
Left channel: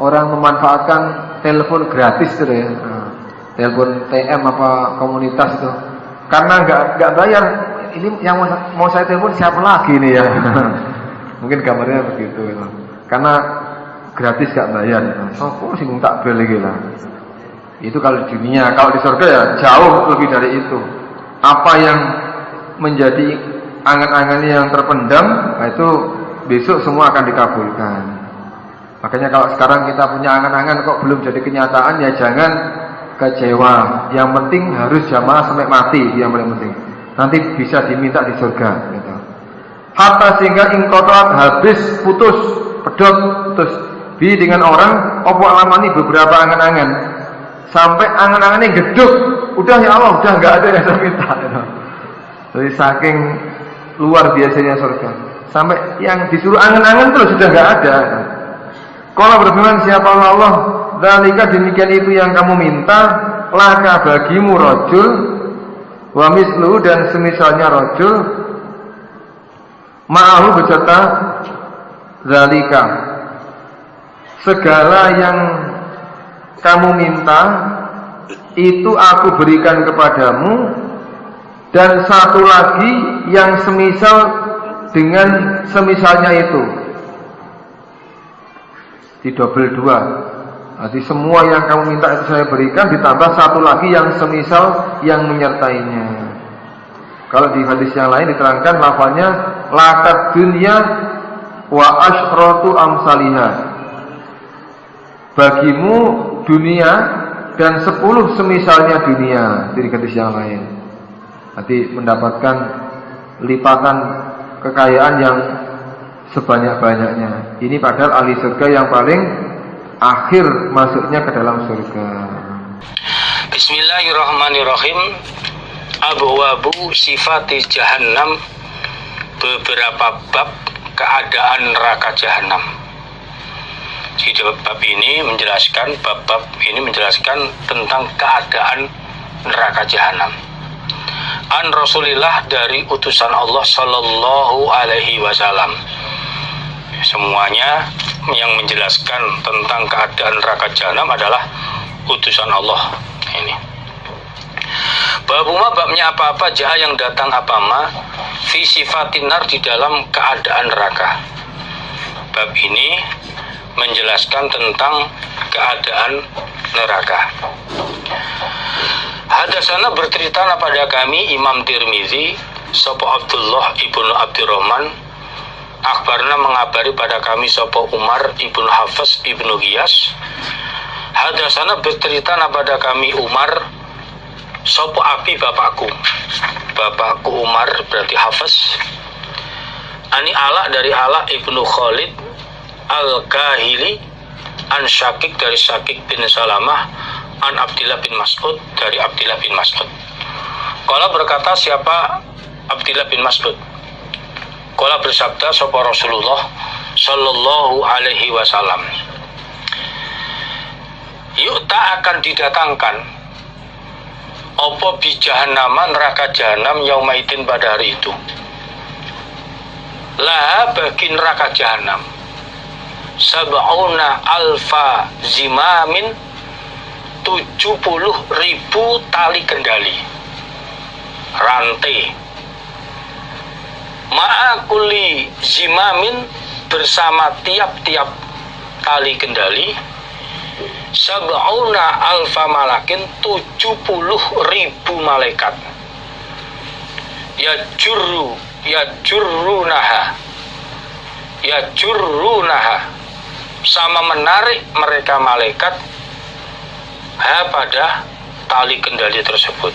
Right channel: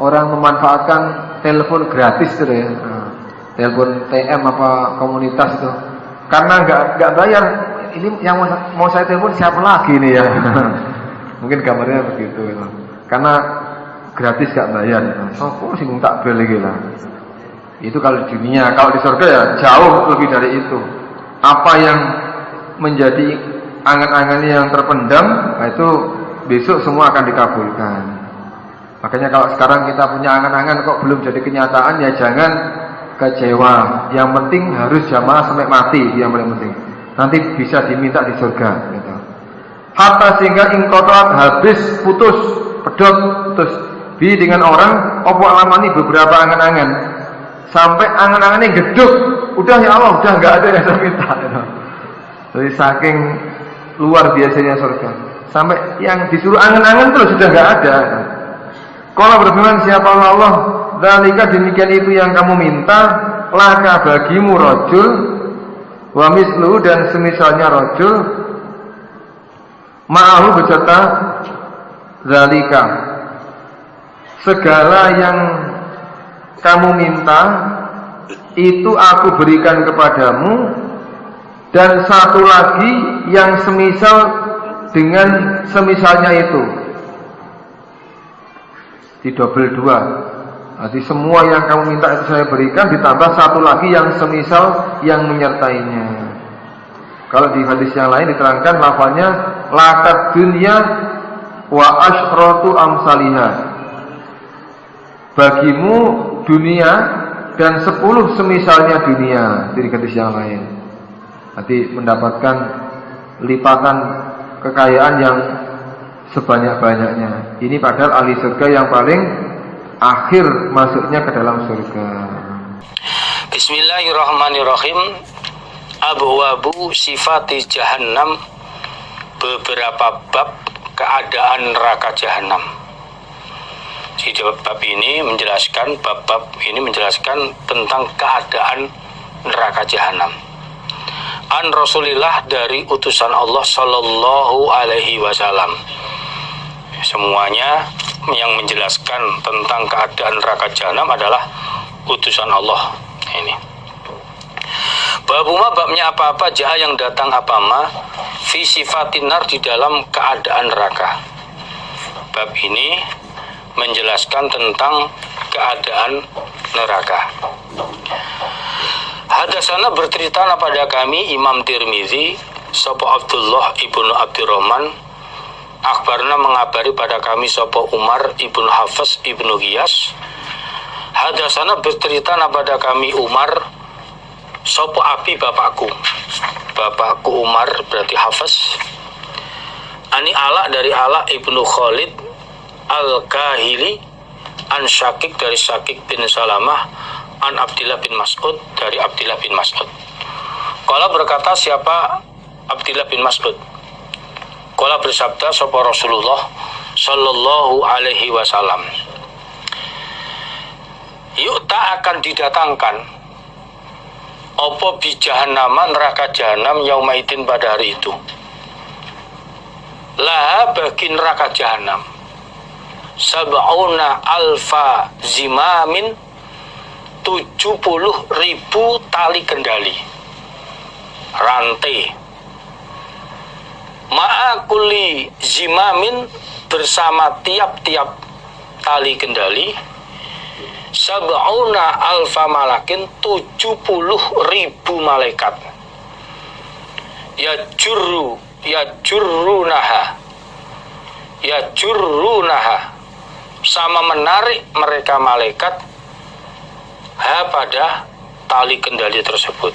orang memanfaatkan telepon gratis itu ya, telepon TM apa komunitas itu, karena nggak bayar. Ini yang mau saya telepon siapa lagi nih ya? Mungkin gambarnya begitu gitu. Karena gratis nggak bayar. Sopo sih tak beli lah. Itu kalau di dunia, kalau di surga ya jauh lebih dari itu. Apa yang menjadi angan-angan yang terpendam, nah itu besok semua akan dikabulkan. Makanya kalau sekarang kita punya angan-angan kok belum jadi kenyataan, ya jangan kecewa. Yang penting harus jamaah sampai mati, yang paling penting. Nanti bisa diminta di surga gitu. Hatta sehingga ingkotoat, habis, putus, pedot, putus bi dengan orang opo alamani beberapa angan-angan, sampai angan-angannya geduk. Udah ya Allah, udah nggak ada yang saya minta gitu. Jadi saking luar biasanya surga, sampai yang disuruh angan-angan terus sudah nggak ada. Kalau berfirman siapa Allah, dzalika demikian itu yang kamu minta, laka bagimu rajul, wa mislu dan semisalnya rajul, ma'ahu beserta dzalika. Segala yang kamu minta itu aku berikan kepadamu. Dan satu lagi yang semisal dengan semisalnya itu, di double dua. Jadi semua yang kamu minta itu saya berikan, ditambah satu lagi yang semisal yang menyertainya. Kalau di hadis yang lain diterangkan lafaznya lakat dunya wa asyratu amsaliha. Bagimu dunia dan 10 semisalnya dunia, di hadis yang lain. Nanti mendapatkan lipatan kekayaan yang sebanyak-banyaknya. Ini padahal ahli surga yang paling akhir masuknya ke dalam surga. Bismillahirrahmanirrahim. Abwabu sifati jahannam, beberapa bab keadaan neraka jahanam. Di bab ini menjelaskan, bab-bab ini menjelaskan tentang keadaan neraka jahanam. An Rasulillah, dari utusan Allah Sallallahu Alaihi Wasallam. Semuanya yang menjelaskan tentang keadaan neraka jahanam adalah utusan Allah. Ini babuma, babnya apa-apa, jaha yang datang apa-ma, fi sifatinar, di dalam keadaan neraka. Bab ini menjelaskan tentang keadaan neraka. Hadasana bercerita pada kami Imam Tirmizi sapa Abdullah ibnu Abdurrahman, akhbarna mengabari pada kami sapa Umar ibnu Hafs ibnu Ghiyas. Hadasana bercerita pada kami Umar sapa abi bapakku Umar berarti Hafs. Ani Ala dari Ala ibnu Khalid Al-Kahili, an Syakik dari Syakik bin Salamah, an Abdillah bin Mas'ud dari Abdillah bin Mas'ud. Qala berkata siapa Abdillah bin Mas'ud? Qala bersabda sapa Rasulullah sallallahu alaihi wasallam, yu'ta akan didatangkan apa bi jahannama, neraka jahanam, yaumaitin pada hari itu. Laha bagi neraka jahanam sab'una alfa zimamin, 70.000 tali kendali rantai. Ma'akuli zimamin, bersama tiap-tiap tali kendali, sab'una alfa malakin, 70.000 malaikat. Yajurrunaha, sama menarik mereka malaikat pada tali kendali tersebut.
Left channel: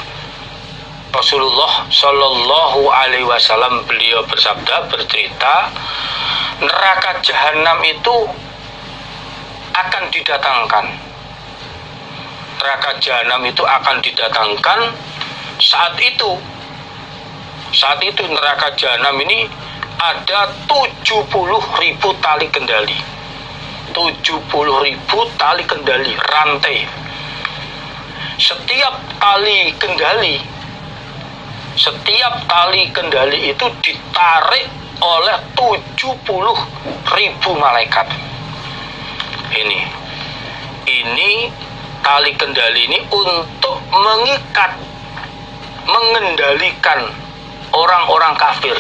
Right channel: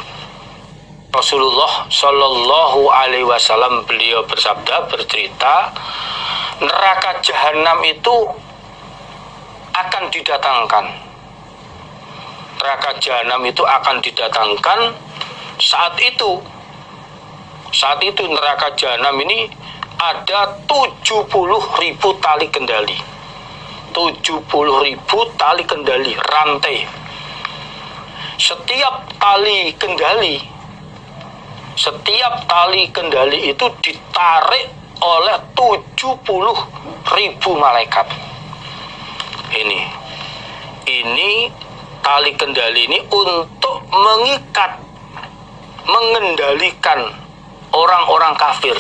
Rasulullah Shallallahu Alaihi Wasallam beliau bersabda, bercerita, neraka jahanam itu akan didatangkan. Neraka jahanam itu akan didatangkan saat itu neraka jahanam ini ada 70.000 tali kendali. 70.000 tali kendali rantai. Setiap tali kendali itu ditarik oleh 70.000 malaikat. Ini tali kendali ini untuk mengendalikan orang-orang kafir.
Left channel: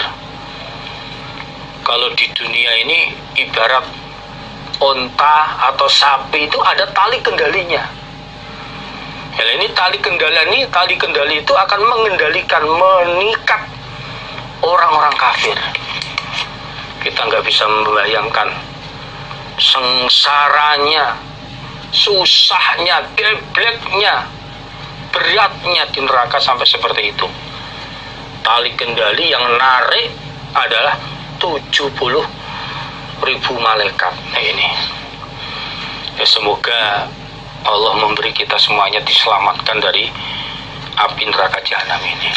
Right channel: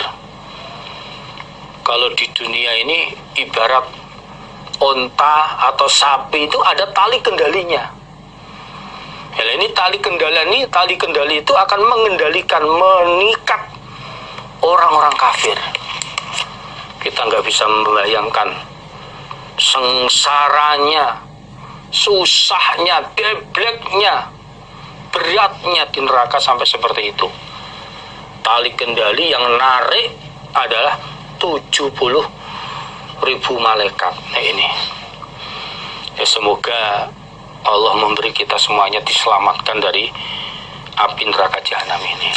Kalau di dunia ini ibarat onta atau sapi itu ada tali kendalinya. Ini tali kendali itu akan mengendalikan, mengikat orang-orang kafir. Kita nggak bisa membayangkan sengsaranya, susahnya, gebleknya, beratnya di neraka sampai seperti itu. Tali kendali yang narik adalah 70.000 malaikat. Ini ya, semoga Allah memberi kita semuanya diselamatkan dari api neraka jahanam ini.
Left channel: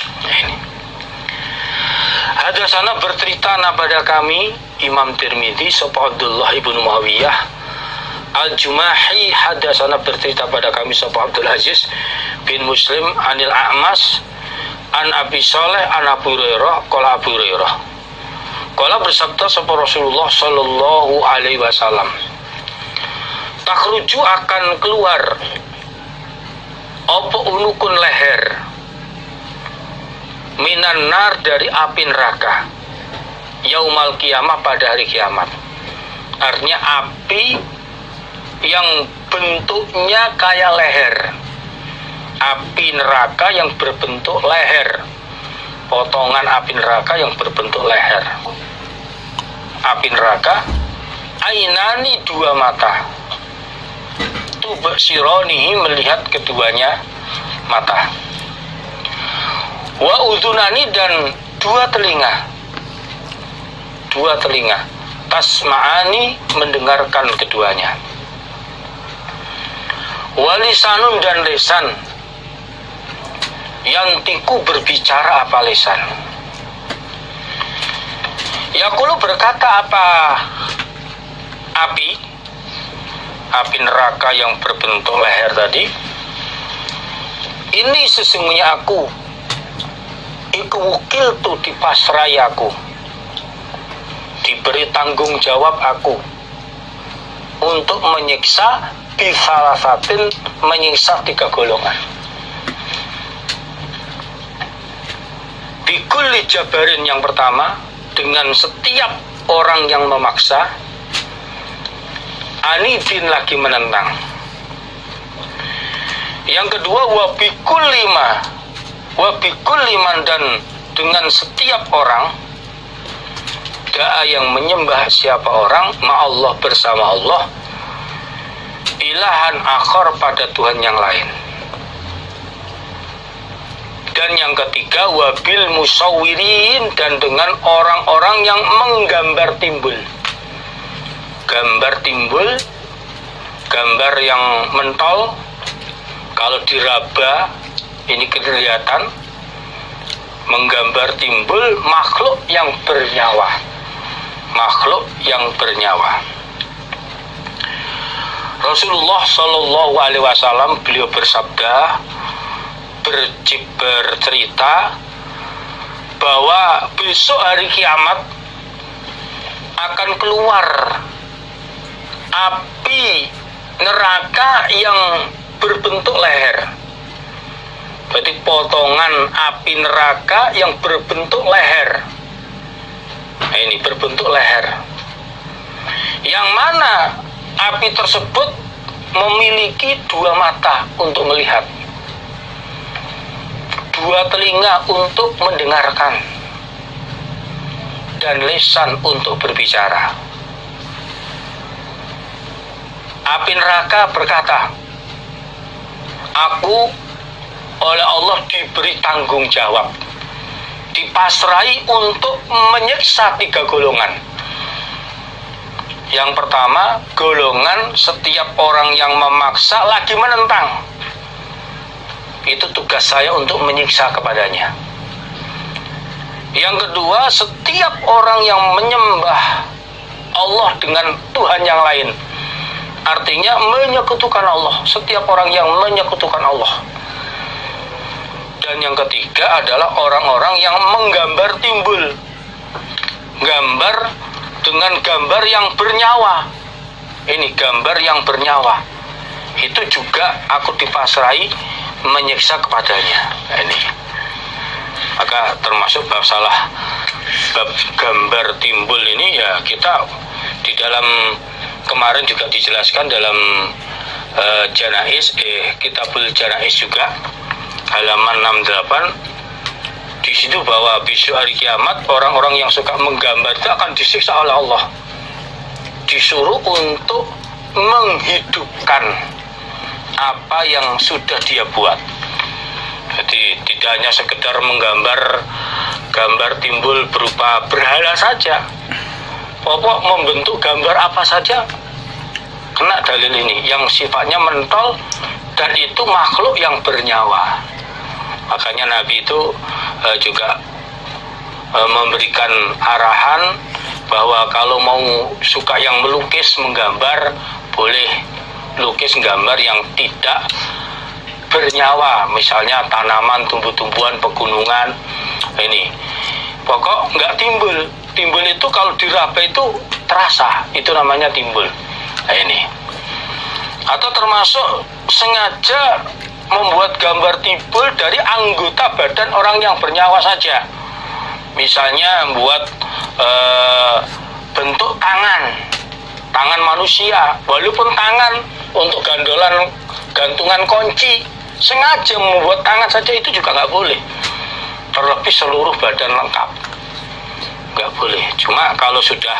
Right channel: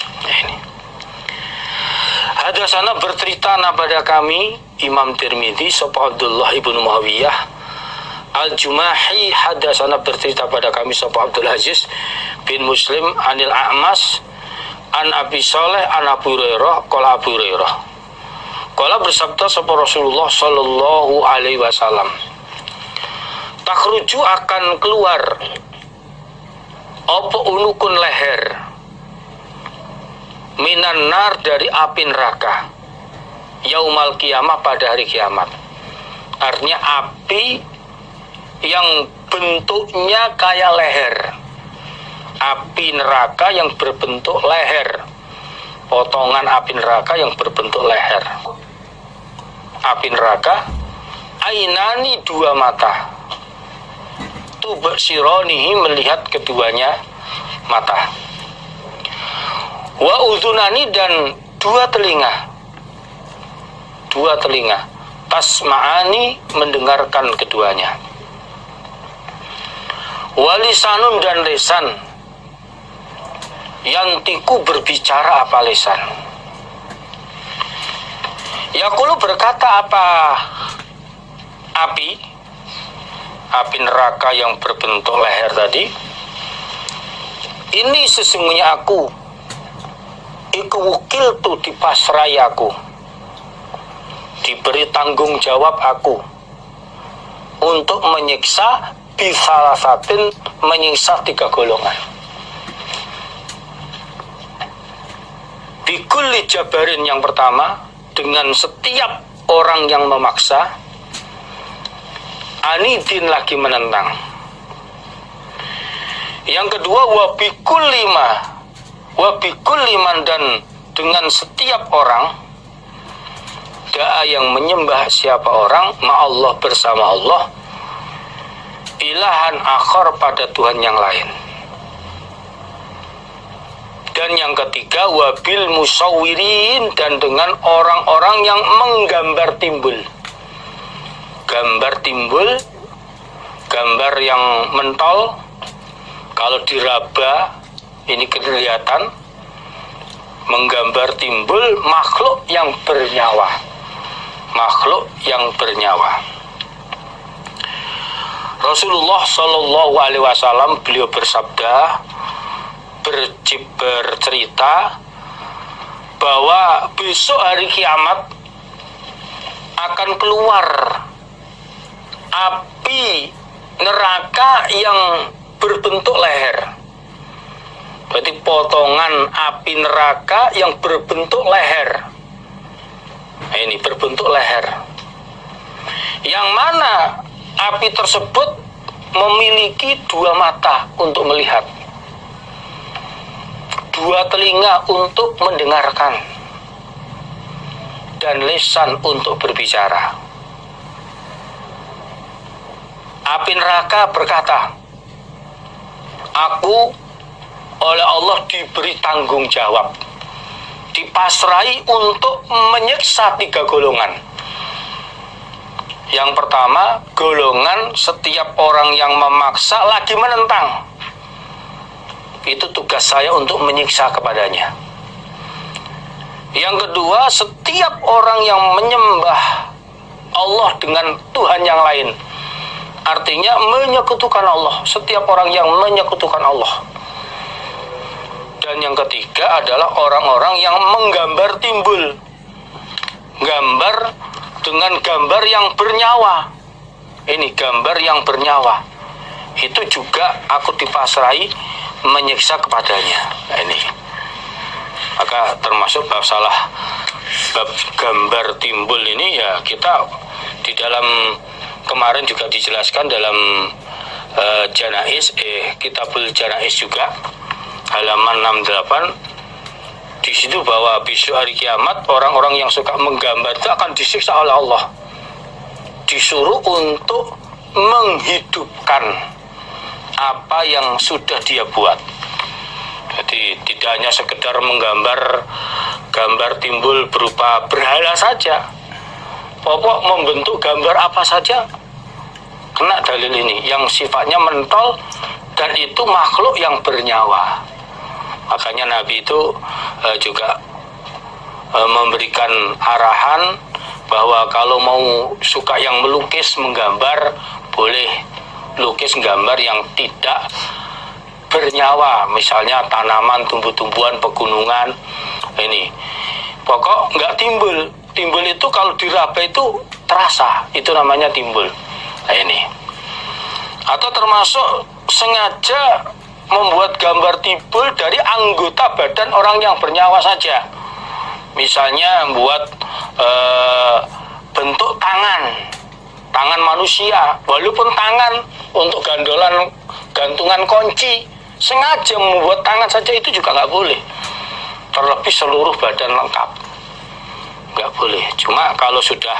Hadasana bercerita pada kami Imam Tirmidzi sapa Abdullah ibnu Muawiyah Al-Jumahi. Hadasana bercerita pada kami sapa Abdul Aziz bin Muslim anil A'mas an Abi Saleh an Abu Hurairah qala Abu Hurairah qala bersabda sapa Rasulullah sallallahu alaihi wasallam, takhruju akan keluar apa unukun leher minan nar dari api neraka yaumal kiamah pada hari kiamat. Artinya api yang bentuknya kayak leher, api neraka yang berbentuk leher, potongan api neraka yang berbentuk leher. Api neraka ainani, dua mata, tubsironihi, melihat keduanya mata, wa udhunani, dan dua telinga, tasma'ani, mendengarkan keduanya, walisanun, dan lesan, yang tiku, berbicara apa lesan. Yaqulu, berkata apa api neraka yang berbentuk leher tadi, ini sesungguhnya aku iku wukil tu, dipasrai aku, diberi tanggung jawab aku untuk menyiksa bisalafatin, menyiksa 3 golongan. Bikulli jabarin, yang pertama, dengan setiap orang yang memaksa, anidin, lagi menentang, Yang kedua, wabikulli man, dan dengan setiap orang, da'a yang menyembah siapa orang ma'allah, bersama Allah, ilahan akhar, pada Tuhan yang lain. Dan yang ketiga, wabil musawwirin, dan dengan orang-orang yang menggambar timbul. Gambar timbul, gambar yang mentol, kalau diraba ini kelihatan, menggambar timbul makhluk yang bernyawa. Makhluk yang bernyawa. Rasulullah Shallallahu Alaihi Wasallam, beliau bersabda, bercerita bahwa besok hari kiamat akan keluar api neraka yang berbentuk leher. Berarti potongan api neraka yang berbentuk leher. Nah, ini berbentuk leher. Yang mana api tersebut memiliki dua mata untuk melihat, dua telinga untuk mendengarkan, dan lisan untuk berbicara. Api neraka berkata, aku oleh Allah diberi tanggung jawab, dipasrai untuk menyiksa 3 golongan. Yang pertama, golongan setiap orang yang memaksa lagi menentang. Itu tugas saya untuk menyiksa kepadanya. Yang kedua, setiap orang yang menyembah Allah dengan Tuhan yang lain, artinya menyekutukan Allah, setiap orang yang menyekutukan Allah. Dan yang ketiga adalah orang-orang yang menggambar timbul, gambar dengan gambar yang bernyawa. Ini gambar yang bernyawa, itu juga aku dipasrai menyiksa kepadanya. Ini maka termasuk bab gambar timbul ini, ya kita di dalam kemarin juga dijelaskan dalam Kitabul Janais juga, halaman 68, di situ bahwa besok hari kiamat orang-orang yang suka menggambar itu akan disiksa oleh Allah, disuruh untuk menghidupkan apa yang sudah dia buat. Jadi tidak hanya sekedar menggambar gambar timbul berupa berhala saja, pokok membentuk gambar apa saja kena dalil ini yang sifatnya mentol dan itu makhluk yang bernyawa. Makanya Nabi itu juga memberikan arahan bahwa kalau mau suka yang melukis, menggambar, boleh lukis gambar yang tidak bernyawa, misalnya tanaman, tumbuh-tumbuhan, pegunungan. Ini pokok nggak timbul. Timbul itu kalau diraba itu terasa, itu namanya timbul. Nah, ini atau termasuk sengaja membuat gambar timbul dari anggota badan orang yang bernyawa saja. Misalnya membuat bentuk tangan manusia, walaupun tangan untuk gantungan kunci, sengaja membuat tangan saja itu juga nggak boleh. Terlebih seluruh badan lengkap, nggak boleh. Cuma kalau sudah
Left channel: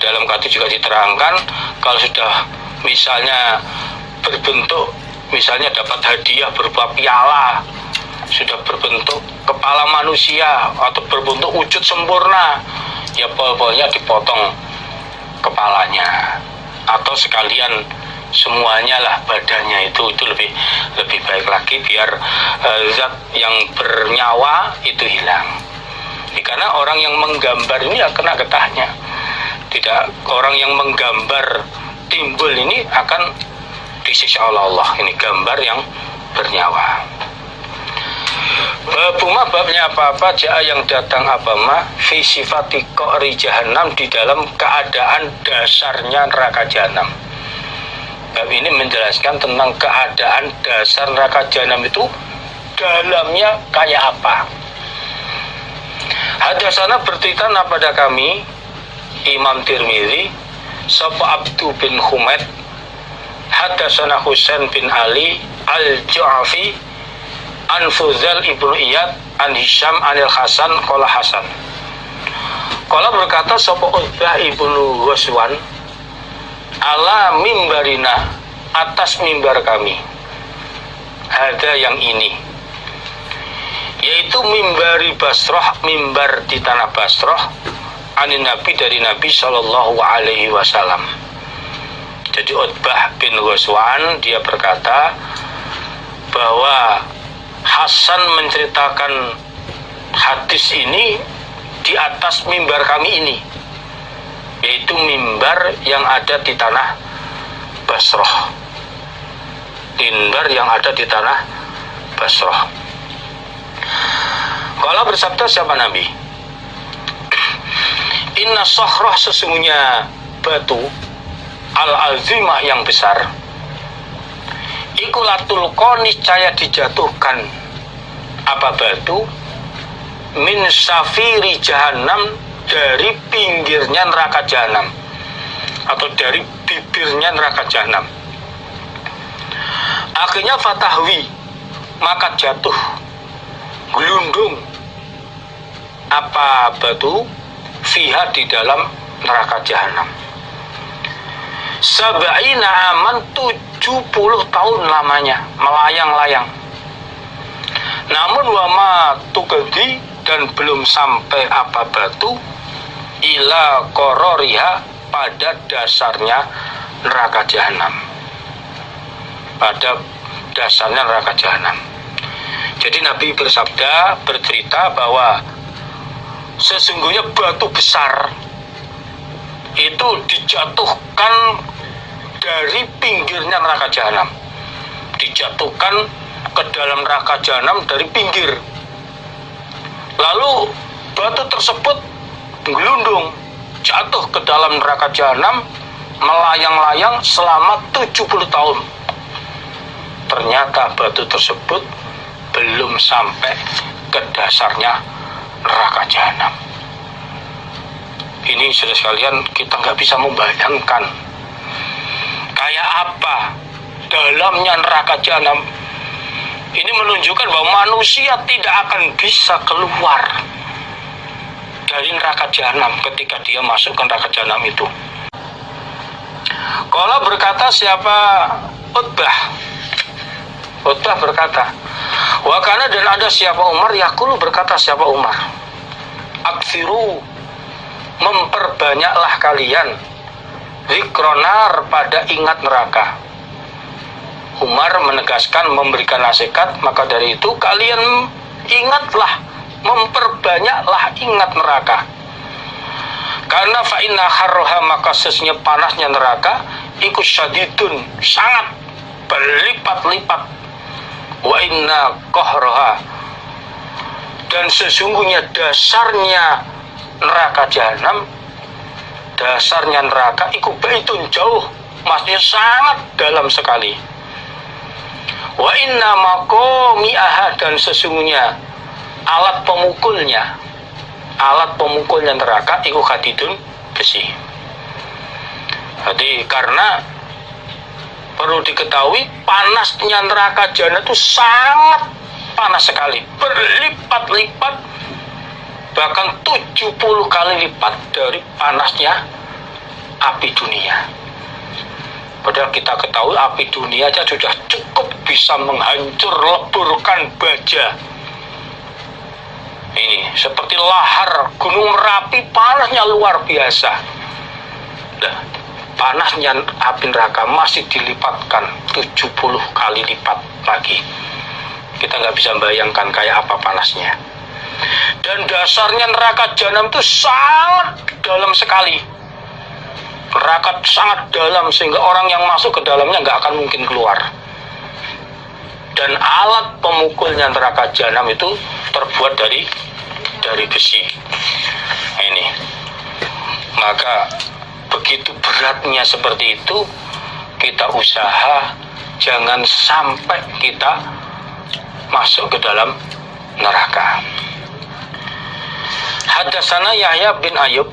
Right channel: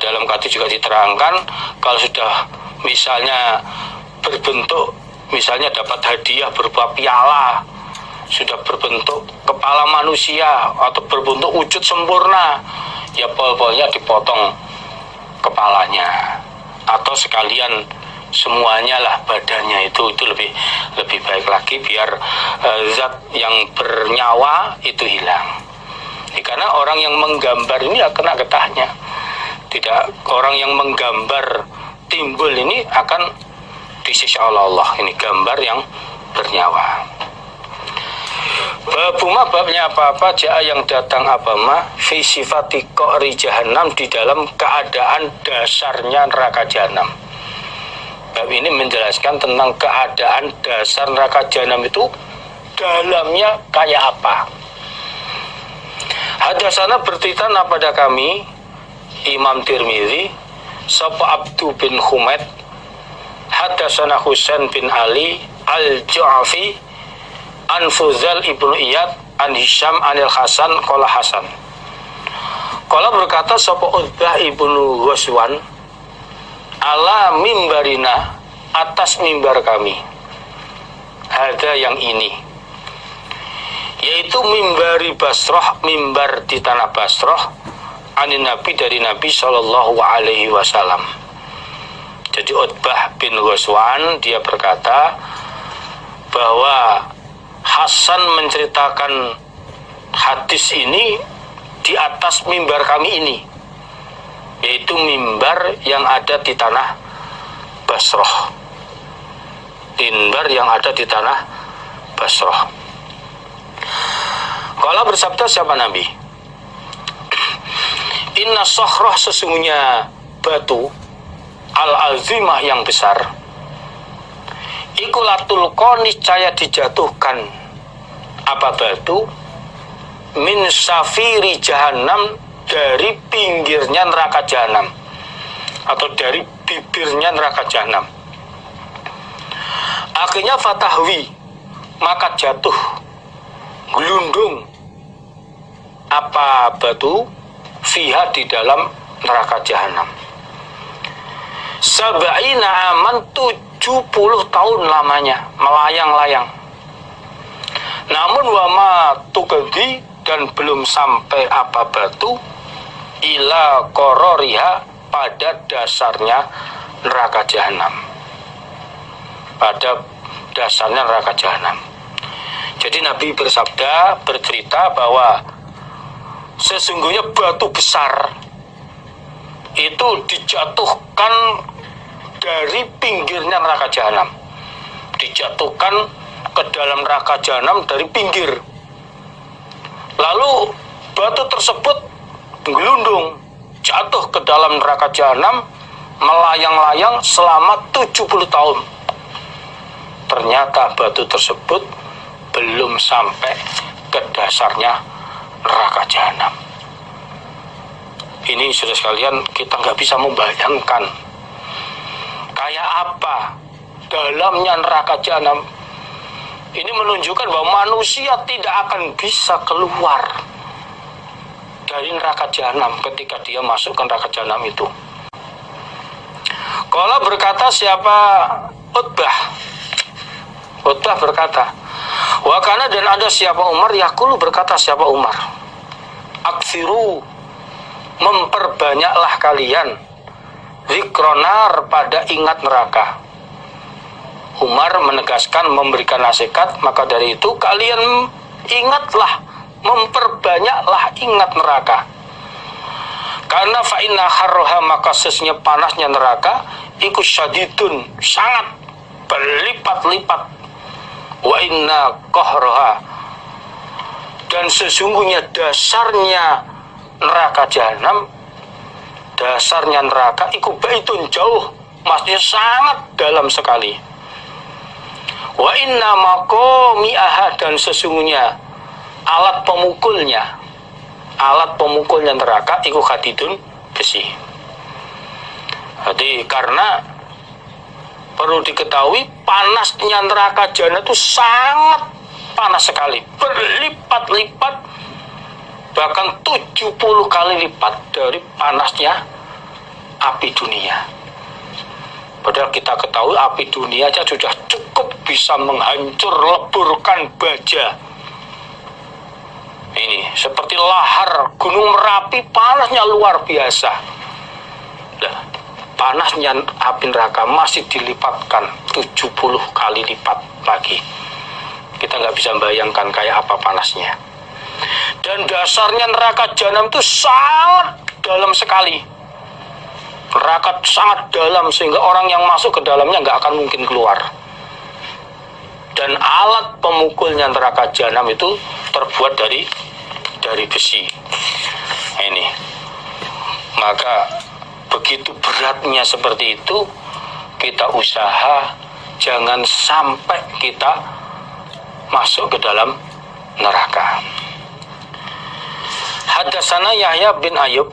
dalam hadis juga diterangkan, kalau sudah misalnya berbentuk, misalnya dapat hadiah berupa piala, sudah berbentuk kepala manusia atau berbentuk wujud sempurna, ya pokoknya dipotong kepalanya atau sekalian semuanya lah badannya, itu lebih baik lagi biar zat yang bernyawa itu hilang. Karena orang yang menggambar ini ya kena getahnya. Tidak, orang yang menggambar timbul ini akan disiksa oleh Allah. Ini gambar yang bernyawa. Babuma, babnya apa-apa ja'a yang datang apa-ma fi sifati qa'ri jahannam, di dalam keadaan dasarnya neraka jahanam. Bab ini menjelaskan tentang keadaan dasar neraka jahanam itu dalamnya kayak apa. Hadasana bercerita pada kami Imam Tirmidzi sapa Abdu bin Humaid, hadasana Husain bin Ali al-Ju'afi an Fuzal ibnu Iyad an Hisham anil Hasan qala Hasan. Qala berkata sapa Utbah ibnu Ghazwan ala mimbarina, atas mimbar kami, ada yang ini, yaitu mimbari Basrah, mimbar di tanah Basrah, anin Nabi, dari Nabi Shallallahu Alaihi Wasallam. Jadi Utbah bin Ghazwan dia berkata bahwa Hasan menceritakan hadis ini di atas mimbar kami ini, yaitu mimbar yang ada di tanah Basrah. Mimbar yang ada di tanah Basrah. Kalau bersabda siapa Nabi? Inna sokhrah, sesungguhnya batu al-azimah yang besar, ikulatul niscaya dijatuhkan apa batu min safiri jahanam, dari pinggirnya neraka jahanam atau dari bibirnya neraka jahanam. Akhirnya fatahwi, maka jatuh gelundung apa batu fiha, di dalam neraka jahanam. Sab'ina aman, 70 tahun lamanya melayang-layang. Namun wama tukadi, dan belum sampai apa batu ila kororiha, pada dasarnya neraka jahanam, pada dasarnya neraka jahanam. Jadi Nabi bersabda, bercerita bahwa sesungguhnya batu besar itu dijatuhkan dari pinggirnya neraka jahanam, dijatuhkan ke dalam neraka jahanam dari pinggir. Lalu batu tersebut gelundung jatuh ke dalam neraka jahanam, melayang-layang selama 70 tahun. Ternyata batu tersebut belum sampai ke dasarnya neraka jahanam. Ini saudara sekalian, kita nggak bisa membayangkan kayak apa dalamnya neraka jahanam. Ini menunjukkan bahwa manusia tidak akan bisa keluar dari neraka jahanam ketika dia masuk ke neraka jahanam itu. Kalau berkata siapa? Utbah. Utbah berkata, wakana, dan ada siapa Umar, yakulu, berkata siapa Umar, aksiru, memperbanyaklah kalian, zikronar, pada ingat neraka. Umar menegaskan, memberikan nasihat, maka dari itu kalian ingatlah, memperbanyaklah ingat neraka. Karena fa'inna harroha, maka sesungguhnya panasnya neraka, iku syadidun, sangat berlipat-lipat. Wa inna kohroha, dan sesungguhnya dasarnya neraka jahanam, dasarnya neraka iku baitun, jauh, maksudnya sangat dalam sekali. Wa inna maqami'aha, dan sesungguhnya alat pemukulnya neraka iku hadidun, besi. Jadi karena perlu diketahui, panasnya neraka jahanam itu sangat panas sekali, berlipat-lipat, bahkan 70 kali lipat dari panasnya api dunia. Padahal kita ketahui api dunia aja sudah cukup bisa menghancur leburkan baja. Ini seperti lahar Gunung Merapi, panasnya luar biasa. Nah, panasnya api neraka masih dilipatkan 70 kali lipat lagi. Kita nggak bisa bayangkan kayak apa panasnya. Dan dasarnya neraka jahanam itu sangat dalam sekali. Neraka sangat dalam sehingga orang yang masuk ke dalamnya nggak akan mungkin keluar. Dan alat pemukulnya neraka jahanam itu terbuat dari besi. Ini. Maka begitu beratnya seperti itu, kita usaha jangan sampai kita masuk ke dalam neraka. Hadatsana Yahya bin Ayub,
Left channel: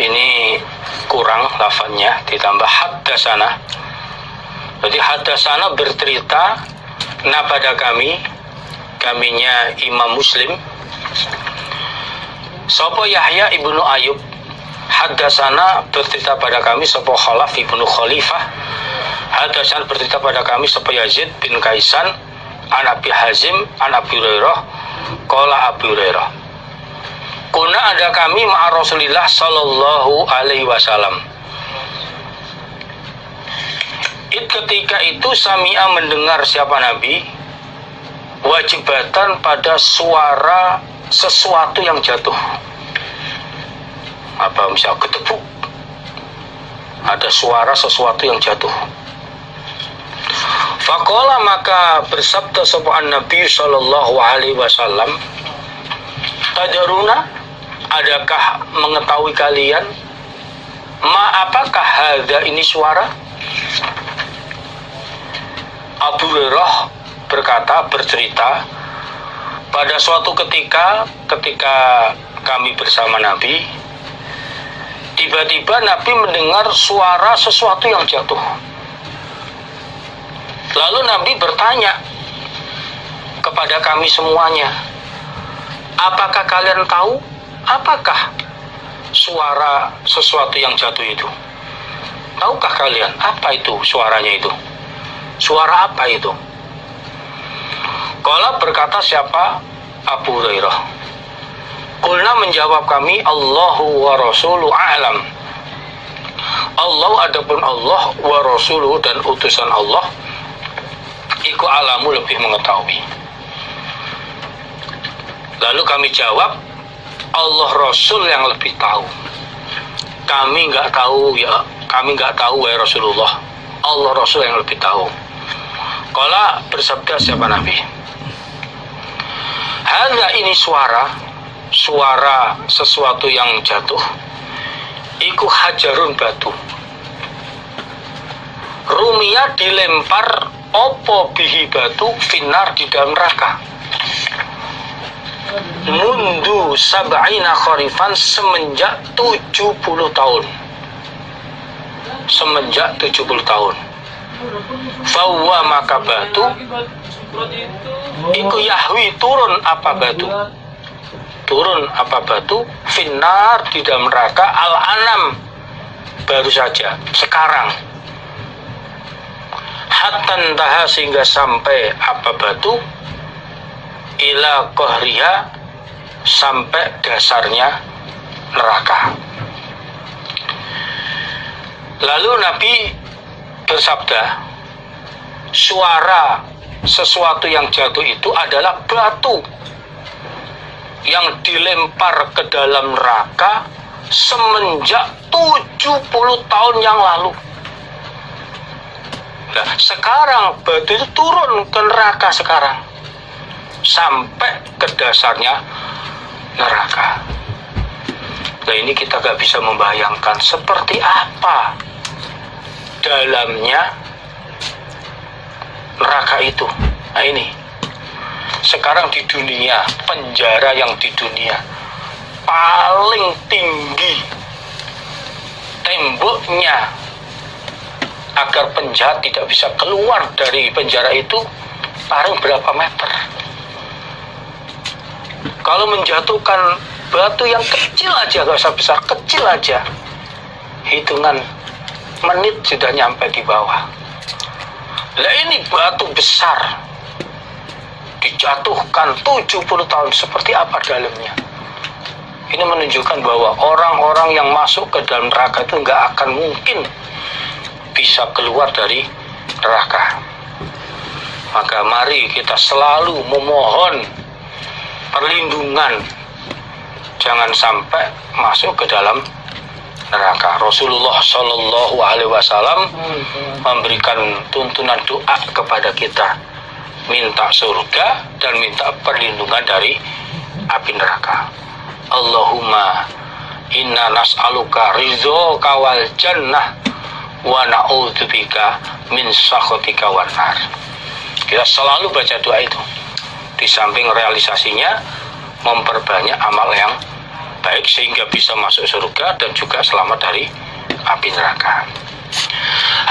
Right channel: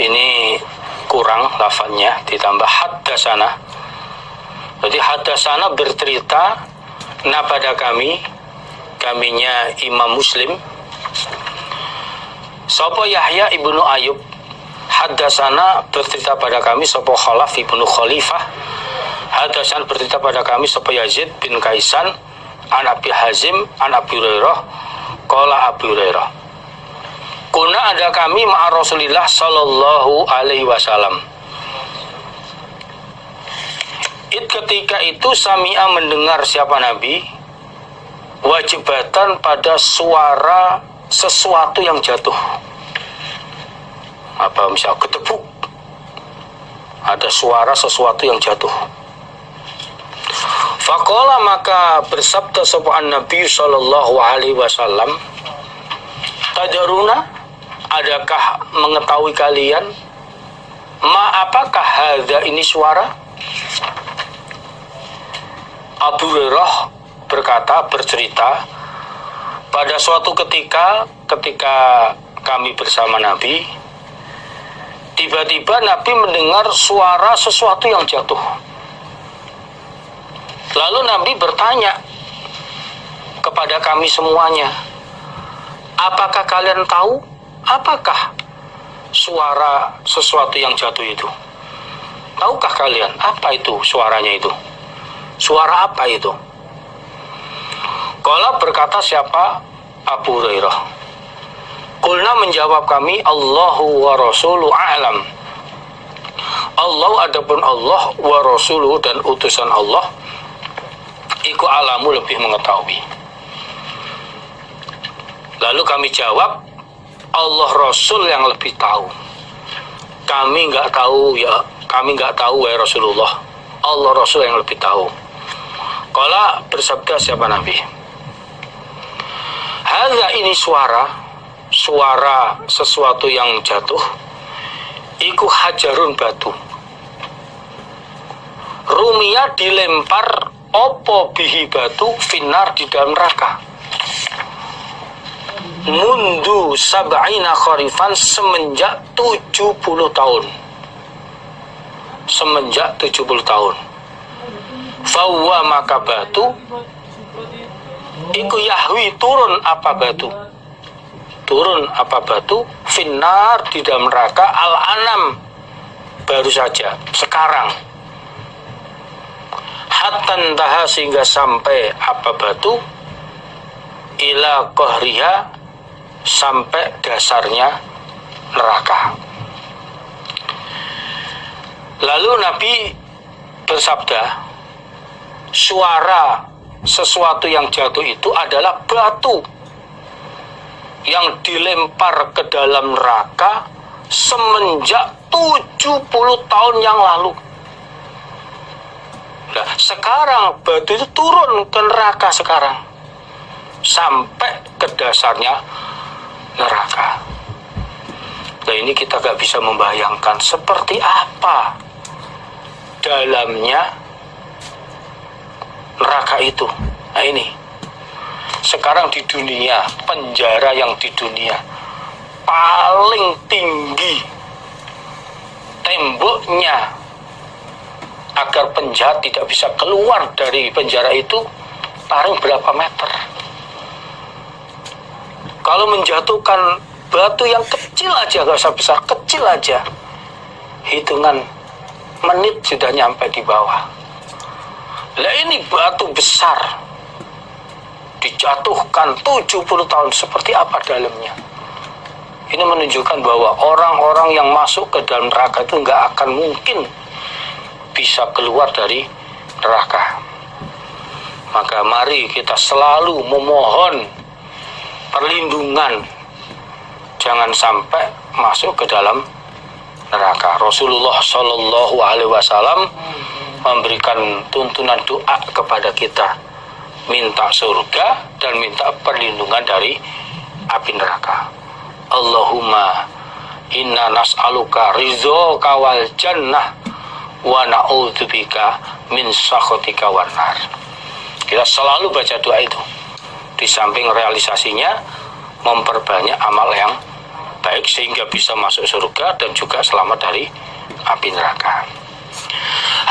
ini kurang lafadznya, ditambah hadatsana. Jadi hadasana bercerita pada kaminya Imam Muslim. Sopo Yahya ibnu Ayub hadasana bercerita pada kami sopo Khalaf ibnu Khalifah. Hadasana bercerita pada kami sopo Yazid bin Kaisan an Abi Hazim an Abi Hurairah qala Abi Hurairah. Kuna ada kami ma'a Rasulillah sallallahu alaihi wasallam. Ketika itu Sami'a mendengar siapa Nabi wajibatan pada suara sesuatu yang jatuh. Apa misalnya ketepuk, ada suara sesuatu yang jatuh. Faqala maka bersabda sapa Nabi sallallahu alaihi wasallam, tadaruna, adakah mengetahui kalian apakah hadza ini suara? Abu Hurairah bercerita, pada suatu ketika kami bersama Nabi, tiba-tiba Nabi mendengar suara sesuatu yang jatuh. Lalu Nabi bertanya kepada kami semuanya, apakah kalian tahu apakah suara sesuatu yang jatuh itu? Tahukah kalian apa itu suaranya itu? Suara apa itu? Qala berkata siapa? Abu Hurairah. Qulna menjawab kami, Allahu wa rasuluhu a'lam. Allah adapun Allah wa rasuluhu dan utusan Allah iku alamu lebih mengetahui. Lalu kami jawab, Allah Rasul yang lebih tahu. Kami enggak tahu wahai Rasulullah. Allah Rasul yang lebih tahu. Qala bersabda siapa Nabi? Hadza ini suara sesuatu yang jatuh. Iku hajarun batu. Rumia dilempar opo bihi batu finar di dalam neraka. Mundu sab'ina kharifan semenjak 70 tahun. Semenjak 70 tahun. Fawa maka batu iku yahwi turun apa batu finar di dalam neraka al-anam baru saja sekarang hatta taha sehingga sampai apa batu ila qahriha sampai dasarnya neraka. Lalu Nabi bersabda, suara sesuatu yang jatuh itu adalah batu yang dilempar ke dalam neraka semenjak 70 tahun yang lalu. Nah, sekarang batu itu turun ke neraka sekarang sampai ke dasarnya neraka. Nah, ini kita gak bisa membayangkan seperti apa dalamnya neraka itu. Nah ini sekarang di dunia, penjara yang di dunia paling tinggi temboknya agar penjahat tidak bisa keluar dari penjara itu paling berapa meter. Kalau menjatuhkan batu yang kecil aja, gak usah besar, kecil aja, hitungan menit sudah nyampe di bawah. Lah ini batu besar dijatuhkan 70 tahun, seperti apa dalamnya? Ini menunjukkan bahwa orang-orang yang masuk ke dalam neraka itu nggak akan mungkin bisa keluar dari neraka. Maka mari kita selalu memohon perlindungan, jangan sampai masuk ke dalam neraka. Rasulullah Shallallahu Alaihi Wasallam memberikan tuntunan doa kepada kita, minta surga dan minta perlindungan dari api neraka. Allahumma inna nas'aluka ridhoka wal jannah wa na'udzubika min sakhatika wan nar. Kita selalu baca doa itu. Di samping realisasinya, memperbanyak amal yang baik sehingga bisa masuk surga dan juga selamat dari api neraka.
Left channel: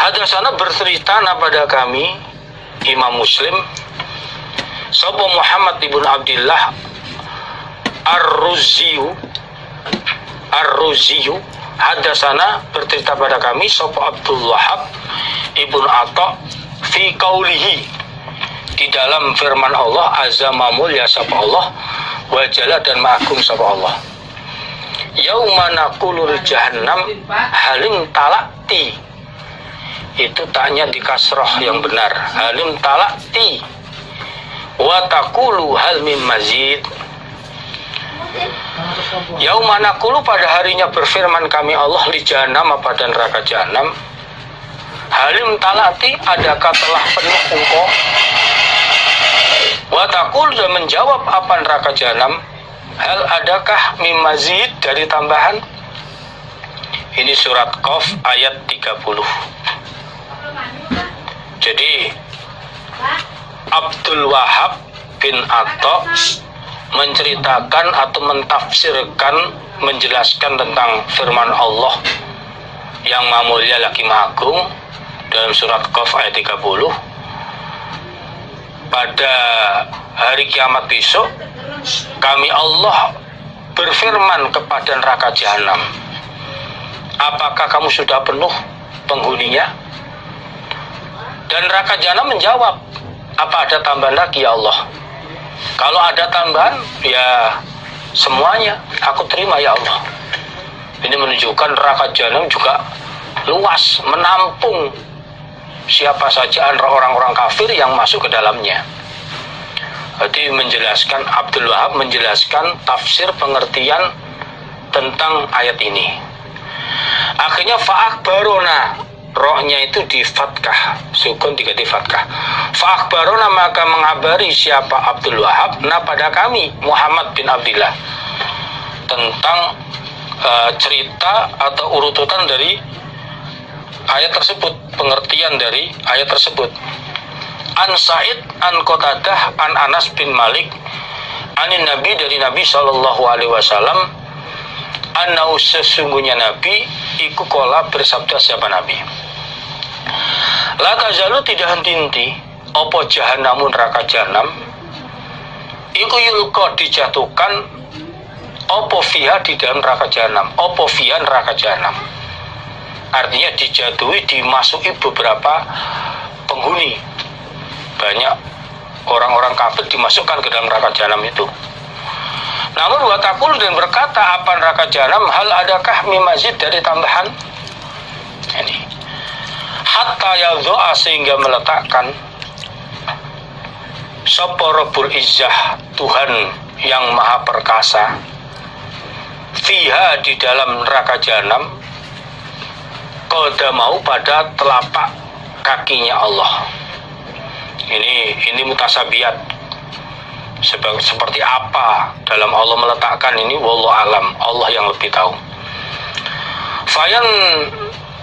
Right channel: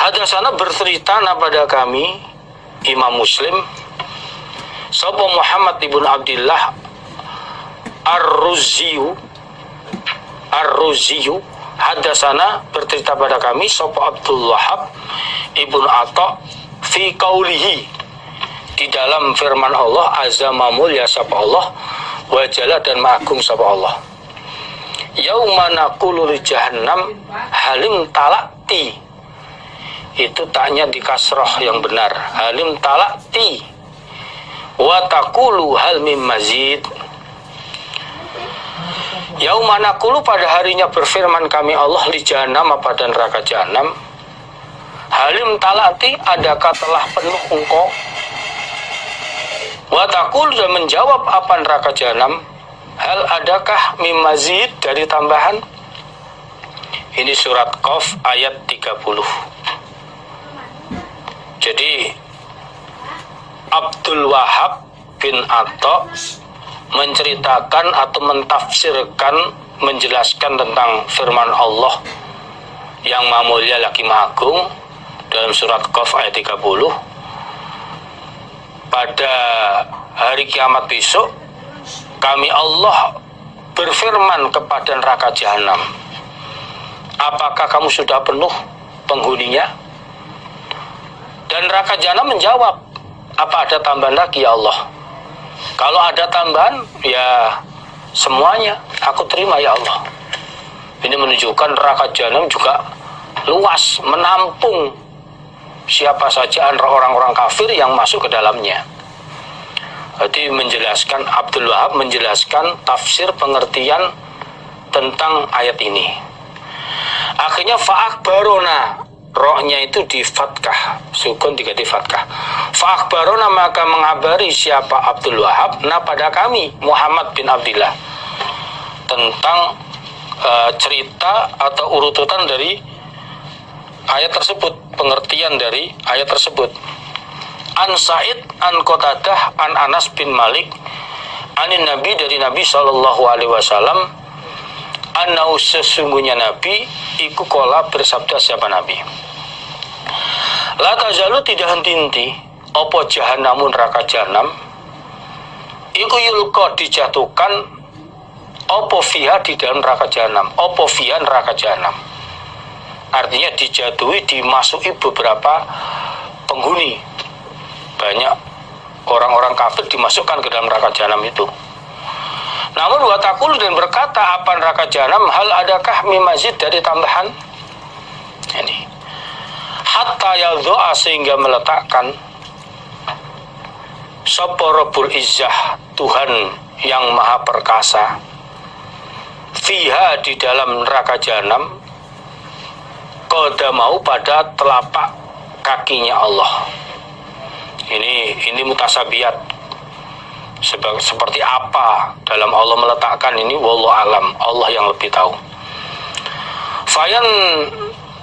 Hadasana bercerita pada kami Imam Muslim sapa Muhammad ibn Abdillah Ar-Ruziyu hadasana bercerita pada kami sapa Abdul Wahab ibn Atta fi qaulihi di dalam firman Allah azza mamulya sapa Allah wa jalla dan ma'agung sapa Allah. Yauma naqulu li jahannam halim talati, itu taknya di kasroh yang benar, halim talati wa taqulu hal mim mazid. Yauma naqulu pada harinya berfirman kami Allah li jahannam pada neraka jahanam, halim talati adakah telah penuh engkau, wa taqul dan menjawab apa neraka jahanam, hal adakah mim mazid dari tambahan. Ini surat Qaf ayat 30. Jadi Abdul Wahab bin Atta menceritakan atau mentafsirkan, menjelaskan tentang firman Allah yang Maha Mulia lagi Maha Agung dalam surat Qaf ayat 30. Pada hari kiamat besok kami Allah berfirman kepada neraka jahanam, apakah kamu sudah penuh penghuninya? Dan neraka jahanam menjawab, apa ada tambahan lagi ya Allah? Kalau ada tambahan, ya semuanya aku terima ya Allah. Ini menunjukkan neraka jahanam juga luas, menampung siapa saja orang-orang kafir yang masuk ke dalamnya. Berarti menjelaskan, Abdul Wahab menjelaskan tafsir pengertian tentang ayat ini. Akhirnya fa'akhbarona, rohnya itu di fatkah, sukun diganti fatkah. Fa'akhbarona maka mengabari siapa Abdul Wahab pada kami Muhammad bin Abdillah tentang cerita atau urutan dari ayat tersebut, pengertian dari ayat tersebut. An Sa'id an Qatadah an Anas bin Malik anin Nabi, dari Nabi sallallahu alaihi wasallam, annahu sesungguhnya Nabi iku kola bersabda siapa Nabi, la tazalu tidak henti-henti opo jahannamun neraka jahanam iku yulqa dijatuhkan opo fiha di dalam neraka jahanam, opo fiha neraka jahanam, artinya dijatuhi, dimasuki beberapa penghuni, banyak orang-orang kafir dimasukkan ke dalam neraka jahanam itu. Namun watakul dan berkata apa neraka jahanam, hal adakah mimazid dari tambahan ini, hatta yadhu'a sehingga meletakkan sapa Rabbul Izzah Tuhan yang maha perkasa fiha di dalam neraka jahanam qadamahu pada telapak kakinya Allah. Ini mutasabiat, seperti apa dalam Allah meletakkan ini, wallahu alam, Allah yang lebih tahu.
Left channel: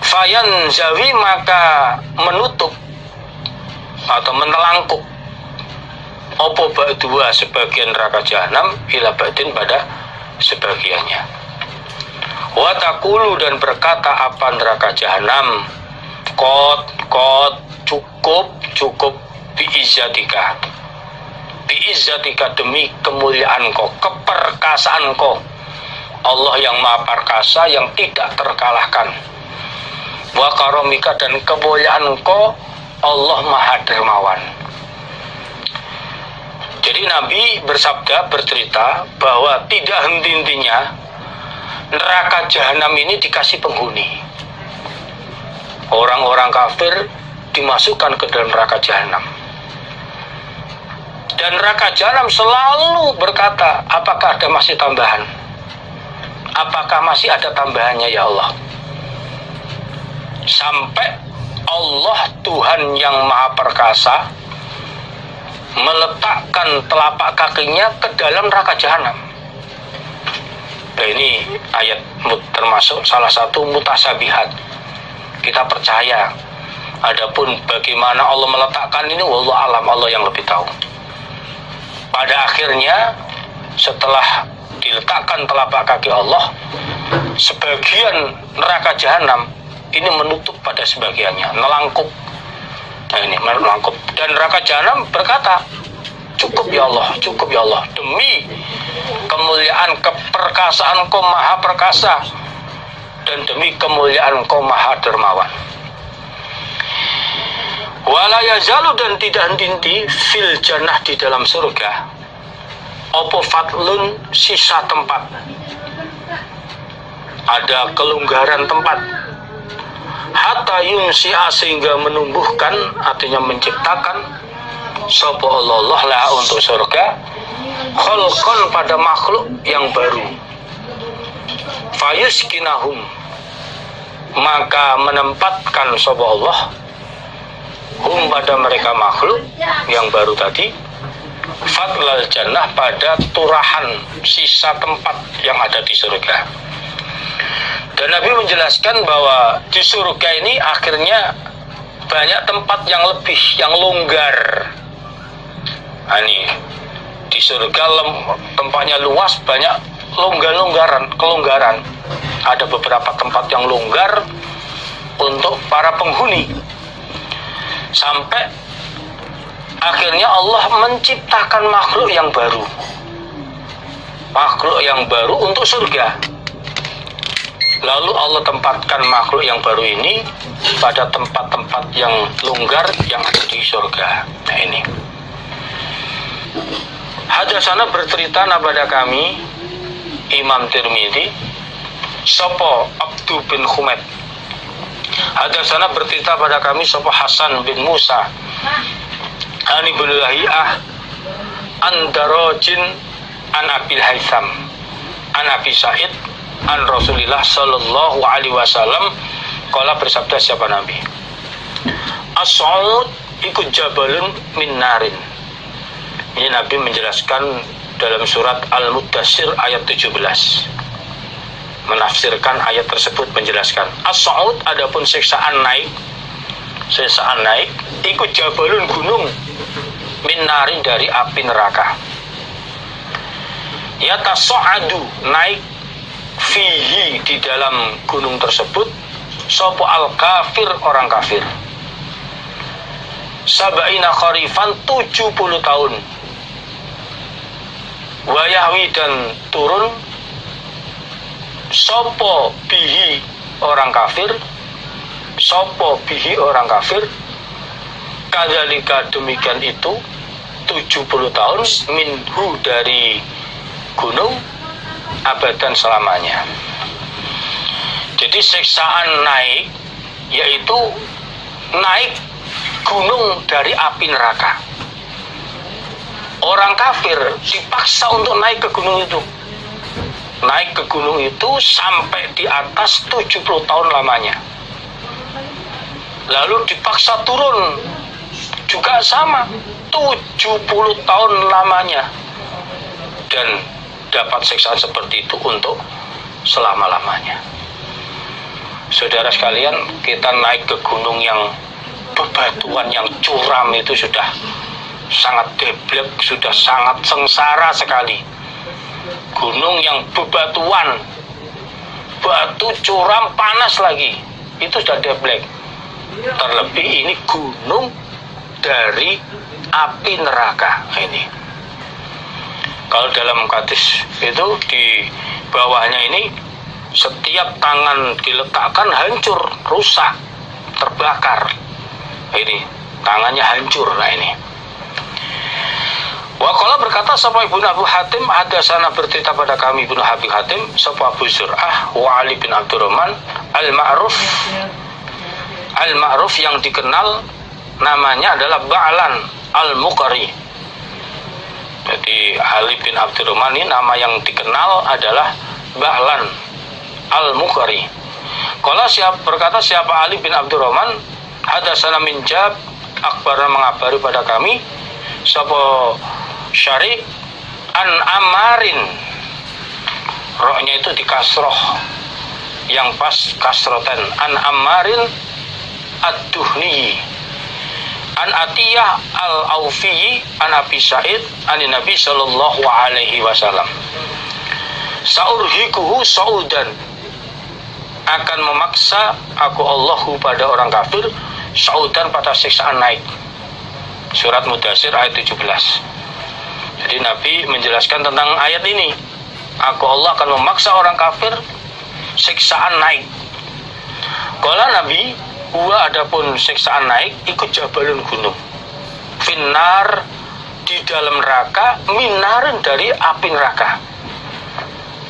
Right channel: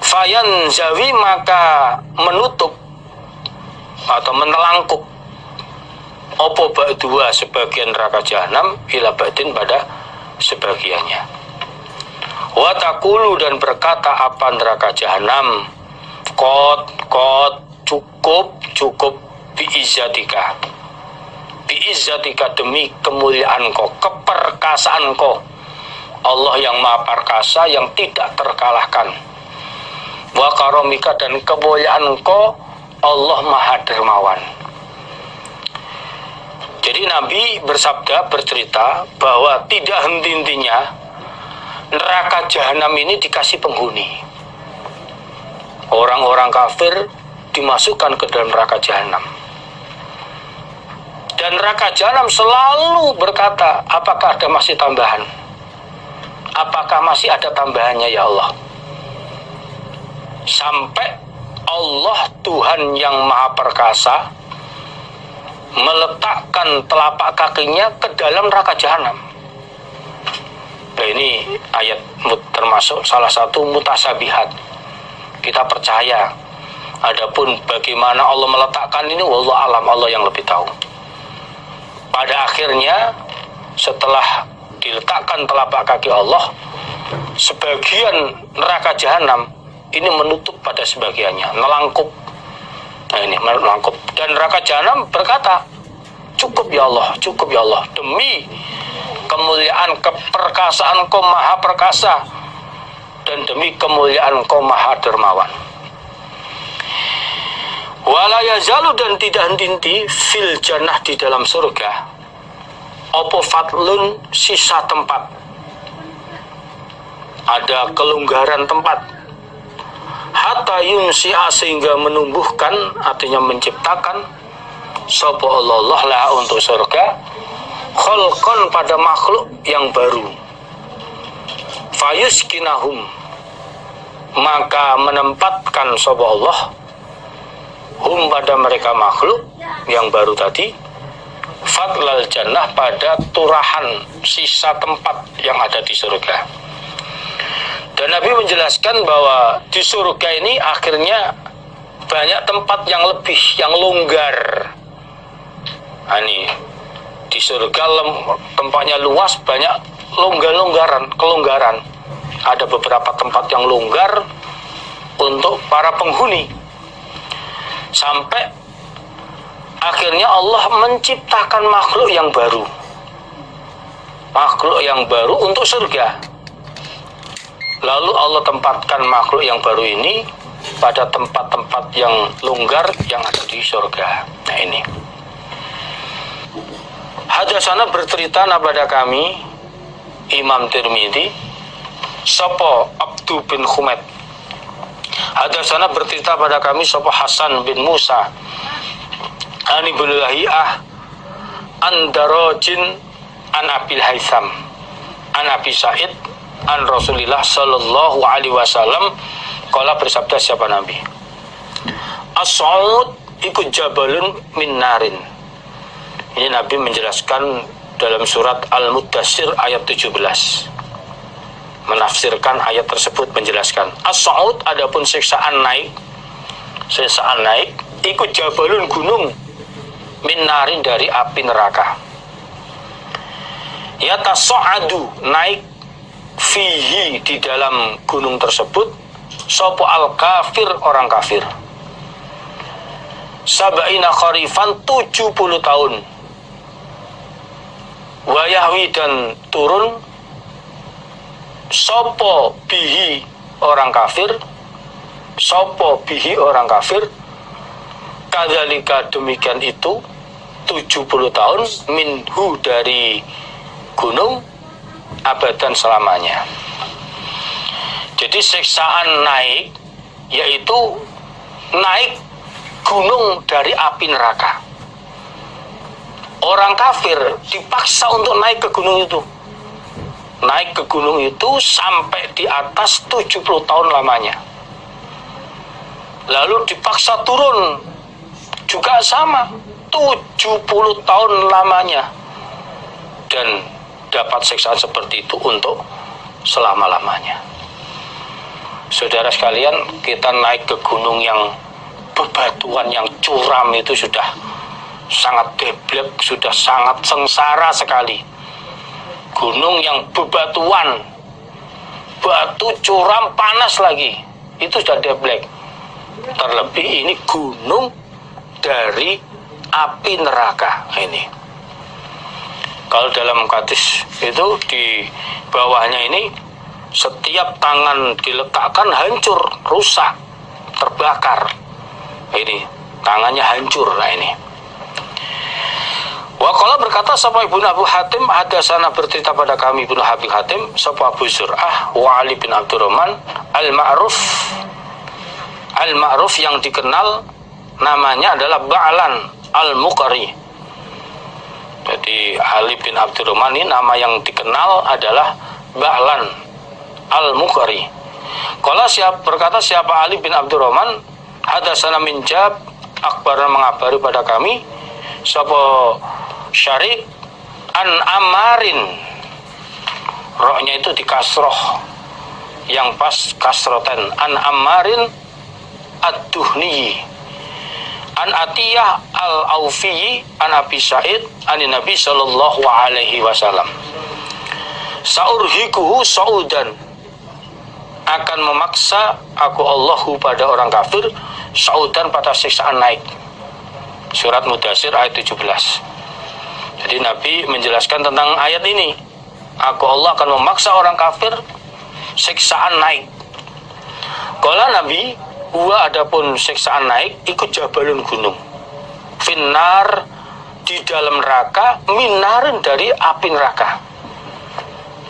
Fayan zawi maka menutup atau menelangkup opo ba'dua sebagian neraka jahanam ila ba'din pada sebagiannya. Wa taqulu dan berkata apa neraka jahanam, qad cukup biizzatika demi kemuliaan kau, keperkasaan kau, Allah yang maha perkasa yang tidak terkalahkan, wa karomika dan kemuliaan kau Allah maha dermawan. Jadi Nabi bersabda, bercerita bahwa tidak henti-hentinya neraka jahanam ini dikasih penghuni. Orang-orang kafir dimasukkan ke dalam neraka jahanam. Dan neraka jahanam selalu berkata, apakah ada masih tambahan? Apakah masih ada tambahannya ya Allah? Sampai Allah Tuhan yang maha perkasa meletakkan telapak kakinya ke dalam neraka jahanam. Nah, ini ayat termasuk salah satu mutasabihat. Kita percaya. Adapun bagaimana Allah meletakkan ini, wallahu alam, Allah yang lebih tahu. Pada akhirnya setelah diletakkan telapak kaki Allah, sebagian neraka jahanam ini menutup pada sebagiannya, melangkup. Nah ini melangkup. Dan neraka jahanam berkata, cukup ya Allah, cukup ya Allah, demi kemuliaan keperkasaan Engkau maha perkasa dan demi kemuliaan Engkau maha dermawan. Wala yazalu, dan tidak henti-henti fil jannah, di dalam surga, opo fadlun, sisa tempat, ada kelonggaran tempat, hatta yunsi'a, sehingga menumbuhkan, artinya menciptakan, sapa Allah lah untuk surga, kholqon, pada makhluk yang baru, fayuskinahum, maka menempatkan sapa Allah hum, pada mereka makhluk yang baru tadi, fadlal jannah, pada turahan sisa tempat yang ada di surga. Dan Nabi menjelaskan bahwa di surga ini akhirnya banyak tempat yang lebih, yang longgar. Nah, ini di surga tempatnya luas, banyak kelonggaran. Ada beberapa tempat yang longgar untuk para penghuni. Sampai akhirnya Allah menciptakan makhluk yang baru. Makhluk yang baru untuk surga. Lalu Allah tempatkan makhluk yang baru ini pada tempat-tempat yang longgar yang ada di surga. Nah ini. Hadasana bercerita kepada kami Imam Tirmidzi, sapa Abdu bin Humaid. Hadasana bercerita pada kami sapa Hasan bin Musa, ani bin Lahiyah, an Darajin, an Abil Haitham, an Abi Sa'id, an Rasulillah sallallahu alaihi wasallam, qala, bersabda siapa Nabi, as-sa'ud ikut jabalun min narin. Ini Nabi menjelaskan dalam surat Al-Muddatsir ayat 17, menafsirkan ayat tersebut, menjelaskan as-sa'ud, adapun siksaan naik, ikut jabalun, gunung, min narin, dari api neraka, yatasa'adu, naik, fihi, di dalam gunung tersebut, sopo al-kafir, orang kafir, sab'ina kharifan, 70 tahun, wayahwi, dan turun, sopo bihi, orang kafir, kadzalika, demikian itu, 70 tahun, minhu, dari gunung, abadan, selamanya. Jadi siksaan naik, yaitu naik gunung dari api neraka. Orang kafir dipaksa untuk naik ke gunung itu. Naik ke gunung itu sampai di atas 70 tahun lamanya. Lalu dipaksa turun, juga sama, 70 tahun lamanya. Dan dapat siksaan seperti itu untuk selama-lamanya. Saudara sekalian, kita naik ke gunung yang bebatuan, yang curam, itu sudah sangat deblek, sudah sangat sengsara sekali. Gunung yang bebatuan, batu curam, panas lagi, itu sudah deblek. Terlebih ini gunung dari api neraka. Ini kalau dalam hadis itu di bawahnya ini, setiap tangan diletakkan hancur, rusak, terbakar. Ini tangannya hancur. Nah ini. Waqala, berkata sapa Ibnu Abu Hatim, hadasana, bercerita pada kami Ibnu Abi Hatim, sapa Abu Zur'ah wa Ali bin Abdurrahman al-Ma'ruf, yang dikenal namanya adalah Ba'lan al-Muqri. Jadi Ali bin Abdurrahman ini nama yang dikenal adalah Ba'lan al-Muqri. Qala, berkata siapa Ali bin Abdurrahman, hadasana min Jab, akbarna, mengabari pada kami sapa Syarif an Ammarin, rohnya itu di kasroh, yang pas kasrotan, an Ammarin ad-Duhni, an Atiyah al-Aufi, an Abi Sa'id, an Nabi sallallahu alaihi wasallam, saurhikuhu saudan, akan memaksa aku Allahu pada orang kafir saudan pada siksaan naik. Surat Mudatsir ayat 17. Jadi Nabi menjelaskan tentang ayat ini. Aku Allah akan memaksa orang kafir siksaan naik. Kala Nabi, huwa adapun siksaan naik ikut jabalun gunung. Finnar di dalam neraka, minarin dari api neraka.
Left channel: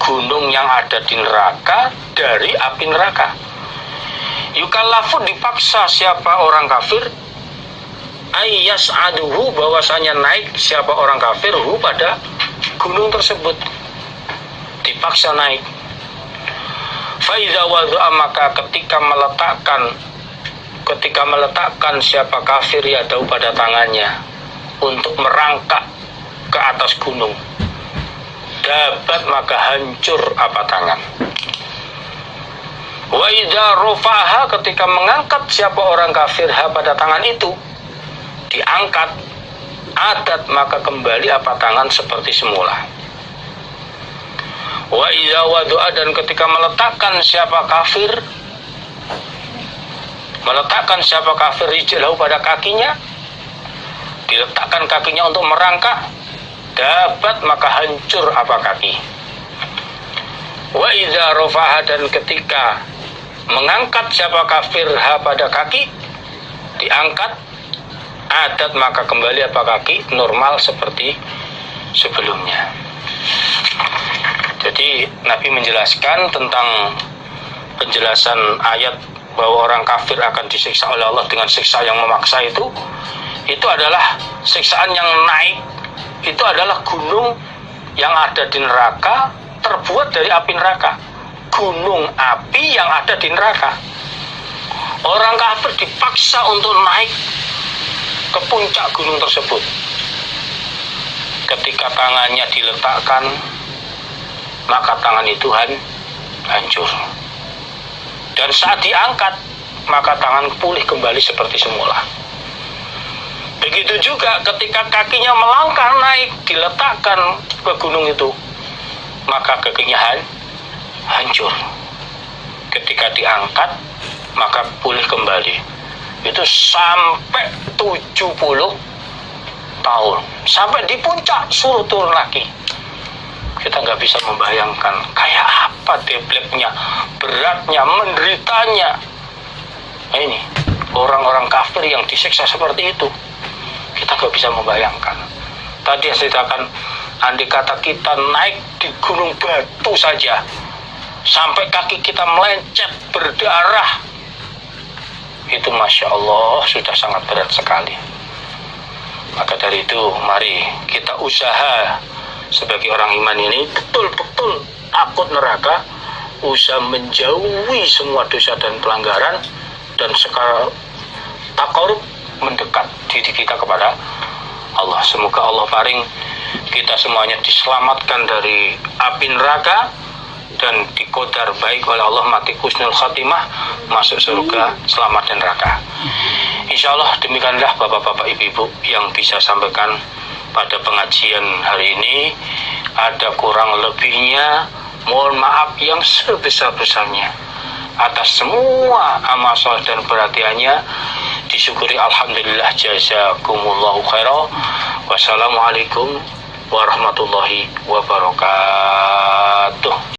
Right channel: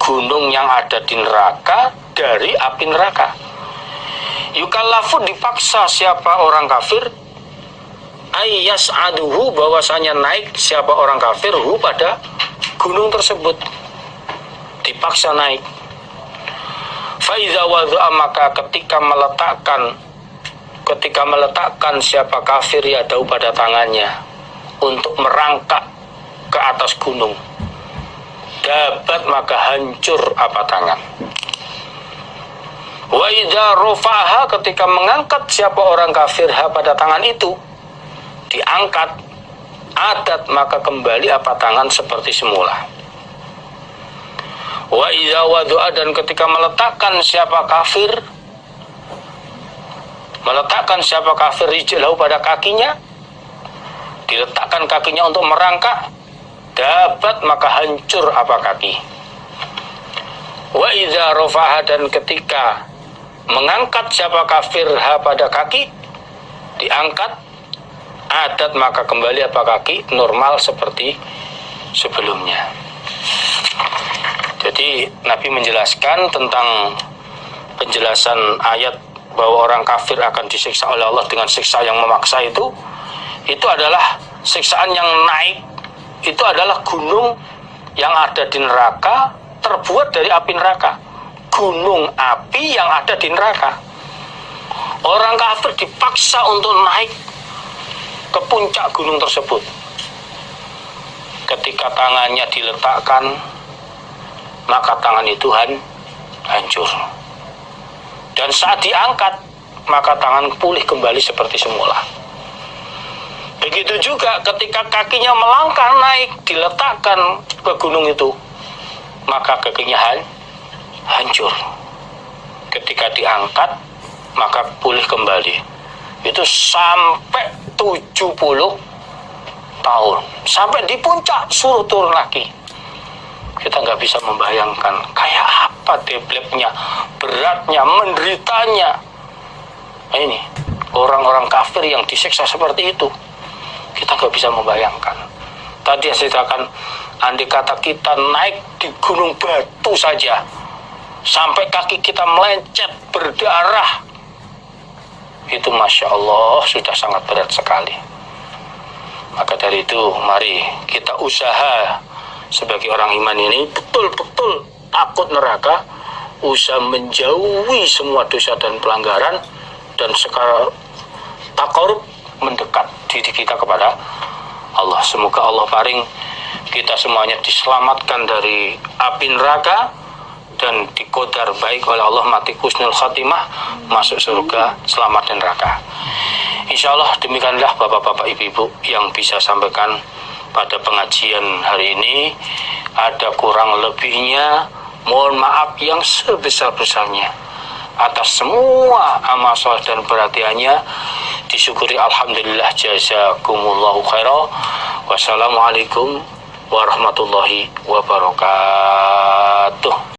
Gunung yang ada di neraka dari api neraka. Yukallafu dipaksa siapa orang kafir ayyas aduhu bahwasanya naik siapa orang kafir hu pada gunung tersebut, dipaksa naik. Faiza wadha'a maka ketika meletakkan siapa kafir yadahu pada tangannya untuk merangkak ke atas gunung, dapat maka hancur apa tangan. Wa idza rafa'aha ketika mengangkat siapa orang kafir ha pada tangan itu, diangkat, adat maka kembali apa tangan seperti semula. Wa idza wadu'a dan ketika meletakkan siapa kafir rijlahu pada kakinya, diletakkan kakinya untuk merangkak, dapat maka hancur apa kaki. Wa idza rafa'aha dan ketika mengangkat siapa kafir ha pada kaki, diangkat, adat maka kembali apa kaki normal seperti sebelumnya. Jadi Nabi menjelaskan tentang penjelasan ayat bahwa orang kafir akan disiksa oleh Allah dengan siksa yang memaksa itu adalah siksaan yang naik, itu adalah gunung yang ada di neraka terbuat dari api neraka. Gunung api yang ada di neraka. Orang kafir dipaksa untuk naik ke puncak gunung tersebut. Ketika tangannya diletakkan, maka tangan itu hancur. Dan saat diangkat, maka tangan pulih kembali seperti semula. Begitu juga ketika kakinya melangkah naik, diletakkan ke gunung itu, maka kakinya hancur. Ketika diangkat, maka pulih kembali. Itu sampai 70 tahun. Sampai di puncak suruh turun lagi. Kita nggak bisa membayangkan kayak apa debleknya, beratnya, menderitanya. Nah, ini orang-orang kafir yang disiksa seperti itu, kita nggak bisa membayangkan. Tadi saya ceritakan, andai kata kita naik di gunung batu saja, sampai kaki kita melencet berdarah, itu Masya Allah sudah sangat berat sekali. Maka dari itu mari kita usaha sebagai orang iman ini betul-betul takut neraka, usaha menjauhi semua dosa dan pelanggaran, dan sekarang takarub mendekat diri kita kepada Allah. Semoga Allah paring kita semuanya diselamatkan dari api neraka dan dikodar baik oleh Allah, mati husnul khatimah, masuk surga selamat dan neraka. Insya Allah demikianlah bapak-bapak ibu-ibu yang bisa sampaikan pada pengajian hari ini. Ada kurang lebihnya, mohon maaf yang sebesar-besarnya atas semua amal saleh dan perhatiannya. Disyukuri alhamdulillah, jazakumullahu khairan. Wassalamualaikum warahmatullahi wabarakatuh.